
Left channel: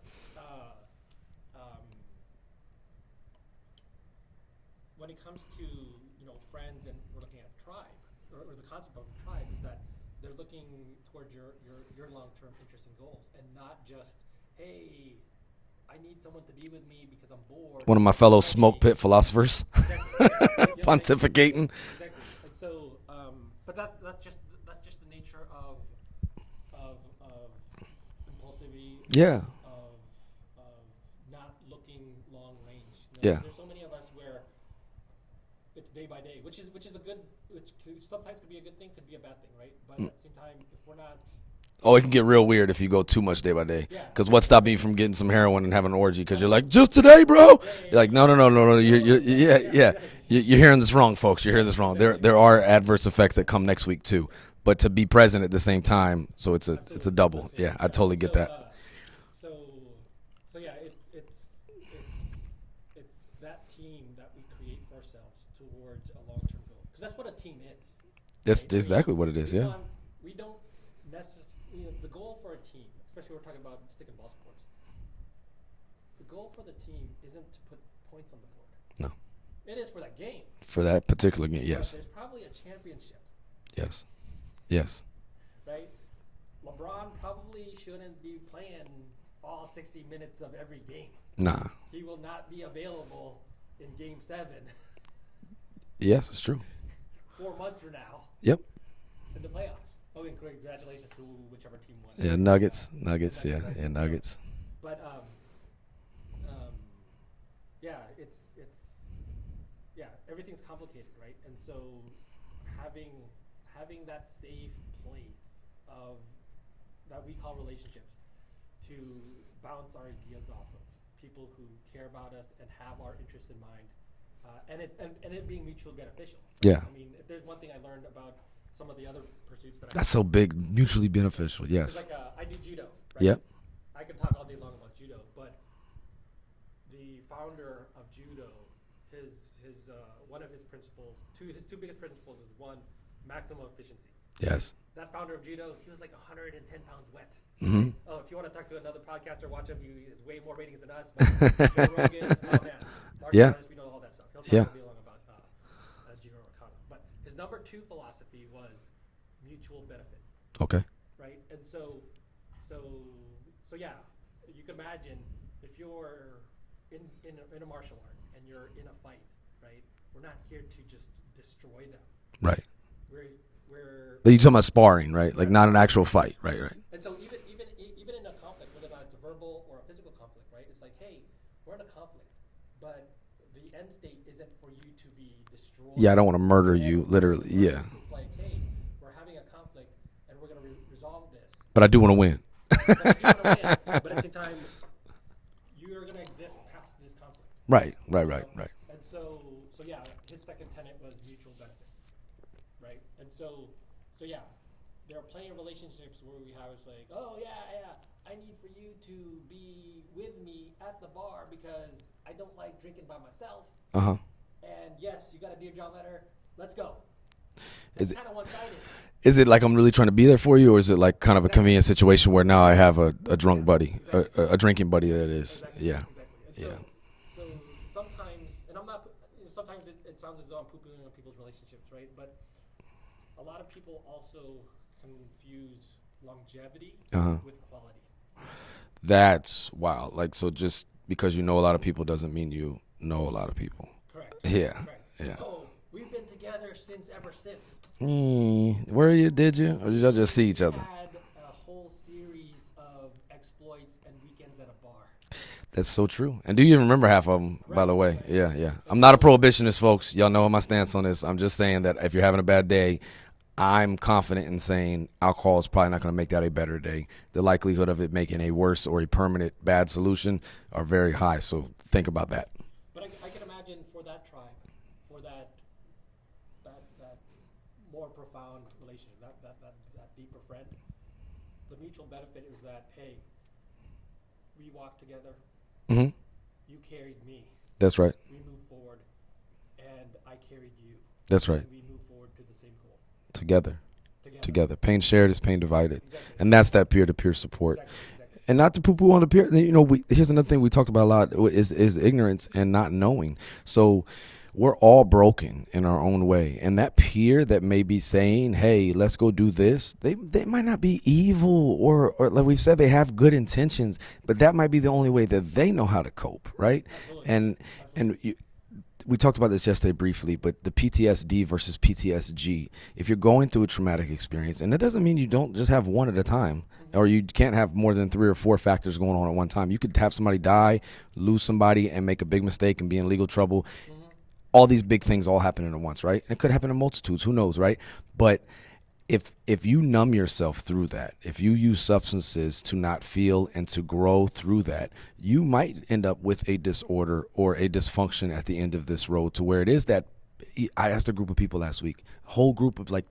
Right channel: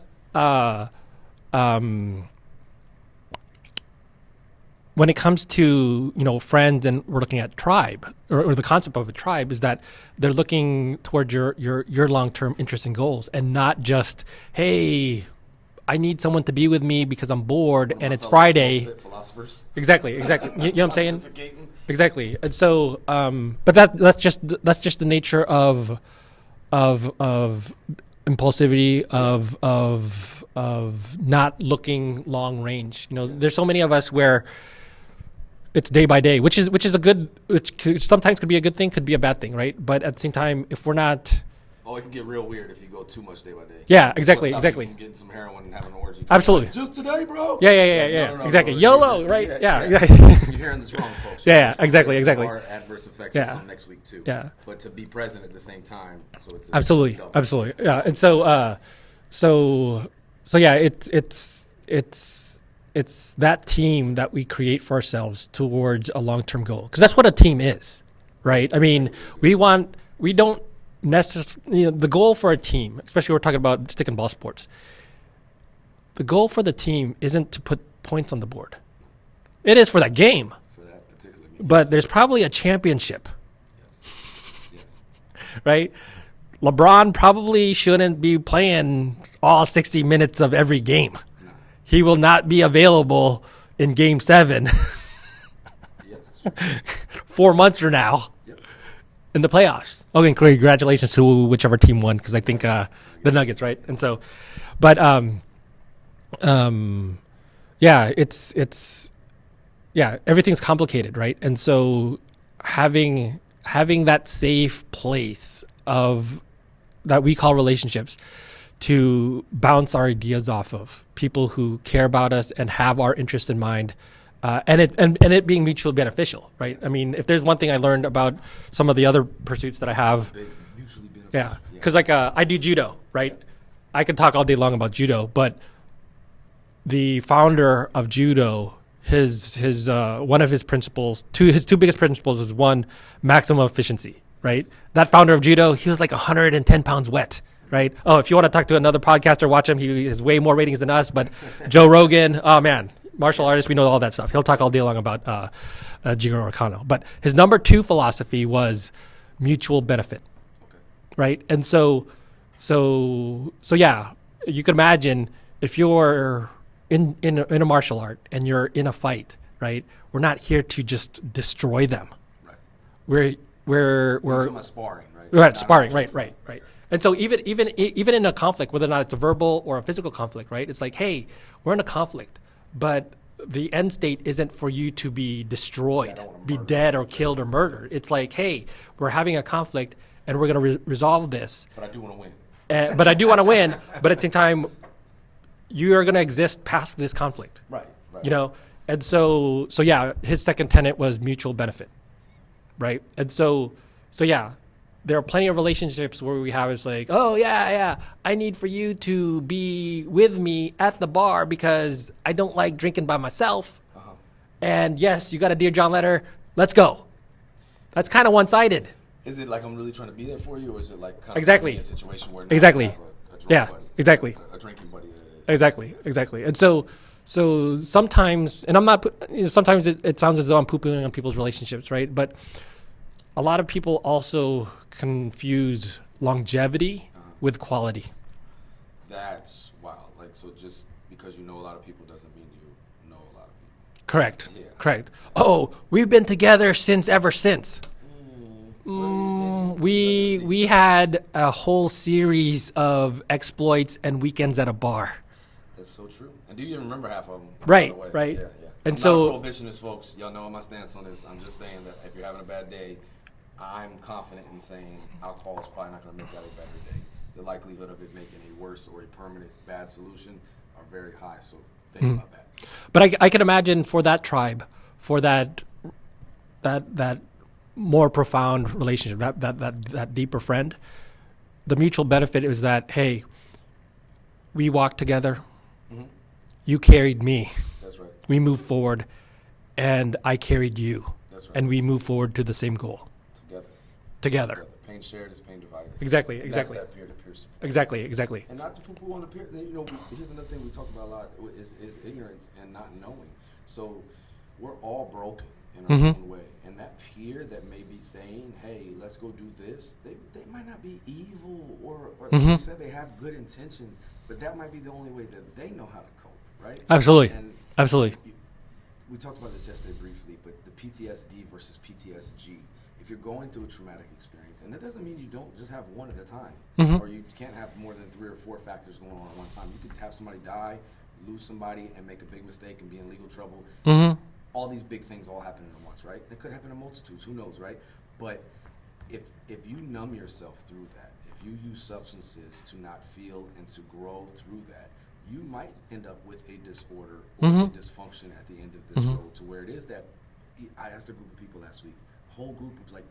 when it comes to friends, and we're looking at tribe or the concept of a tribe, is that they're looking towards your long-term interests and goals, and not just, hey, I need someone to be with me because I'm bored. One of and my it's fellow Friday. smoke pit philosophers. Exactly. You know what I'm saying? Pontificating. Exactly. And so, but that's just the nature of impulsivity, of not looking long range. There's so many of us where it's day by day, which sometimes could be a good thing, could be a bad thing, right? But at the same time, if we're not, it can get real weird if you go too much day by day. Yeah, exactly. What stops you from getting some heroin and having an orgy? Absolutely. You're like, just today, bro. Yeah. Like, no. Exactly. YOLO, right? Yeah. You're hearing this wrong, folks. Exactly. There are adverse effects that come next week too. Yeah. But to be present at the same time, so it's a double. Absolutely. Yeah, I totally and get that. so yeah, it's that team that we create for ourselves towards a long-term goal, because that's what a team is, right? That's exactly what it is, we don't necessarily, the goal for a team, especially we're talking about stick and ball sports, the goal for the team isn't to put points on the board. No. It is for that game. For that particular game, But there's probably a championship. Yes. Right? LeBron probably shouldn't be playing all 60 minutes of every game. Nah. He will not be available in Game 7. Yes, it's true. 4 months from now. Yep. In the playoffs. Okay, congratulations to whichever team won, because I think Nuggets, the Nuggets, right? Yeah, and Nuggets. so, but it's everything's complicated, right? And so having that safe place of that we call relationships to bounce our ideas off of, people who care about us and have our interest in mind, and it being mutually beneficial, right? Yeah. I mean, if there's one thing I learned about some of the other pursuits that I have, so big, mutually beneficial. Yeah. Because I do judo, right? Yeah. I could talk all day long about judo, but the founder of judo, his one of his principles, his two biggest principles is one, maximum efficiency, right? Yes. That founder of judo, he was like 110 pounds wet, right? Oh, if you want to talk to another podcaster, watch him. He has way more ratings than us, but Joe Rogan, oh man, martial artist, we know all that stuff. He'll talk all day long about Jigoro Kano. But his number 2 philosophy was mutual benefit. Okay. Right? And so yeah, you can imagine if you're in a martial art and you're in a fight, right? We're not here to just destroy them. Right. You're talking about sparring, right? Right, Not sparring, an actual right, fight, right? And so even in a conflict, whether or not it's a verbal or a physical conflict, right? It's like, hey, we're in a conflict, but the end state isn't for you to be destroyed. Yeah, I don't want to murder be dead you, or killed or literally, murdered. It's like, hey, we're having a conflict and we're going to resolve this. But I do want to win. But I do want to win. But at the same time, you are going to exist past this conflict. Right. Right. And so yeah, his second tenet was mutual benefit, right? And so yeah, there are plenty of relationships where we have it's like, oh yeah, I need for you to be with me at the bar because I don't like drinking by myself. And yes, you got a Dear John letter. Let's go. That's kind of one-sided. Is it like I'm really trying to be there for you, or is it like kind of a convenient situation where now I have a drunk buddy, a drinking buddy that is exactly. And so sometimes, and I'm not. Sometimes it sounds as though I'm poo-pooing on people's relationships, right? But a lot of people also confuse longevity with quality. That's wow. Like, so just because you know a lot of people doesn't mean you know a lot of people. Correct. Yeah. Correct. Yeah. Oh, we've been together ever since. Did you? We had a whole series of exploits and weekends at a bar. That's so true. And do you even remember half of them, right, by the way? Right. Yeah. And I'm not a prohibitionist, folks. Y'all know my stance on this. I'm just saying that if you're having a bad day, I'm confident in saying alcohol is probably not going to make that a better day. The likelihood of it making a worse or a permanent bad solution are very high. So think about that. But I can imagine for that tribe, for that more profound relationship, that deeper friend, the mutual benefit is that, hey, we walked together. You carried me. That's right. We moved forward, and I carried you. That's right. And we moved forward to the same goal. Together. Pain shared is pain divided. Exactly. And that's that peer-to-peer support. Exactly. And not to poo-poo on the peer. Here's another thing we talked about a lot is ignorance and not knowing. So we're all broken in our own way. And that peer that may be saying, hey, let's go do this, they might not be evil or like we said, they have good intentions, but that might be the only way that they know how to cope, right? Absolutely. We talked about this yesterday briefly, but the PTSD versus PTSG, if you're going through a traumatic experience, and that doesn't mean you don't just have one at a time, or you can't have more than 3 or 4 factors going on at one time. You could have somebody die, lose somebody, and make a big mistake and be in legal trouble. All these big things all happening at once, right? It could happen in multitudes, who knows, right? But if you numb yourself through that, if you use substances to not feel and to grow through that, you might end up with a disorder or a dysfunction at the end of this road, to where it is that I asked a group of people last week, a whole group of like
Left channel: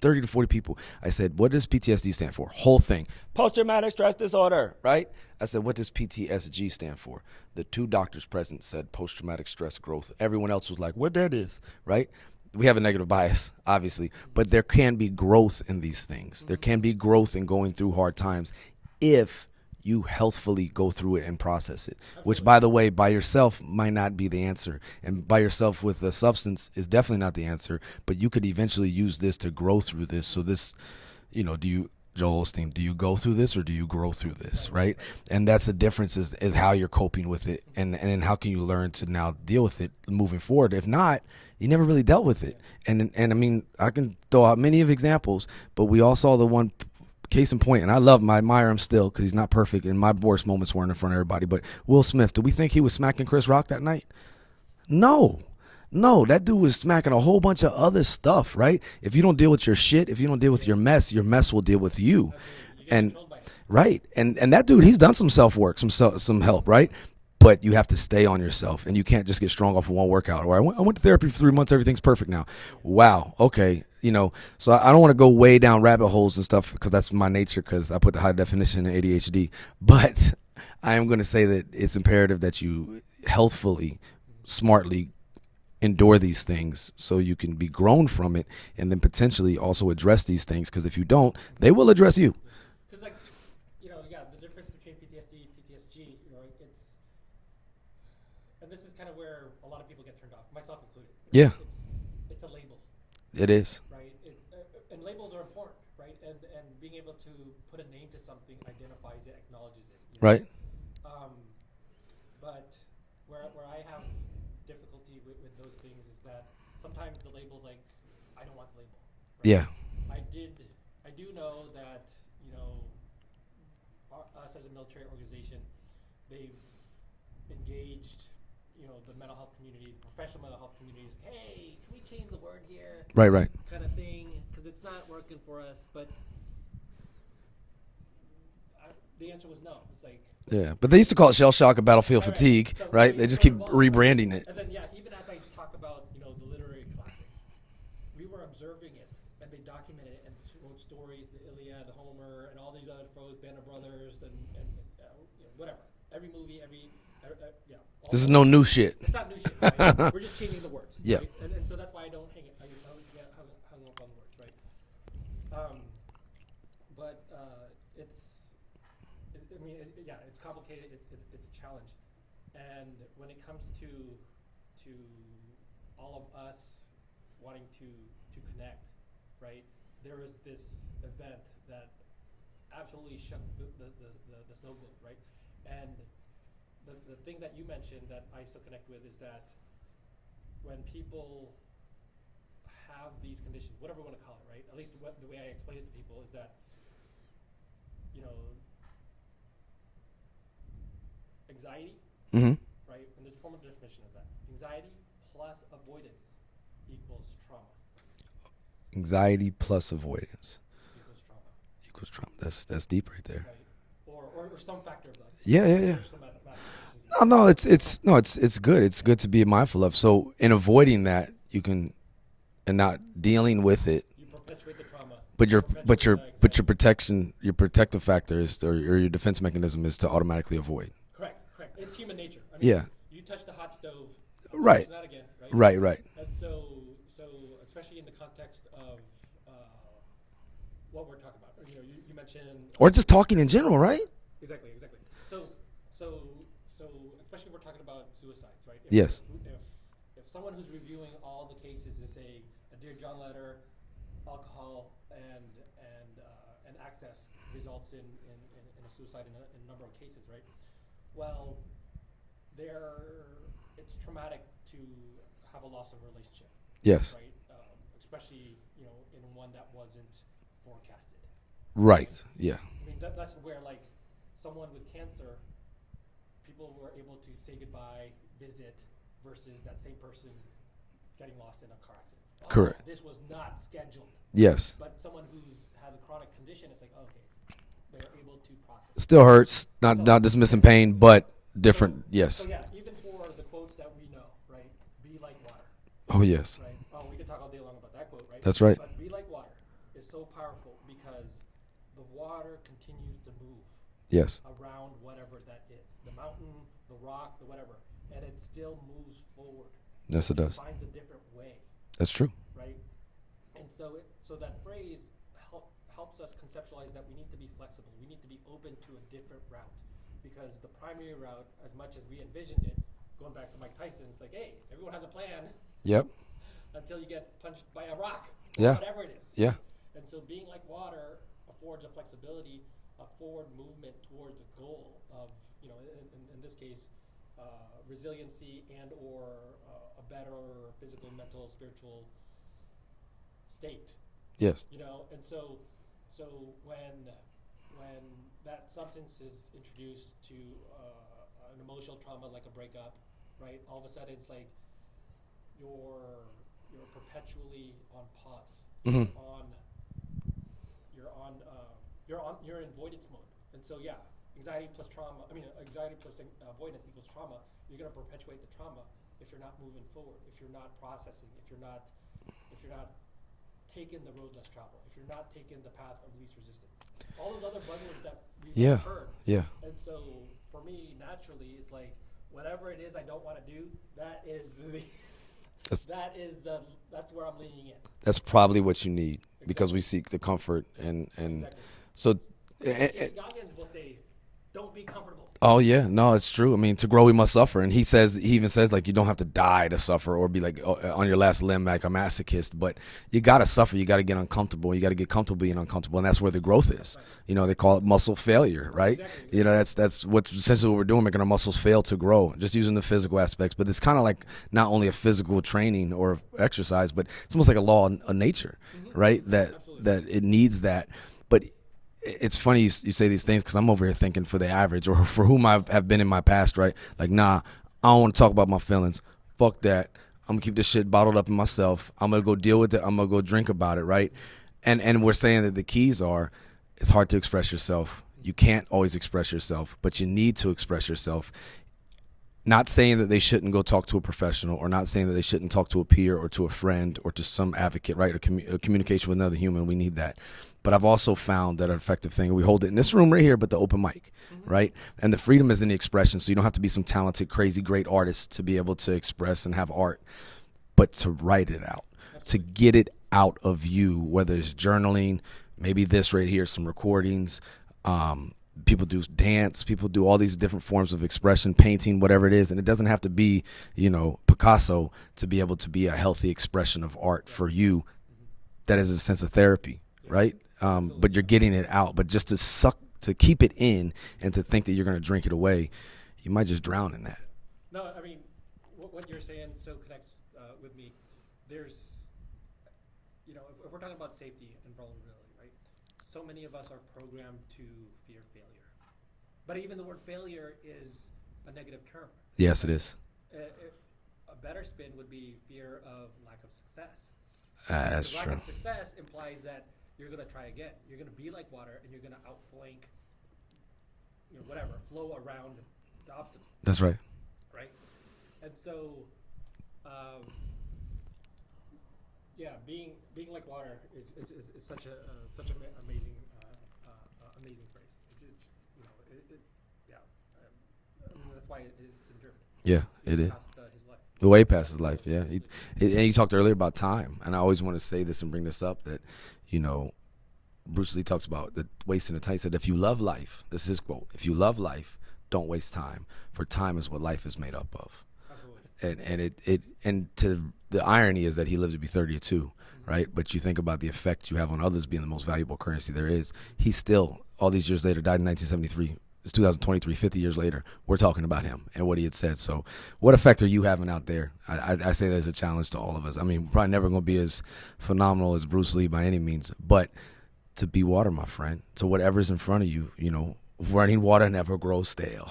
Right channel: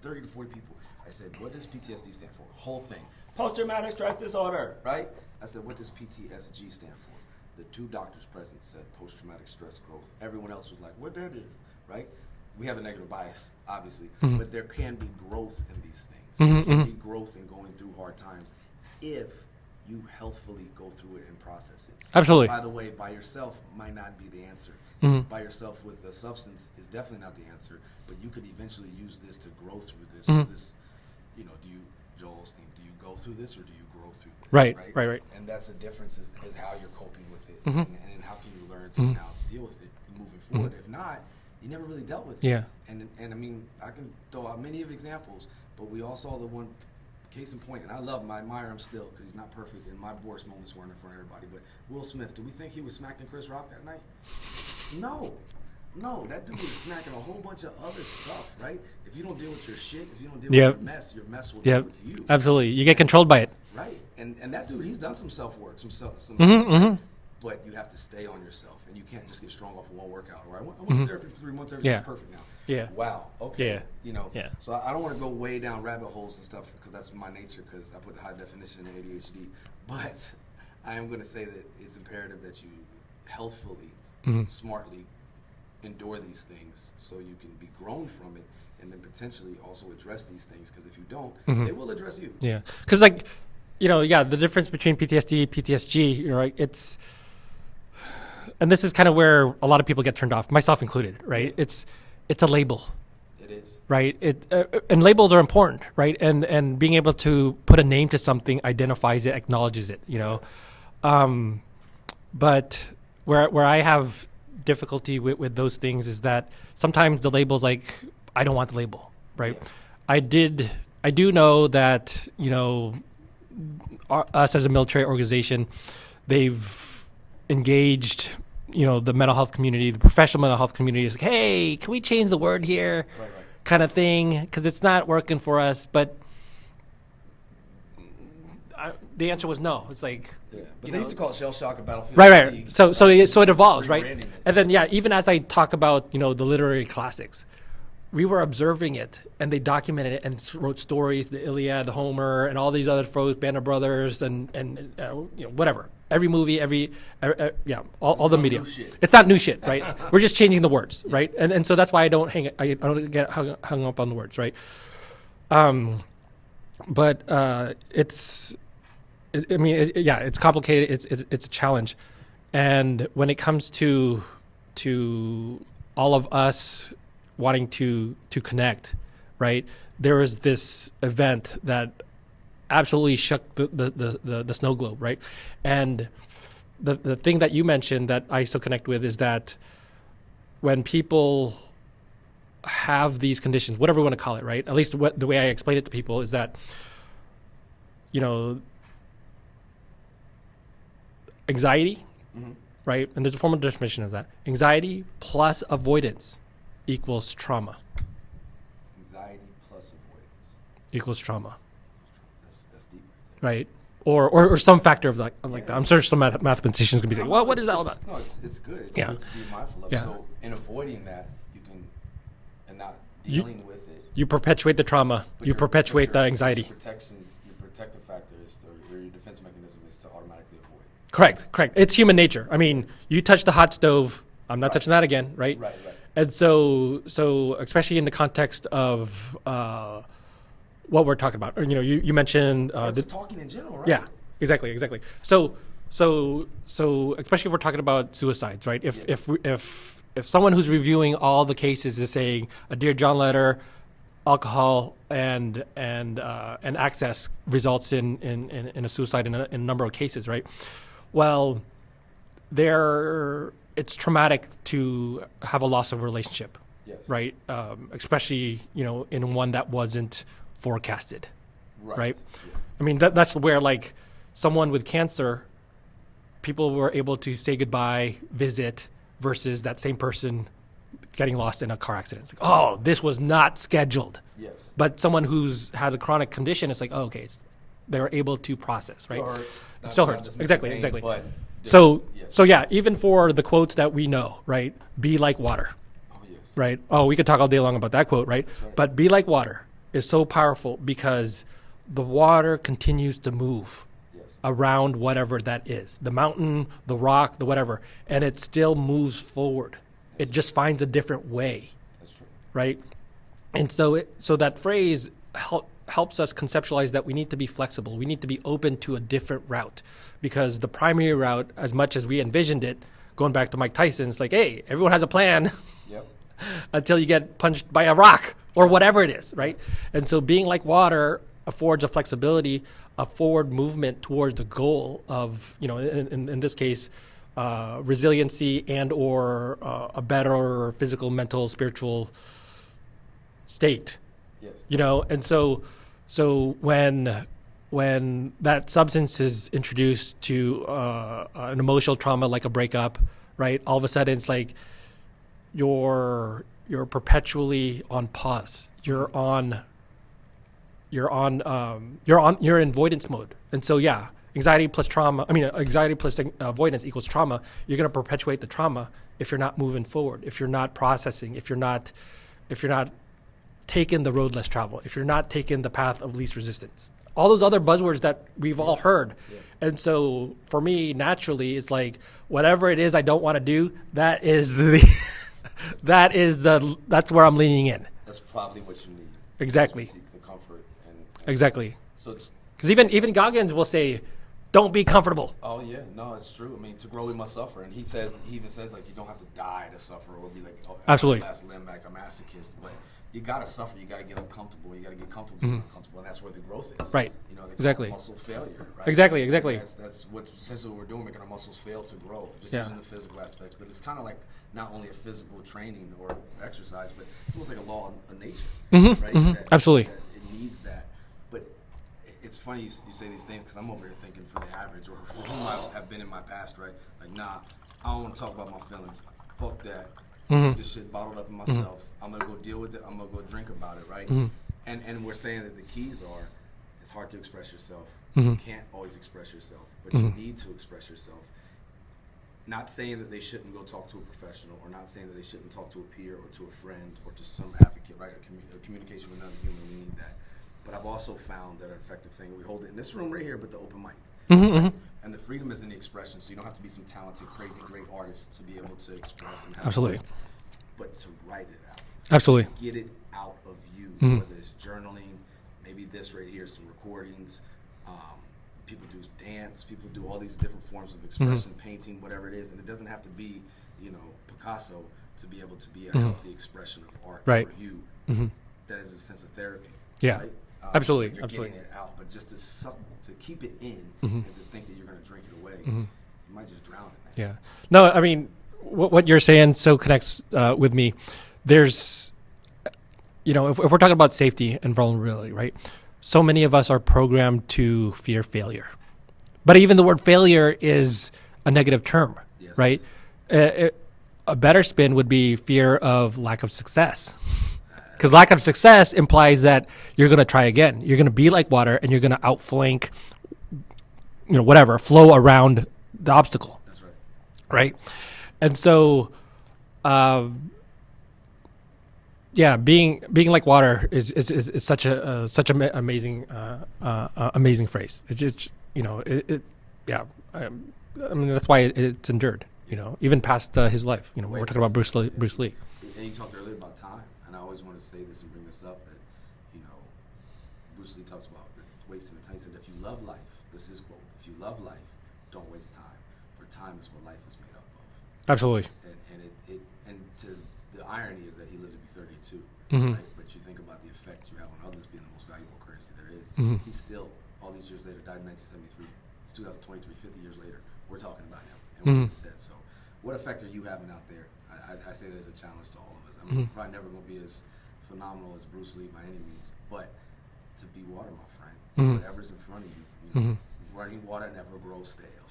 30 to 40 people. I said, what does PTSD stand for? Whole thing. Post-traumatic stress disorder, right? I said, what does PTSG stand for? The 2 doctors present said post-traumatic stress growth. Everyone else was like, what that is, right? We have a negative bias, obviously, but there can be growth in these things. There can be growth in going through hard times if you healthfully go through it and process it. Absolutely. Which, by the way, by yourself might not be the answer. And by yourself with a substance is definitely not the answer, but you could eventually use this to grow through this. So this, do you, Joel Osteen, do you go through this or do you grow through this? Right. And that's the difference is how you're coping with it and then how can you learn to now deal with it moving forward. If not, you never really dealt with it. Yeah. And I mean, I can throw out many of examples, but we all saw the one case in point, and I admire him still because he's not perfect, and my worst moments weren't in front of everybody, but Will Smith, do we think he was smacking Chris Rock that night? No, that dude was smacking a whole bunch of other stuff, right? If you don't deal with your shit, if you don't deal with your mess will deal with you. Absolutely. You get controlled by it. Right. And that dude, he's done some self-work, some help, right? But you have to stay on yourself, and you can't just get strong off of one workout. Or I went to therapy for 3 months, everything's perfect now. Yeah. Wow. Okay. Yeah. So I don't want to go way down rabbit holes and stuff because that's my nature, because I put the high definition in ADHD. But I am going to say that it's imperative that you healthfully, smartly endure these things so you can be grown from it, and then potentially also address these things, because if you don't, they will address you. Yeah. Because the difference between PTSD, PTSG, right? And this is kind of where a lot of people get turned off, myself included, right? Yeah. It's a label. It is. Right? And labels are important, right? And being able to put a name to something identifies it, acknowledges it, Right. But where I have difficulty with those things is that sometimes the label's like, I don't want the label, right? Yeah. I do know that, us as a military organization, they've engaged, the mental health community, the professional mental health community is like, hey, can we change the word here? Right. Kind of thing, because it's not working for us. But the answer was no. It's like, yeah, but they used to call it shell shock and battlefield right. fatigue. So right? it evolved, rebranding right? it. And then even as I talk about the literary classics, we were observing it, and they documented it and wrote stories, the Iliad, Homer, and all these other Band of Brothers, and whatever. Every movie, all this all is the no media. new shit. It's not new shit, right? We're just changing the words, Yeah. right? And so that's why I don't get hung up on the words, right? But it's complicated. It's a challenge, and when it comes to all of us wanting to connect, right? There was this event that absolutely shook the snow globe, right? And the thing that you mentioned that I still connect with is that when people have these conditions, whatever you want to call it, right? At least the way I explain it to people is that, anxiety, right? And there's a formal definition of that. Anxiety plus avoidance equals trauma. Anxiety plus avoidance Equals trauma. equals trauma. That's deep right there. Right. Or some factor of that. Yeah, I'm sure some mathematicians could be like, No, what is all that? it's good. It's Yeah. good to be mindful of. Yeah. So in avoiding that, you can, and not dealing with it. You perpetuate the trauma. But you perpetuate the anxiety. But your protective factor is, or your defense mechanism is to automatically avoid. Correct. It's human nature. I mean, Yeah. you touch the hot stove, I'm not Right. touching that again, right? Right. And so especially in the context of what we're talking about, or, you mentioned, Or just talking in general, right? yeah, exactly. So especially if we're talking about suicides, right? Yes. If someone who's reviewing all the cases is saying a Dear John letter, alcohol and access results in a suicide in a number of cases, right? Well, it's traumatic to have a loss of relationship, Yes. right? Especially in one that wasn't forecasted. Right. Right. Yeah. I mean, that's where, like, someone with cancer, people were able to say goodbye, visit, versus that same person getting lost in a car accident. It's like, oh, this was not scheduled. Yes. But someone who's had a chronic condition, it's like, oh, okay, they're able to process. Still hurts. Not dismissing pain, but different. Yes. So yeah, even for the quotes that we know, right? Be like water, Oh yes. right? Oh, we could talk all day long about that quote, right? That's right. But be like water is so powerful because the water continues to move Yes. around whatever that is, the mountain, the rock, the whatever, and it still moves forward. Yes, it it just does. finds a different way, That's true. right? And so that phrase helps us conceptualize that we need to be flexible. We need to be open to a different route, because the primary route, as much as we envisioned it, going back to Mike Tyson, it's like, hey, everyone has a plan Yep. until you get punched by a rock or Yeah. whatever it is, right? And so being like water affords a flexibility, a forward movement towards a goal of, in this case, resiliency and or a better physical, mental, spiritual state. Yes. And so when that substance is introduced to an emotional trauma like a breakup, right? All of a sudden it's like you're perpetually on pause. You're in avoidance mode. And so anxiety plus avoidance equals trauma. You're going to perpetuate the trauma if you're not moving forward, if you're not processing, if you're not taking the road less traveled, if you're not taking the path of least resistance. All those other buzzwords that we've all heard. Yeah. And so for me, naturally, it's like whatever it is I don't want to do, that's where I'm leaning in. That's probably what you need. Exactly. Because we seek the comfort and Exactly. So it's Because even Goggins will say, Don't be comfortable. Oh yeah, no, it's true. I mean, to grow we must suffer, and he even says like you don't have to die to suffer or be like on your last limb like a masochist, but you gotta suffer. You gotta get uncomfortable. You gotta get comfortable being uncomfortable, and that's where the growth is. Right. You know, they call it muscle failure, right? Exactly. You know, that's what's essentially what we're doing, making our muscles fail to grow, just using the physical aspects. But it's kind of like not only a physical training or exercise, but it's almost like a law of nature, right? That absolutely that it needs that, but. It's funny you say these things because I'm over here thinking for the average or for whom I have been in my past, right? Like, nah, I don't want to talk about my feelings. Fuck that. I'm gonna keep this shit bottled up in myself. I'm gonna go deal with it. I'm gonna go drink about it, right? And we're saying that the keys are, it's hard to express yourself. You can't always express yourself, but you need to express yourself. Not saying that they shouldn't go talk to a professional, or not saying that they shouldn't talk to a peer or to a friend or to some advocate, right? A communication with another human. We need that. But I've also found that an effective thing, we hold it in this room right here, but the open mic, right? And the freedom is in the expression. So you don't have to be some talented, crazy, great artist to be able to express and have art, but to write it out. Absolutely. To get it out of you, whether it's journaling, maybe this right here, some recordings. People do dance. People do all these different forms of expression, painting, whatever it is. And it doesn't have to be, you know, Picasso to be able to be a healthy expression of art for you. That is a sense of therapy, right? Absolutely. But you're getting it out. But just to keep it in and to think that you're going to drink it away, you might just drown in that. Yeah. No, I mean, what you're saying so connects with me. There's, you know, if we're talking about safety and vulnerability, right? So many of us are programmed to fear failure. But even the word failure is a negative term, Yes, right? A better spin would be fear of lack of success. Because lack of success implies that you're going to try again. You're going to be like water, and you're going to outflank, you know, whatever, flow around the obstacle. That's right. Right? And so, being like water is such an amazing amazing phrase. It's just, you know, I mean, that's why it's endured. Yeah. You know, even past his life. You know, way past past Bruce life, Bruce Lee. And you talked earlier about time, and I always want to say this and bring this up, that, you know, Bruce Lee talks about the wasting of time. He said, if you love life, this is his quote, if you love life, don't waste time, for time is what life is made up of. Absolutely. And the irony is that he lived to be 32, right? But you think about the effect you have on others being the most valuable currency there is. He's still, all these years later, died in 1973. It's 2023, 50 years later. We're talking about him and what he had said. So what effect are you having out there? I say that as a challenge to all of us. I mean, probably never going to be as phenomenal as Bruce Lee by any means, but to be water, my friend, to whatever's in front of you, you know, running water never grows stale.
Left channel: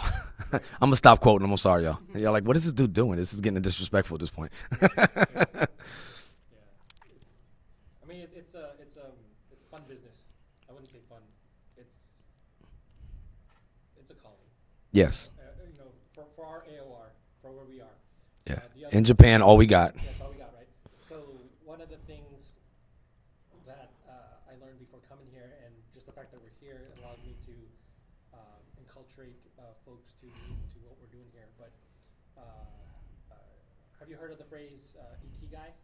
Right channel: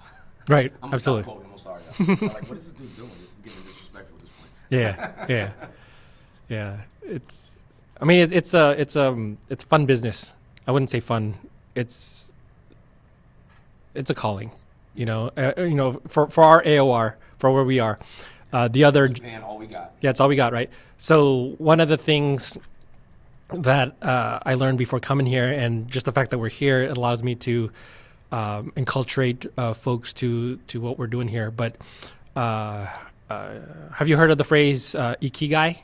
Right. I'm going to stop quoting him. I'm sorry, y'all. You're like, what is this dude doing? This is getting disrespectful at this point. Yeah. It's, I mean, it's fun business. I wouldn't say fun. It's a calling. Yes. You know, for our AOR, for where we are. The other in Japan, all we got. Yeah, it's all we got, right? So one of the things that I learned before coming here, and just the fact that we're here, it allows me to enculturate folks to what we're doing here. But have you heard of the phrase ikigai?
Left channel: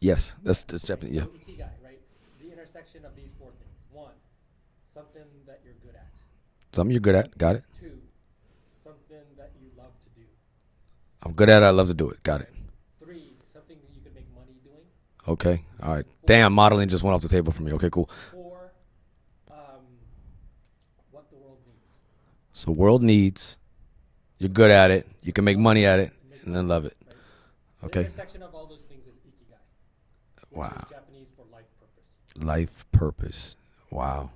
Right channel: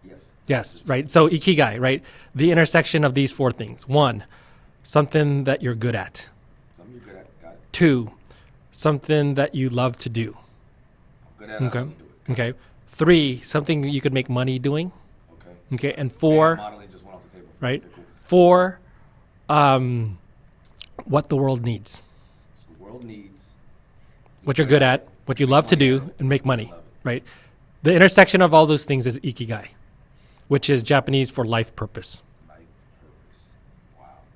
Yes. Yes, right. So ikigai, right? The intersection of these four things. 1, something that you're good at. Something you're good at. Got it. 2, something that you love to do. I'm good at it. I love to do it. Got it. 3, something you could make money doing. Okay. Okay. Right. And 4. Damn, modeling just went off the table for me. Right? Okay, cool. 4, what the world needs. So world needs. You're What good you're good at at, it. what can you make love to money do, at it, and make money. I love it. Right. The intersection of all those things is ikigai, which is Japanese for life purpose. Life purpose. Wow.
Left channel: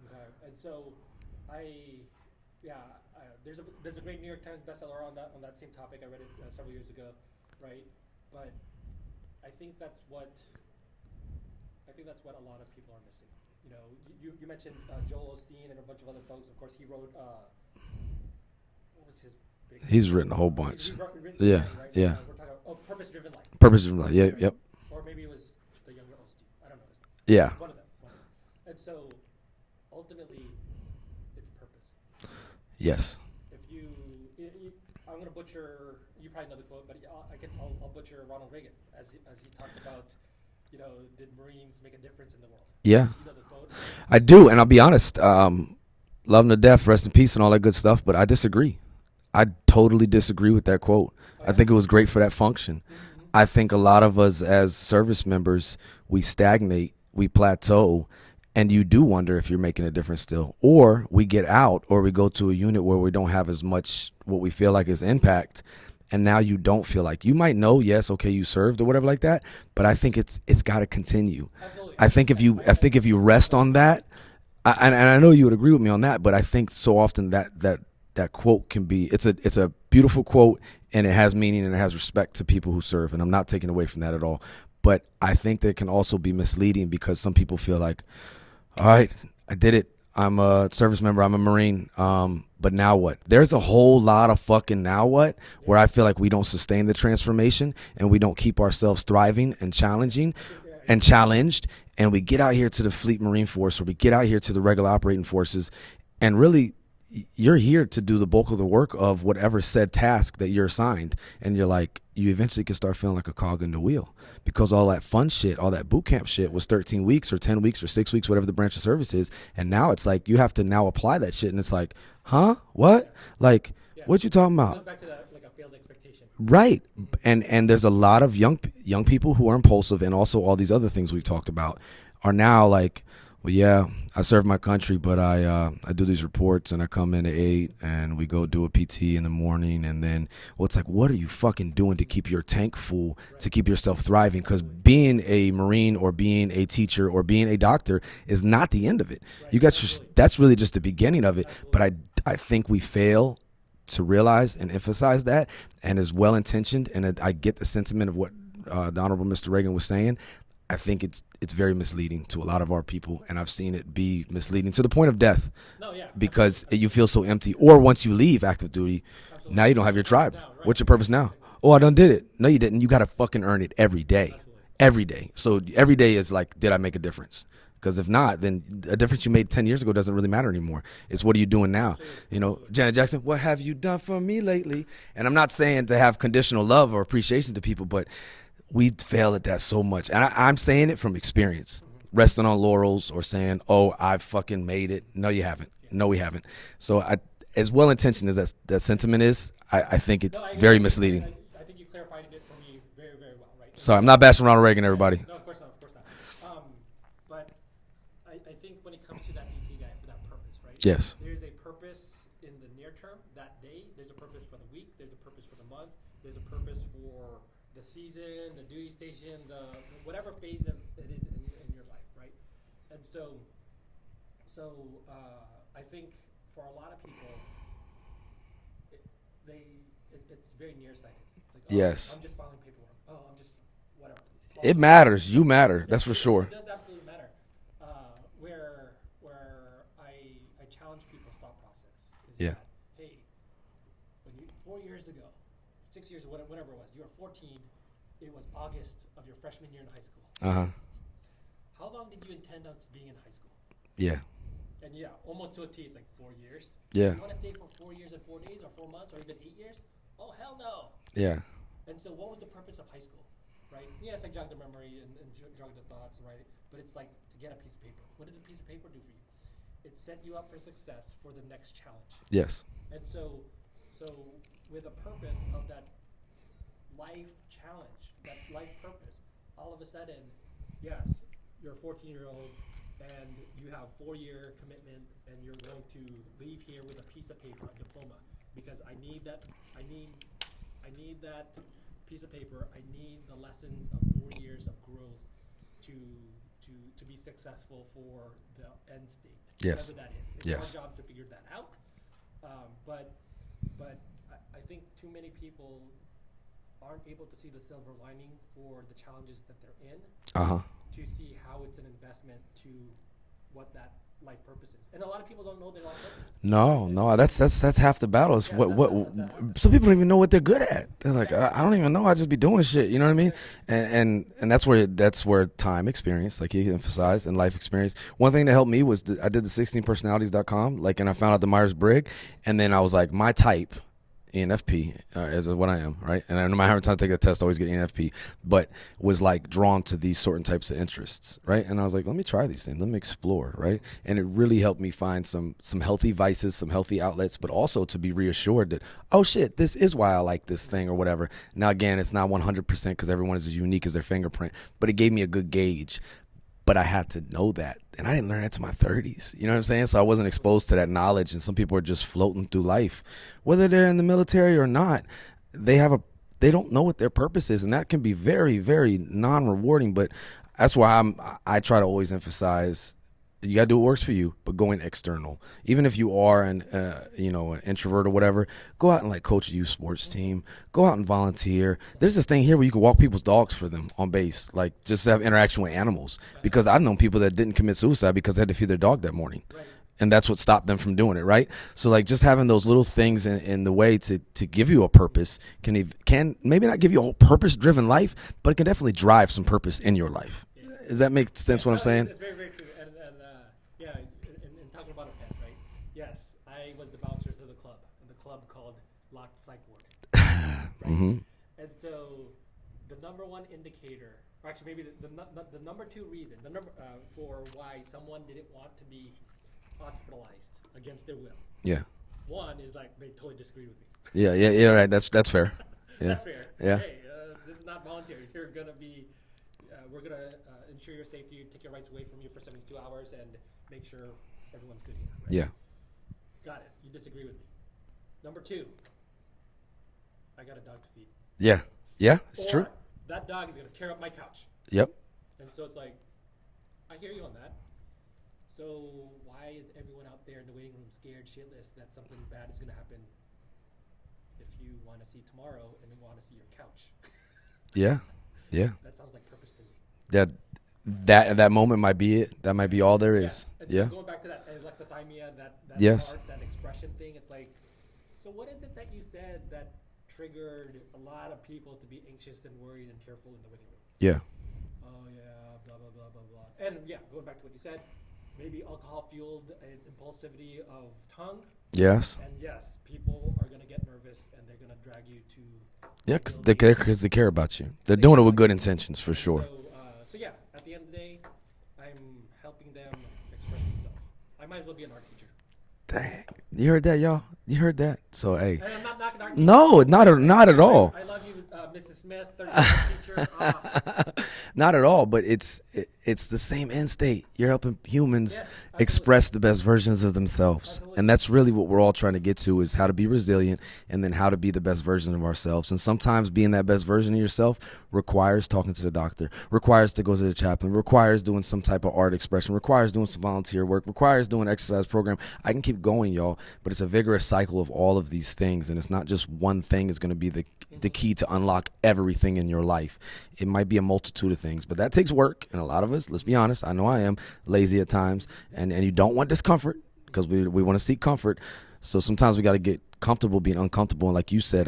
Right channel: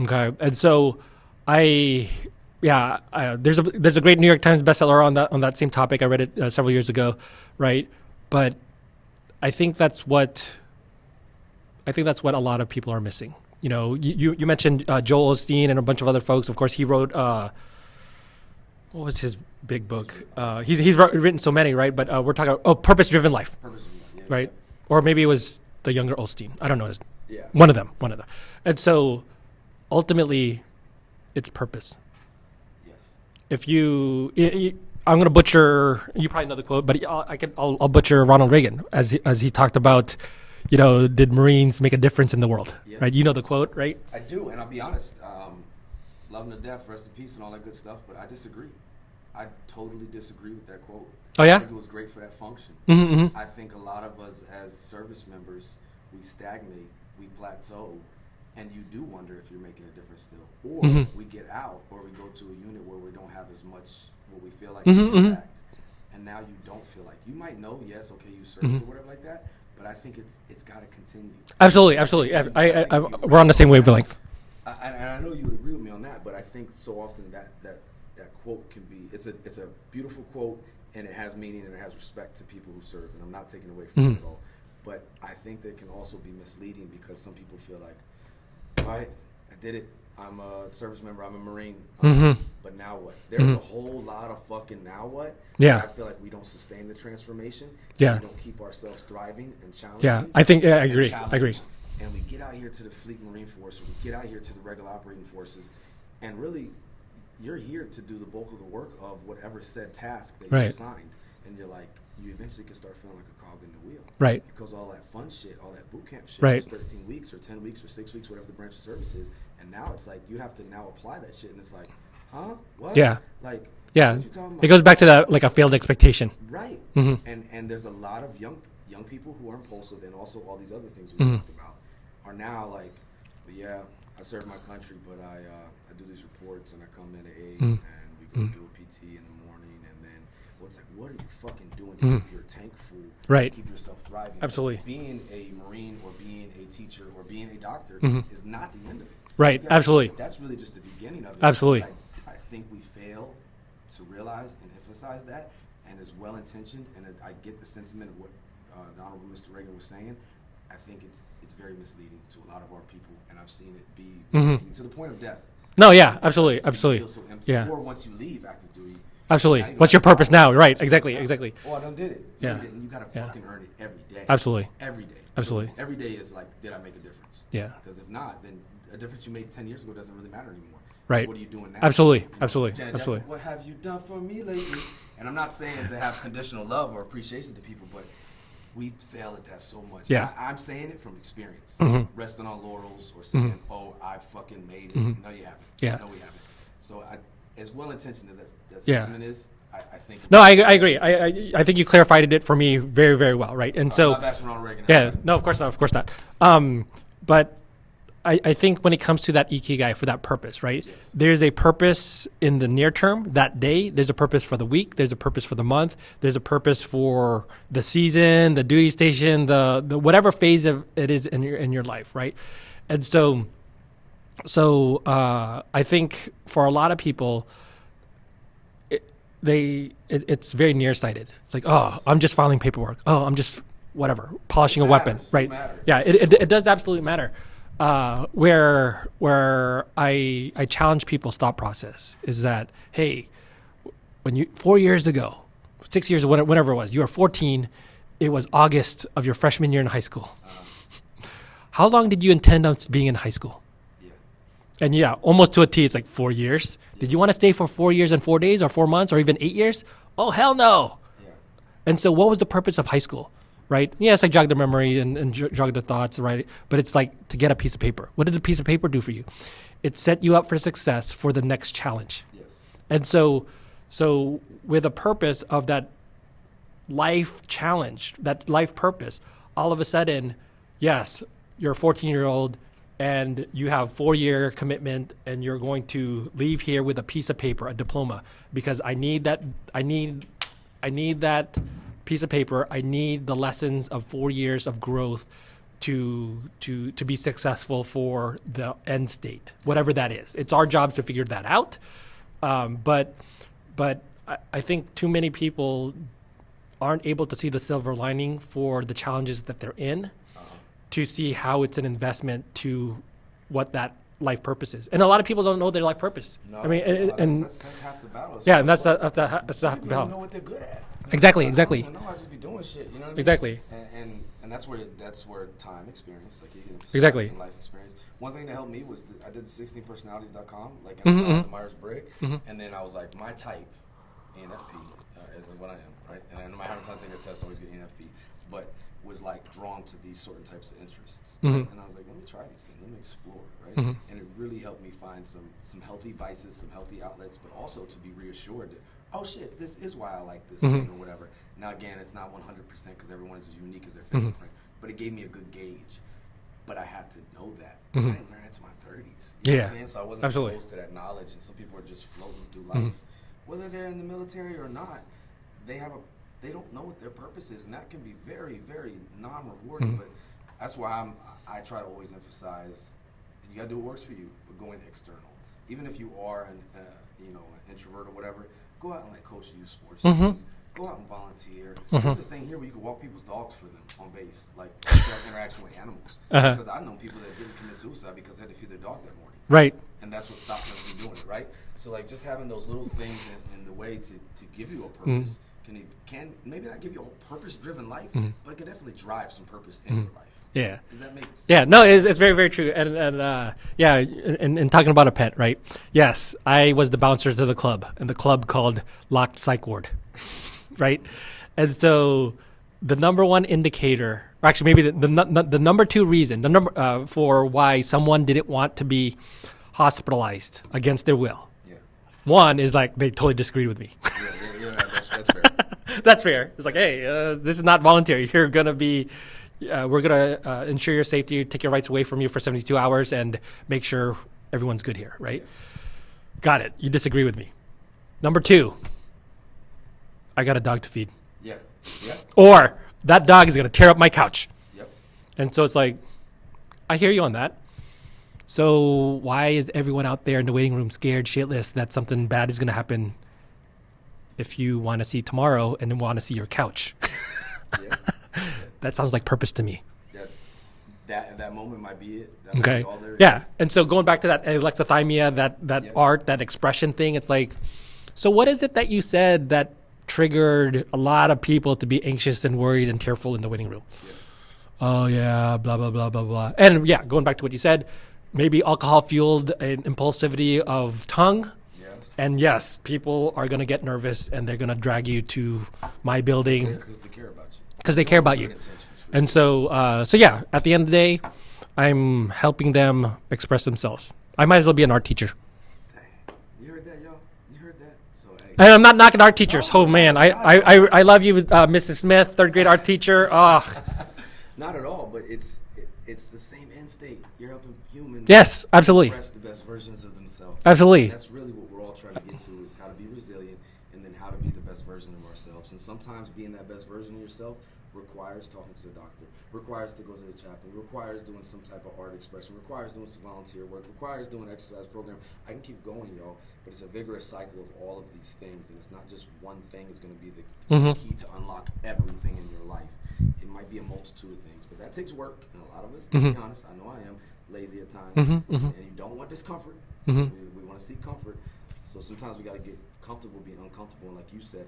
Okay. And so there's a great New York Times bestseller on that same topic. I read it several years ago, right? But I think that's what a lot of people are missing. You know, you mentioned Joel Osteen and a bunch of other folks. Of course, he wrote what was his big book? He's written a whole bunch. He's written so many, right? But we're talking about purpose-driven life. Purpose-driven life. Yeah. Right. Yep. Or maybe it was the younger Osteen. I don't know. Yeah. One of them. And so ultimately, it's purpose. Yes. If I'm going to butcher, you probably know the quote, but I'll butcher Ronald Reagan as he talked about, you know, did Marines make a difference in the world? Yeah. Right? You know the quote, right? I do, and I'll be honest. love him to death, rest in peace and all that good stuff, but I disagree. I totally disagree with that quote. Oh, yeah? I think it was great for that function. I think a lot of us as service members, we stagnate, we plateau, and you do wonder if you're making a difference still. Or we get out, or we go to a unit where we don't have as much what we feel like is impact, and now you don't feel like, you might know, yes, okay, you served or whatever like that, but I think it's got to continue. Absolutely. I think if you we're rest on the same on that, wavelength. and I know you would agree with me on that, but I think so often that quote can be, it's a beautiful quote, and it has meaning and it has respect to people who serve, and I'm not taking away from that at all. But I think that it can also be misleading because some people feel like, all right, I did it. I'm a service member. I'm a Marine. But now what? There's a whole lot of fucking now what where I feel like we don't sustain the transformation and we don't keep ourselves thriving and challenging. I think, I agree. And challenged. And we get out here to the Fleet Marine Force, or we get out here to the regular operating forces, and really you're here to do the bulk of the work of whatever said task that you're assigned. And you're like, you eventually can start feeling like a cog in the wheel. Right. Because all that fun shit, all that boot camp shit was 13 weeks or 10 weeks or 6 weeks, whatever the branch of service is. And now it's like, you have to now apply that shit. And it's like, huh? What? Yeah. Like, what you talking about? It goes back to that, like a failed expectation. Right. And there's a lot of young people who are impulsive, and also all these other things we talked about are now like, well, yeah, I serve my country, but I do these reports, and I come in at 8 and we go do a PT in the morning, and then, well, it's like, what are you fucking doing to keep your tank full, to keep yourself thriving? Because being a Marine or being a teacher or being a doctor is not the end of it. Right. You got that's really just the beginning of it. Absolutely. But I think we fail to realize and emphasize that, and is well intentioned, and I get the sentiment of what the Honorable Mr. Reagan was saying. I think it's very misleading to a lot of our people, and I've seen it be misleading to the point of death. No, yeah, because absolutely. You feel so empty. Yeah. Or once you leave active duty, absolutely. Now you don't What's have your purpose now? Right, exactly. Oh, I done did it. No, you didn't. You got to fucking earn it every day. Absolutely. Every day. Absolutely. So every day is like, did I make a difference? Yeah. Because if not, then a difference you made 10 years ago doesn't really matter anymore. Right. It's what are you doing now? Absolutely. You know, Absolutely. Janet Jackson, what have you done for me lately? And I'm not saying to have conditional love or appreciation to people, but we fail at that so much. Yeah. And I'm saying it from experience, resting on laurels or saying, oh, I fucking made it. No, you haven't. Yeah. No, we haven't. So as well-intentioned as that sentiment is, I think it's I agree. I think you clarified it for me very, very well, right? And so I'm not bashing Ronald Reagan, everybody. Yeah, no, of course not. But I think when it comes to that ikigai, for that purpose, right? Yes. There's a purpose in the near term, that day. There's a purpose for the week. There's a purpose for the month. There's a purpose for the season, the duty station, the whatever phase of it is in your life, right? And so I think for a lot of people, it's very nearsighted. It's like, oh, yes. I'm just filing paperwork. Oh, I'm just whatever, polishing a weapon. Right? You matter. Yeah, it does absolutely matter. Where I challenge people's thought process is that, hey, when 4 years ago, 6 years, whenever it was, you were 14, it was August of your freshman year in high school. How long did you intend on being in high school? Yeah. And yeah, almost to a T, it's like 4 years. Yeah. Did you want to stay for 4 years and 4 days, or 4 months, or even 8 years? Oh, hell no. Yeah. And so what was the purpose of high school? Right? Yes, I jogged the memory and jogged the thoughts, right? But it's like to get a piece of paper. What did a piece of paper do for you? It set you up for success for the next challenge. Yes. And so with a purpose of that life challenge, that life purpose, all of a sudden, yes, you're a 14-year-old and you have 4-year commitment, and you're going to leave here with a piece of paper, a diploma, because I need that piece of paper. I need the lessons of 4 years of growth to be successful for the end state, whatever that is. It's our jobs to figure that out. But I think too many people aren't able to see the silver lining for the challenges that they're in, to see how it's an investment to what that life purpose is. And a lot of people don't know their life purpose. No, that's half the battle. Yeah, some people don't even know what they're good at. Exactly. I don't even know. I just be doing shit. You know what I mean? Exactly. And that's where time experience, like you emphasize, and life experience. One thing that helped me was I did the 16personalities.com, and I found out the Myers-Briggs, and then I was like, my type ENFP, as what I am, right? And no matter how many times I take a test, I always get ENFP, but was like drawn to these certain types of interests, right? And I was like, let me try these things, let me explore, right? And it really helped me find some healthy vices, some healthy outlets, but also to be reassured that, oh shit, this is why I like this thing or whatever. Now again, it's not 100% because everyone is as unique as their fingerprint, but it gave me a good gauge. But I had to know that, and I didn't learn that to my 30s. You know what I'm saying? So I wasn't exposed to that knowledge, and some people are just floating through life, whether they're in the military or not. They don't know what their purpose is, and that can be very, very non-rewarding. But that's why I try to always emphasize, you gotta do what works for you, but going external. Even if you are an introvert or whatever, go out and like coach a youth sports team. Go out and volunteer. There's this thing here where you can walk people's dogs for them on base, like just to have interaction with animals. Because I've known people that didn't commit suicide because they had to feed their dog that morning. Right. And that's what stopped them from doing it, right? So like just having those little things in the way to give you a purpose can maybe not give you a whole purpose-driven life, but it can definitely drive some purpose in your life. Yeah. Does that make sense? Yeah, no, it's very, very true. And talking about a pet, right? Yes, I was the bouncer to the club, and the club called Locked Psych Ward, right? And so the number one indicator, or actually maybe the number two reason, for why someone didn't want to be hospitalized against their will. Yeah. One is like they totally disagreed with me. Yeah, right. That's fair. That's fair. It's like, hey, this is not voluntary. You're gonna be, we're gonna ensure your safety, take your rights away from you for 72 hours, and make sure everyone's good here, right? Yeah. Got it. You disagree with me. Number two, I got a dog to feed. Yeah. Or that dog is gonna tear up my couch. Yep. And so it's like, I hear you on that. So why is everyone out there in the waiting room scared shitless that something bad is going to happen if you want to see tomorrow and then want to see your couch? Yeah. That sounds like purpose to me. That moment might be it. That might be all there is. Yeah. And so going back to that alexithymia, that Yes. art, that expression thing, it's like, so what is it that you said that triggered a lot of people to be anxious and worried and tearful in the waiting room? Yeah. Oh, yeah, blah, blah, blah, blah, blah. And yeah, going back to what you said, maybe alcohol-fueled impulsivity of tongue. Yes. And yes, people are going to get nervous and they're going to drag you to my building. Because they care about you. Because they doing care it with about good you. intentions, for and sure. So yeah, at the end of the day, I'm helping them express themselves. I might as well be an art teacher. Dang. You heard that, y'all? You heard that? So, hey. And I'm not knocking art teachers. No, oh, man. not at all. I love you, Mrs. Smith, third grade art teacher. Oh. Not at all, but it's the same end state. You're helping humans Yes, absolutely. express the best versions of themselves. Absolutely. And that's really what we're all trying to get to, is how to be resilient and then how to be the best version of ourselves. And sometimes being that best version of yourself requires talking to the doctor, requires to go to the chaplain, requires doing some type of art expression, requires doing some volunteer work, requires doing an exercise program. I can keep going, y'all, but it's a vigorous cycle of all of these things. And it's not just one thing is going to be the key to unlock everything in your life. It might be a multitude of things, but that takes work. And a lot of us, let's be honest, I know I am lazy at times, and you don't want discomfort because we want to seek comfort. So sometimes we got to get comfortable being uncomfortable. And like you said,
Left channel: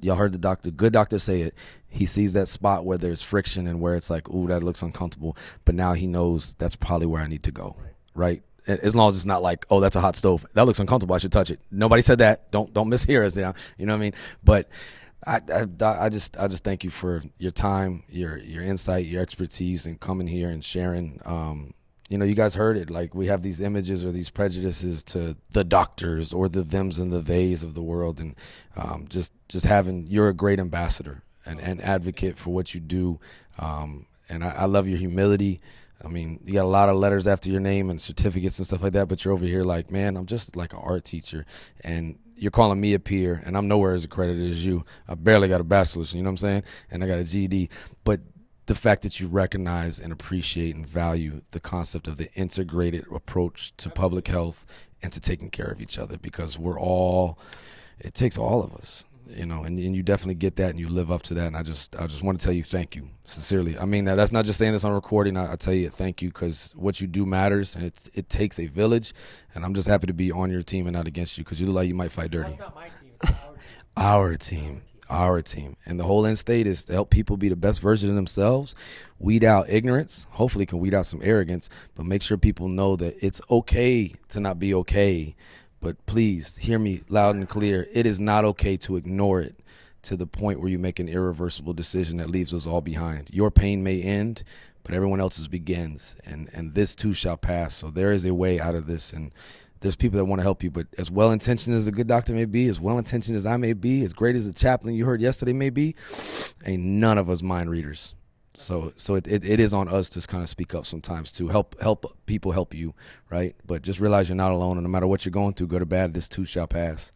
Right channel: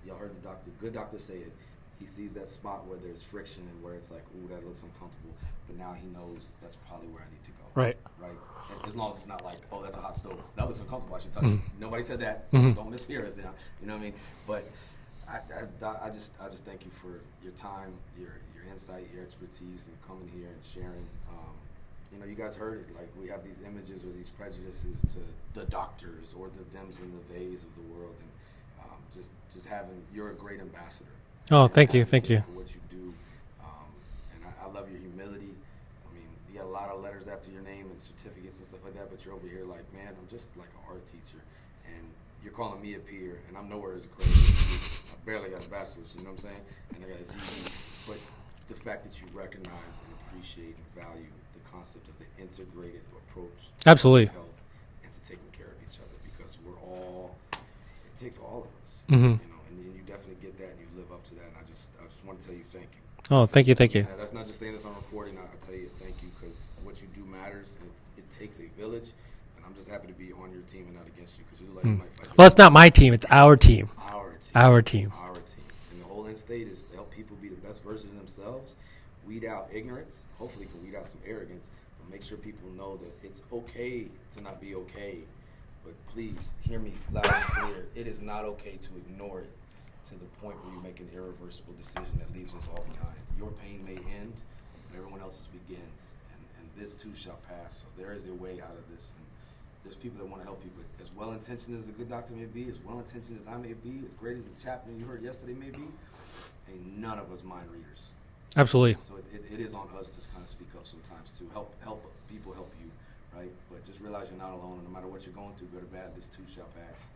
y'all heard the good doctor say it. He sees that spot where there's friction and where it's like, ooh, that looks uncomfortable. But now he knows that's probably where I need to go. Right. As long as it's not like, oh, that's a hot stove. That looks uncomfortable. I should touch it. Nobody said that. Don't mishear us now. You know what I mean? But I just thank you for your time, your insight, your expertise, and coming here and sharing. You guys heard it. Like, we have these images or these prejudices to the doctors or the thems and the theys of the world, and just having, you're a great ambassador. And thank advocate you for what you do. And I love your humility. I mean, you got a lot of letters after your name and certificates and stuff like that, but you're over here like, man, I'm just like an art teacher. And you're calling me a peer, and I'm nowhere as accredited as you. I barely got a bachelor's, you know what I'm saying? And I got a GED. But the fact that you recognize and appreciate and value the concept of the integrated approach to public health and to taking care of each other, because it takes all of us, and you definitely get that, and you live up to that. And I just want to tell you thank you. Oh, thank you. I mean, that's not just saying this on recording. I tell you thank you, because what you do matters, and it takes a village. And I'm just happy to be on your team and not against you, because you look like you might fight dirty. Well, it's not my team. It's our team. Our team. And the whole end state is to help people be the best version of themselves, weed out ignorance, hopefully can weed out some arrogance, but make sure people know that it's okay to not be okay, But please hear me loud and clear. It is not okay to ignore it to the point where you make an irreversible decision that leaves us all behind. Your pain may end, but everyone else's begins, and this too shall pass. So there is a way out of this, and there's people that want to help you. But as well-intentioned as a good doctor may be, as well-intentioned as I may be, as great as the chaplain you heard yesterday may be, ain't none of us mind readers. Absolutely. So it is on us to kind of speak up sometimes to help people help you, right? But just realize you're not alone, and no matter what you're going through, good or bad, this too shall pass.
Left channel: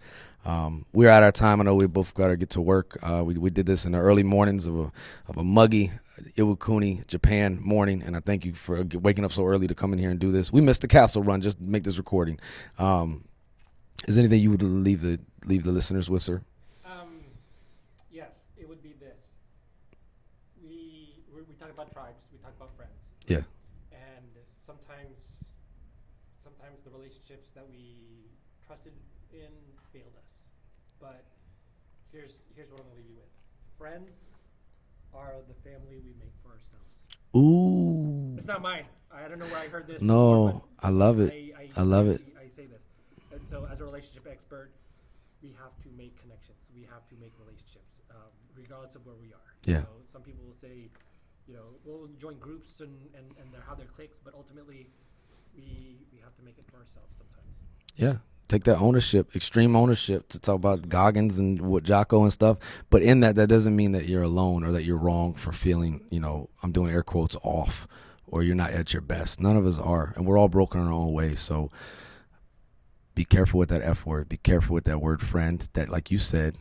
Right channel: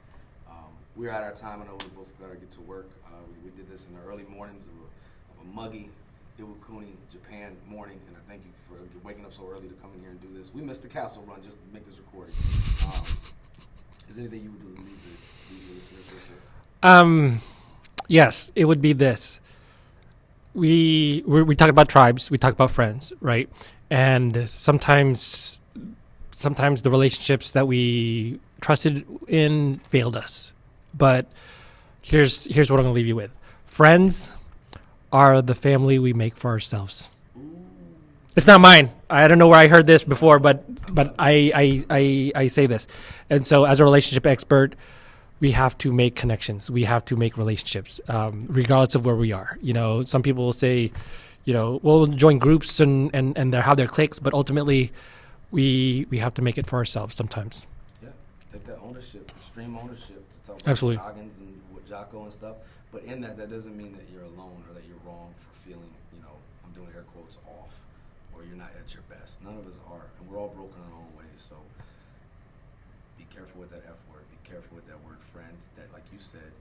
We're at our time. I know we both got to get to work. We did this in the early mornings of a muggy Iwakuni, Japan morning, and I thank you for waking up so early to come in here and do this. We missed the castle run just to make this recording. Is there anything you would leave the listeners with, sir? Yes, it would be this. We talk about tribes, we talk about friends, right? And sometimes the relationships that we trusted in failed us. But here's what I'm gonna leave you with. Friends are the family we make for ourselves. Ooh. It's not mine. I don't know where I heard this before, but I say this. And so as a relationship expert, we have to make connections. We have to make relationships, regardless of where we are. You know, some people will say, we'll join groups and they have their cliques, but ultimately we have to make it for ourselves sometimes. Yeah. Take that ownership, extreme ownership, to talk about Absolutely. Goggins and what Jocko and stuff. But in that doesn't mean that you're alone or that you're wrong for feeling, I'm doing air quotes, off, or you're not at your best. None of us are, and we're all broken in our own way. So be careful with that F word. Be careful with that word friend. That, like you said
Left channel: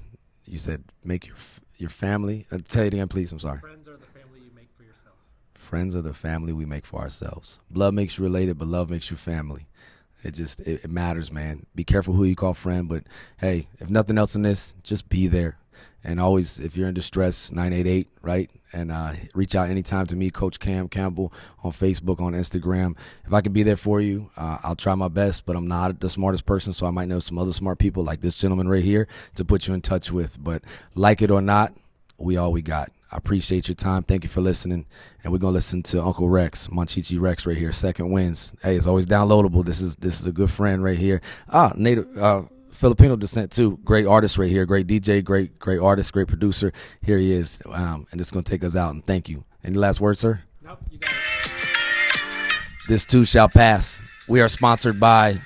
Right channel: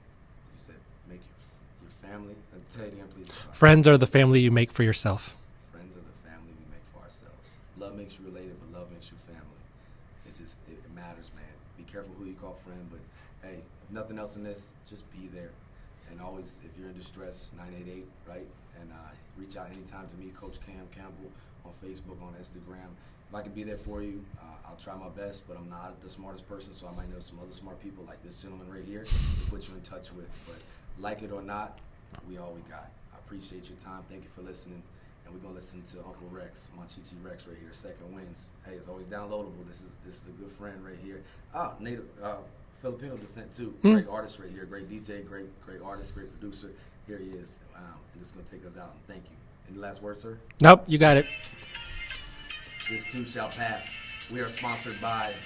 make your family. Tell it again, please. I'm sorry. Friends are the family you make for yourself. Friends are the family we make for ourselves. Blood makes you related, but love makes you family. It matters, man. Be careful who you call friend, but hey, if nothing else in this, just be there. And always, if you're in distress, 988, right? And reach out anytime to me, Coach Cam Campbell, on Facebook, on Instagram. If I can be there for you, I'll try my best, but I'm not the smartest person, so I might know some other smart people like this gentleman right here to put you in touch with. But like it or not, we all we got. I appreciate your time. Thank you for listening. And we're going to listen to Uncle Rex, Monchichi Rex right here, Second Winds. Hey, it's always downloadable. This is a good friend right here. Native Filipino descent too. Great artist right here. Great DJ, great artist, great producer. Here he is. And it's going to take us out. And thank you. Any last words, sir? Nope, you got it. This too shall pass. We are sponsored by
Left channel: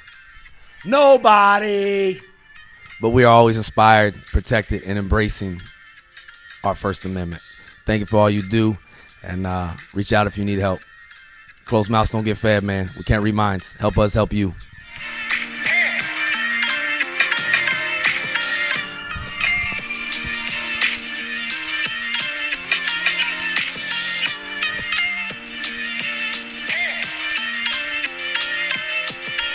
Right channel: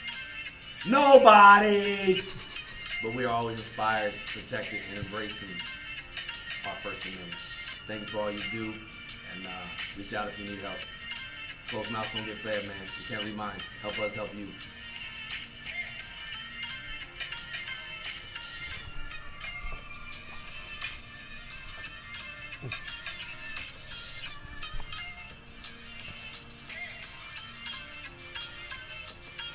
nobody. But we are always inspired, protected, and embracing our First Amendment. Thank you for all you do. And reach out if you need help. Closed mouths don't get fed, man. We can't read minds. Help us help you.